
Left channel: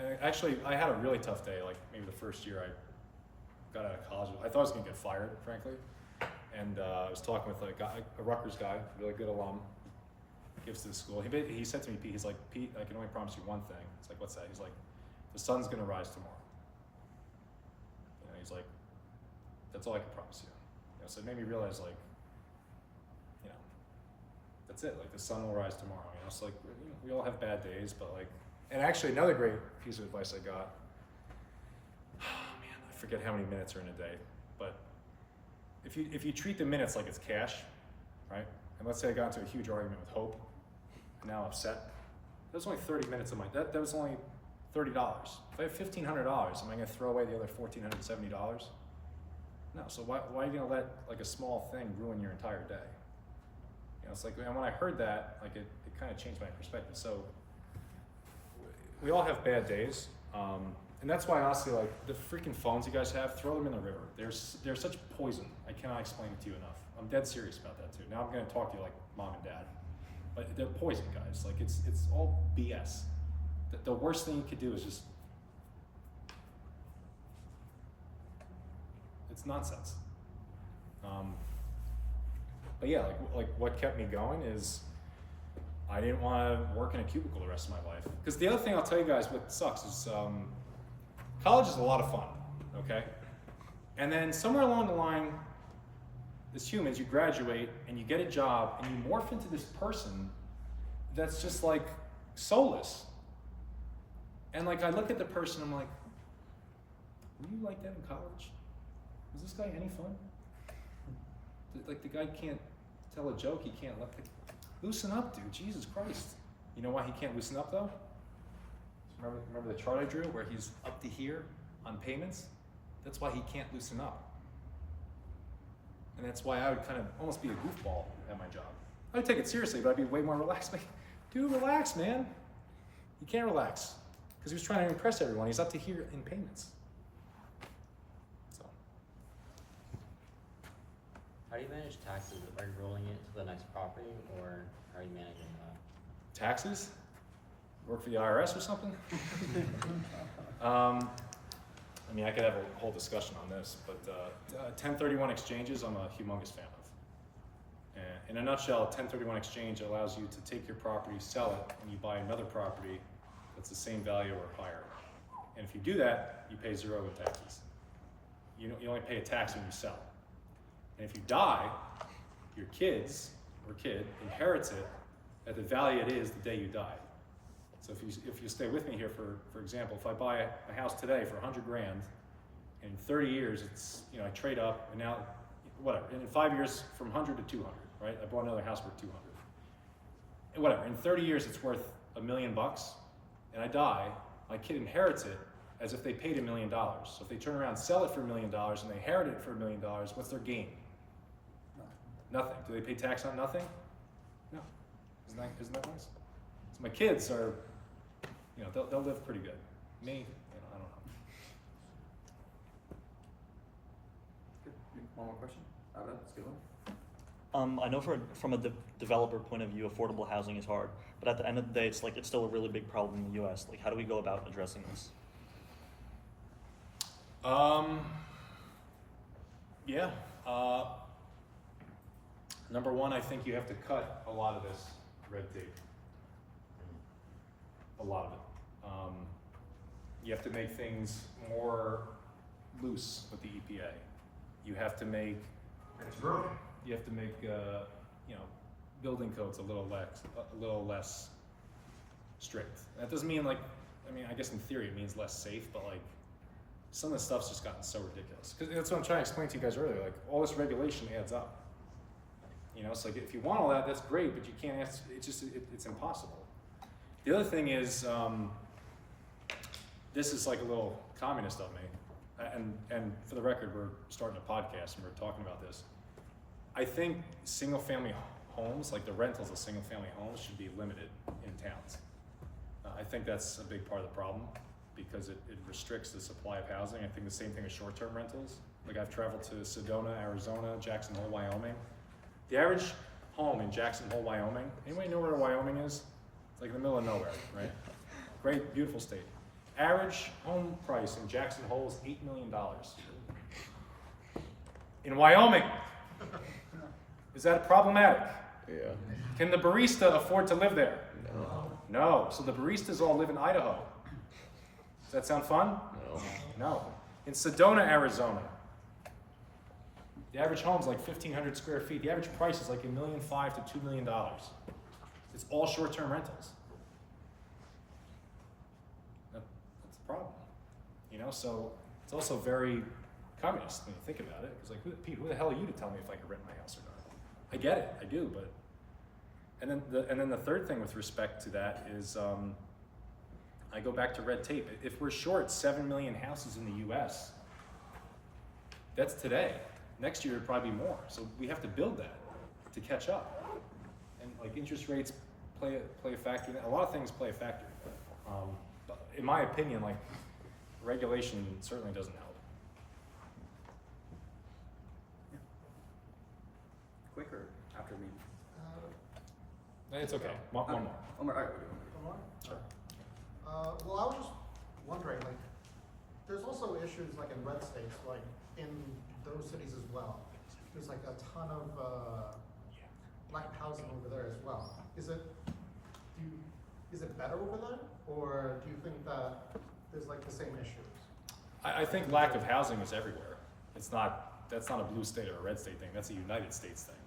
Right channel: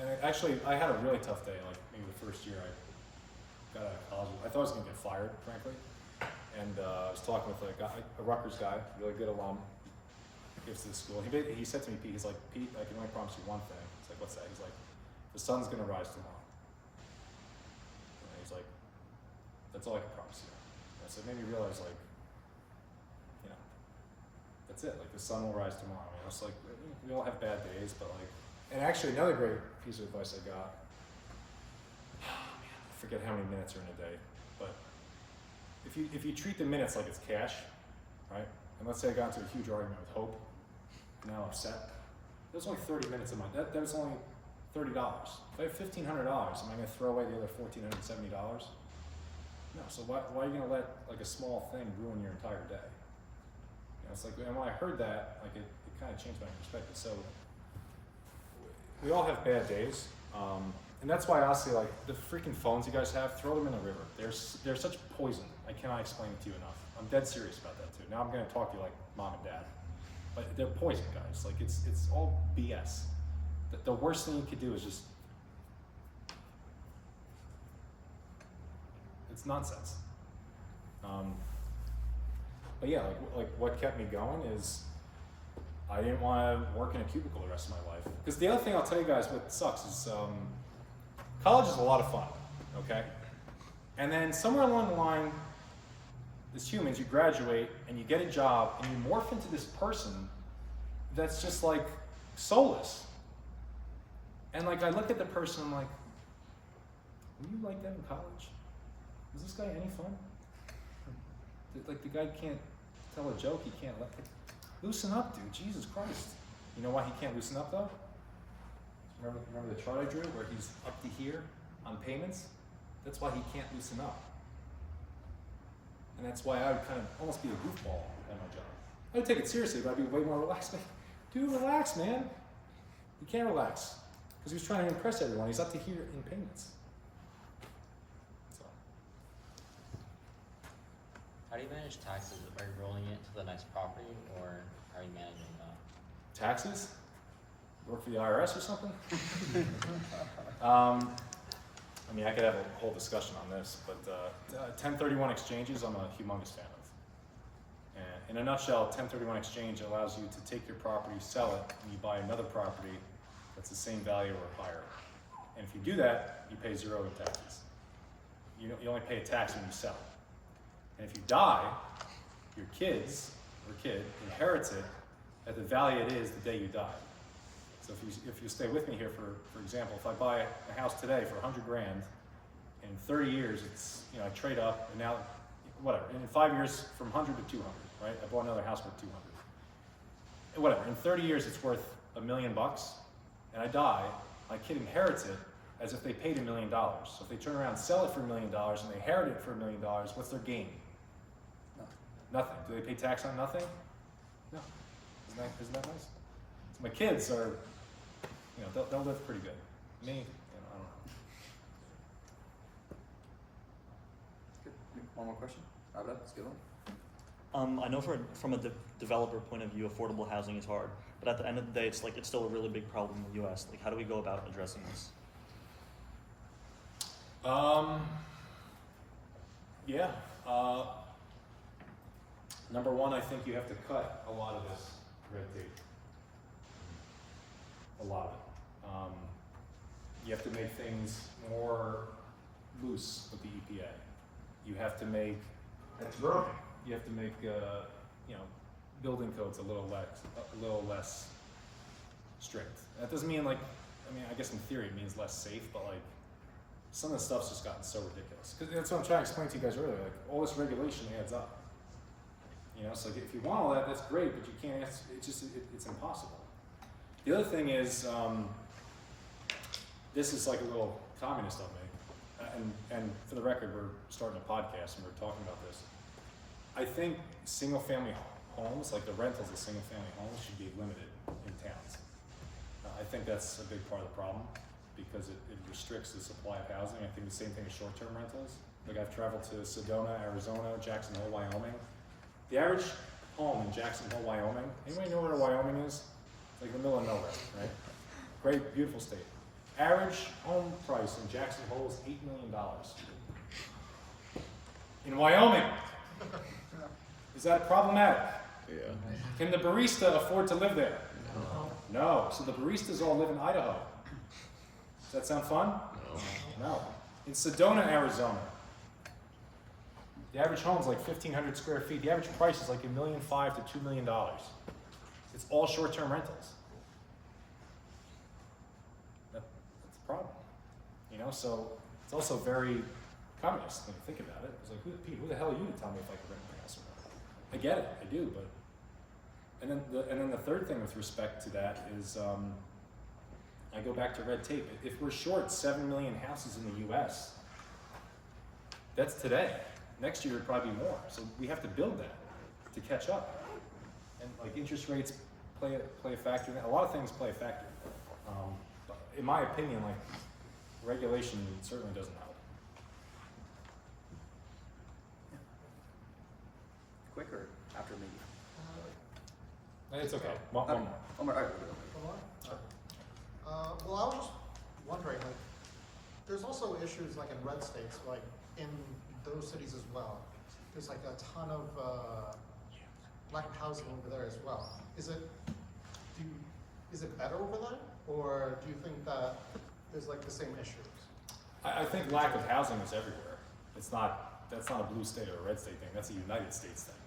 And actually, I had a really tough day, like maybe the first year I got out of college. I thought I was gonna get fired, frankly. And I was talking with a Rutgers guy, really good alum, gives to the school. He said to me, Pete, he's like, Pete, I can only promise you one thing. It's like, what's that? He's like, the sun's gonna rise tomorrow. He's like, that's all I can promise you. So it made me realize, like, that's it. Like, the sun will rise tomorrow. It's like, we all have bad days, but like, and actually another great piece of advice I got, man, I forget how many minutes are in a day, but if you treat the minutes like it's cash, right? And let's say I got into a huge argument with Hope, and now I'm upset. That was only 30 minutes of that was only $30. If I have $1,500, am I gonna throw away the other $1,470? No, so why are you gonna let like a small thing ruin your entire day? It's like, and when I heard that, like it kind of changed my perspective. So we all have bad days, and that's why honestly, like the freaking phones you guys have, throw them in the river. They're such poison. I cannot explain it to you enough. I'm dead serious about that too. Now I'm gonna talk to you like mom and dad, but they're poison, guys. Like it's all BS. The worst thing you could do is just, it's nonsense. But yeah, like what kept me going is I didn't want to work in a cubicle the rest of my life. Because the other thing I'll tell you guys what sucks is college is a lot of fun, okay? And then somewhere along the line, as humans, you graduate and you get a job and you morph into this person that's just like soulless. And like I look at the person, I'm like, were you like that in college? Was this guy any fun? Like the guy can't tell a joke, he can't loosen up, dude, Jesus Christ. You know why he can't loosen up though? Remember the chart I drew where he's up to here on payments? That's why he can't loosen up. And that's why I would kind of almost be a goofball at my job. I would take it seriously, but I'd be way more relaxed. Like, dude, relax, man. You can't relax. Because he was trying to impress everyone. He's up to here in payments. So, How do you manage taxes? Are you rolling it to the next property, or how are you managing that? Taxes? Work for the IRS or something? I mean, I could have a whole discussion on this, but 1031 exchanges, I'm a humongous fan of. And in a nutshell, 1031 exchange allows you to take your property, sell it, and you buy another property that's the same value or higher. And if you do that, you pay 0 in taxes. You only pay a tax when you sell. And if you die, your kids or kid inherits it at the value it is the day you died. So if you stay with me here, for example, if I buy a house today for 100 grand, in 30 years it's, I trade up, and now, whatever, in 5 years from 100 to 200, right? I bought another house worth 200. And whatever, in 30 years it's worth $1 million, and I die, my kid inherits it as if they paid $1 million. So if they turn around and sell it for $1 million and they inherit it for $1 million, what's their gain? Nothing. Do they pay tax on nothing? No. Isn't that nice? So my kids are, they'll live pretty good. Me, I don't know. Good. One more question? That's a good one. I know from a developer point of view, affordable housing is hard, but at the end of the day, it's still a really big problem in the U.S. How do we go about addressing this? Yeah. Number one, I think you have to cut a lot of this red tape. A lot of it. You have to make things more loose with the EPA. You have to make building codes a little less strict. That doesn't mean I guess in theory it means less safe, but some of the stuff's just gotten so ridiculous. Because that's what I'm trying to explain to you guys earlier. All this regulation adds up. So if you want all that, that's great, but you can't. It's impossible. The other thing is, this is like a little communist of me, and for the record, we're starting a podcast and we're talking about this. I think single-family homes, like the rentals of single-family homes, should be limited in towns. I think that's a big part of the problem because it restricts the supply of housing. I think the same thing with short-term rentals. I've traveled to Sedona, Arizona, Jackson Hole, Wyoming. The average home in Jackson Hole, Wyoming, anybody know where Wyoming is? It's in the middle of nowhere, right? Great, beautiful state. Average home price in Jackson Hole is $8 million. In Wyoming. Is that problematic? Yeah. Can the barista afford to live there? No. So the baristas all live in Idaho. Does that sound fun? No. In Sedona, Arizona, the average home is 1,500 square feet. The average price is $1.5 million to $2 million. It's all short-term rentals. That's a problem. So it's also very communist when you think about it. It's Pete, who the hell are you to tell me if I can rent my house or not? I get it, I do, but and then the third thing with respect to that is I go back to red tape. If we're short 7 million houses in the U.S., that's today. Next year, it'll probably be more. So we have to build that to catch up. And interest rates play a factor in that. A lot of things play a factor in that. But in my opinion, regulation certainly doesn't help. Quick or after me? It's okay. One more. One more. All right. One more? Sure. Well, I was just wondering, there's also issues in red states, in those cities as well. There's a ton of lack of housing over there as well. Is it better over there, or do you think that there's the same issues? I think lack of housing is everywhere. That's not a blue state or a red state thing. That's a United States thing.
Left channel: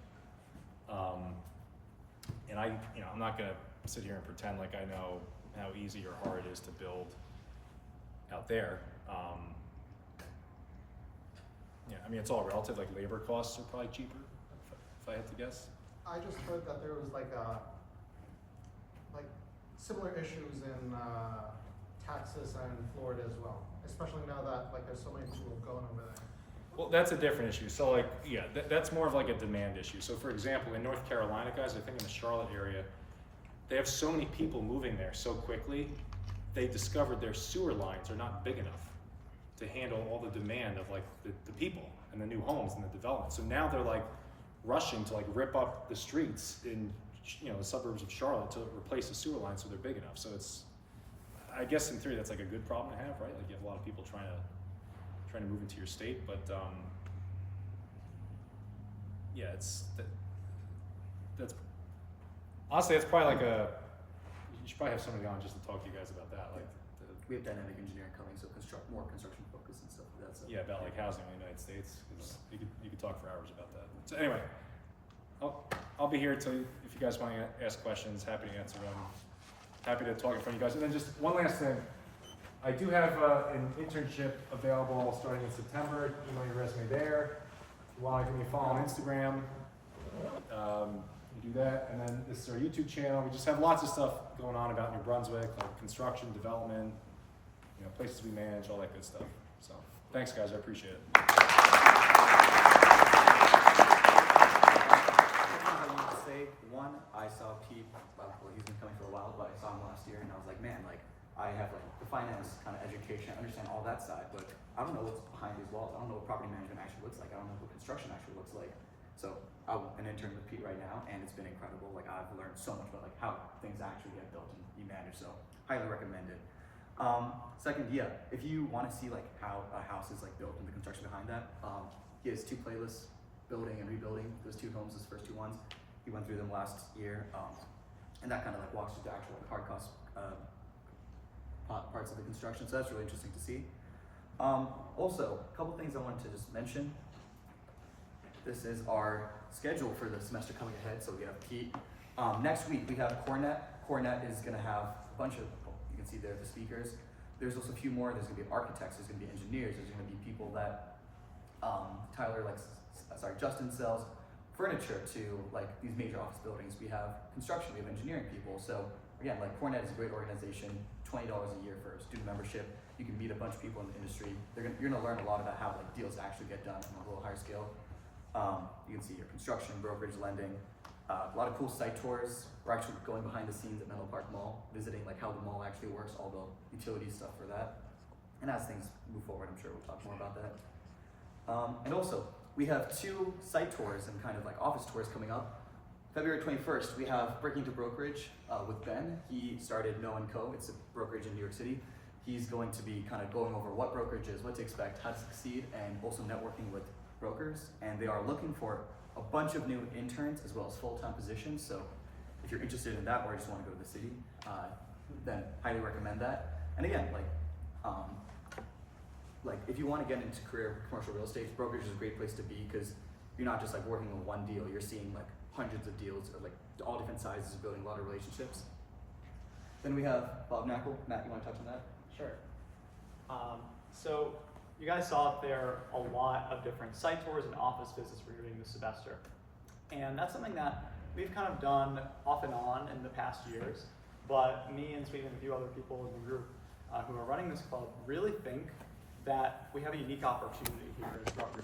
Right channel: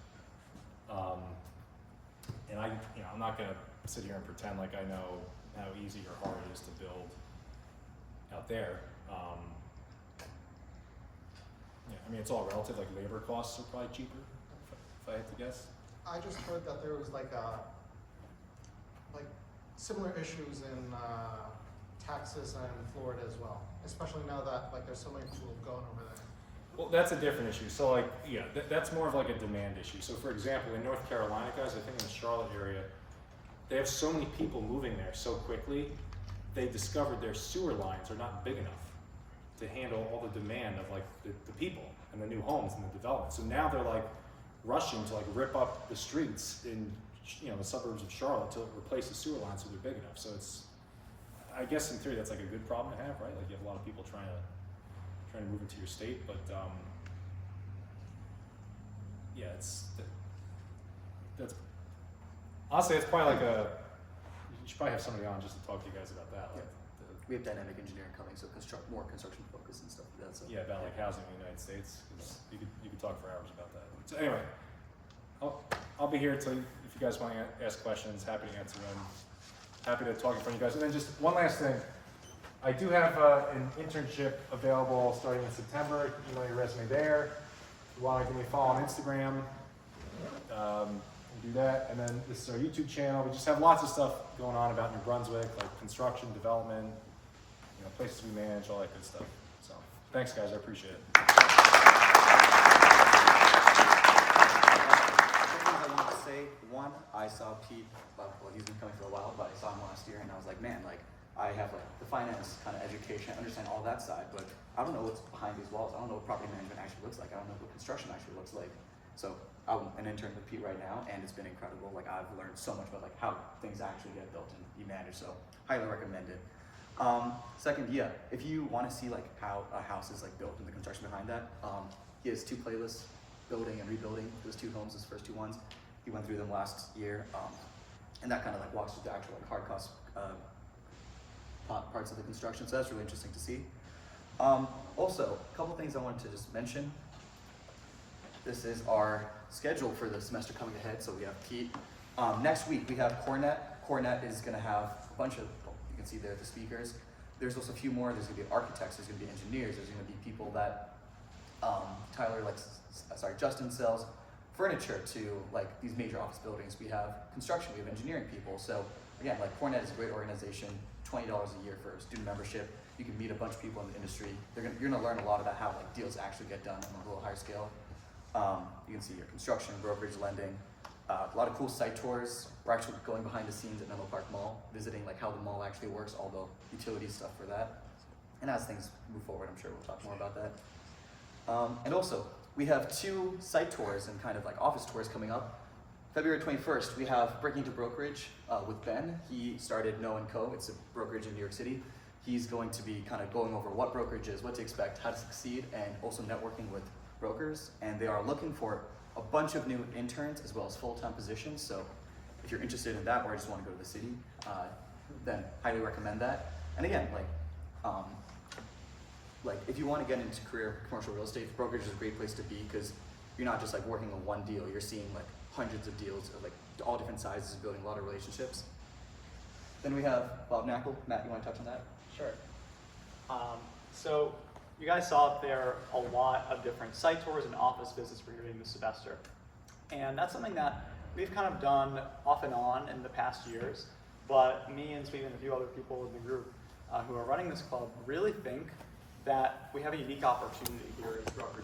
And I'm not gonna sit here and pretend like I know how easy or hard it is to build out there. It's all relative. Labor costs are probably cheaper, if I had to guess. I just heard that there was similar issues in Texas and Florida as well, especially now that there's so many people going over there. Well, that's a different issue. So that's more of a demand issue. So for example, in North Carolina, guys, I think in the Charlotte area, they have so many people moving there so quickly, they discovered their sewer lines are not big enough to handle all the demand of the people and the new homes and the development. So now they're rushing to like rip up the streets in, you know, the suburbs of Charlotte to replace the sewer lines so they're big enough. So it's, I guess in theory that's like a good problem to have, right? Like you have a lot of people trying to move into your state, but yeah, that's honestly, it's probably like you should probably have somebody on just to talk to you guys about that, like We have dynamic engineering coming, so more construction focus and stuff like that. So. yeah, about like housing in the United States. 'Cause you could talk for hours about that. So anyway, I'll be here till if you guys want to ask questions. Happy to answer them. Happy to talk in front of you guys. And then just one last thing, I do have an internship available starting in September. Email your resume there. If you want to give me a follow on Instagram, do that. And then this is our YouTube channel. We just have lots of stuff going on about New Brunswick, like construction, development, you know, places we manage, all that good stuff. So thanks guys, I appreciate it. Things I want to say, one, I saw Pete, well, he's been coming for a while, but I saw him last year and I was like, man, like, I have like the finance kind of education, I understand all that side, but I don't know what's behind these walls. I don't know what property management actually looks like. I don't know what construction actually looks like. So I'm an intern with Pete right now, and it's been incredible. Like I've learned so much about like how things actually get built and you manage. So highly recommend it. Second, yeah, if you want to see like how a house is like built and the construction behind that, he has 2 playlists, building and rebuilding. Those 2 homes, his first 2 ones. He went through them last year, and that kind of like walks through the actual like, hard cost parts of the construction. So that's really interesting to see. Also, a couple things I wanted to just mention. This is our schedule for the semester coming ahead. So we have Pete. Next week we have Cornet. Cornet is going to have a bunch of, you can see there the speakers. There's also a few more. There's going to be architects. There's going to be engineers. There's going to be people that Justin sells furniture to like these major office buildings. We have construction. We have engineering people. So again, like Cornet is a great organization. $20 a year for a student membership. You can meet a bunch of people in the industry. You're gonna learn a lot about how like deals actually get done on a little higher scale. You can see your construction, brokerage, lending, a lot of cool site tours. We're actually going behind the scenes at Menlo Park Mall, visiting like how the mall actually works, all the utility stuff for that. And as things move forward, I'm sure we'll talk more about that. And also, we have 2 site tours and kind of like office tours coming up. February 21st, we have Breaking into Brokerage with Ben. He started No & Co. It's a brokerage in New York City. He's going to be kind of going over what brokerage is, what to expect, how to succeed, and also networking with brokers. And they are looking for a bunch of new interns as well as full-time positions. So if you're interested in that or just want to go to the city, then highly recommend that. And again, like if you want to get into career commercial real estate, brokerage is a great place to be because you're not just like working on one deal. You're seeing like hundreds of deals of like all different sizes, building a lot of relationships. Then we have Bob Knackle. Matt, you want to touch on that? Sure. So you guys saw up there a lot of different site tours and office visits for your new semester. And that's something that we've kind of done off and on in the past years, but me and Steve and a few other people in the group who are running this club really think that we have a unique opportunity here as Rutgers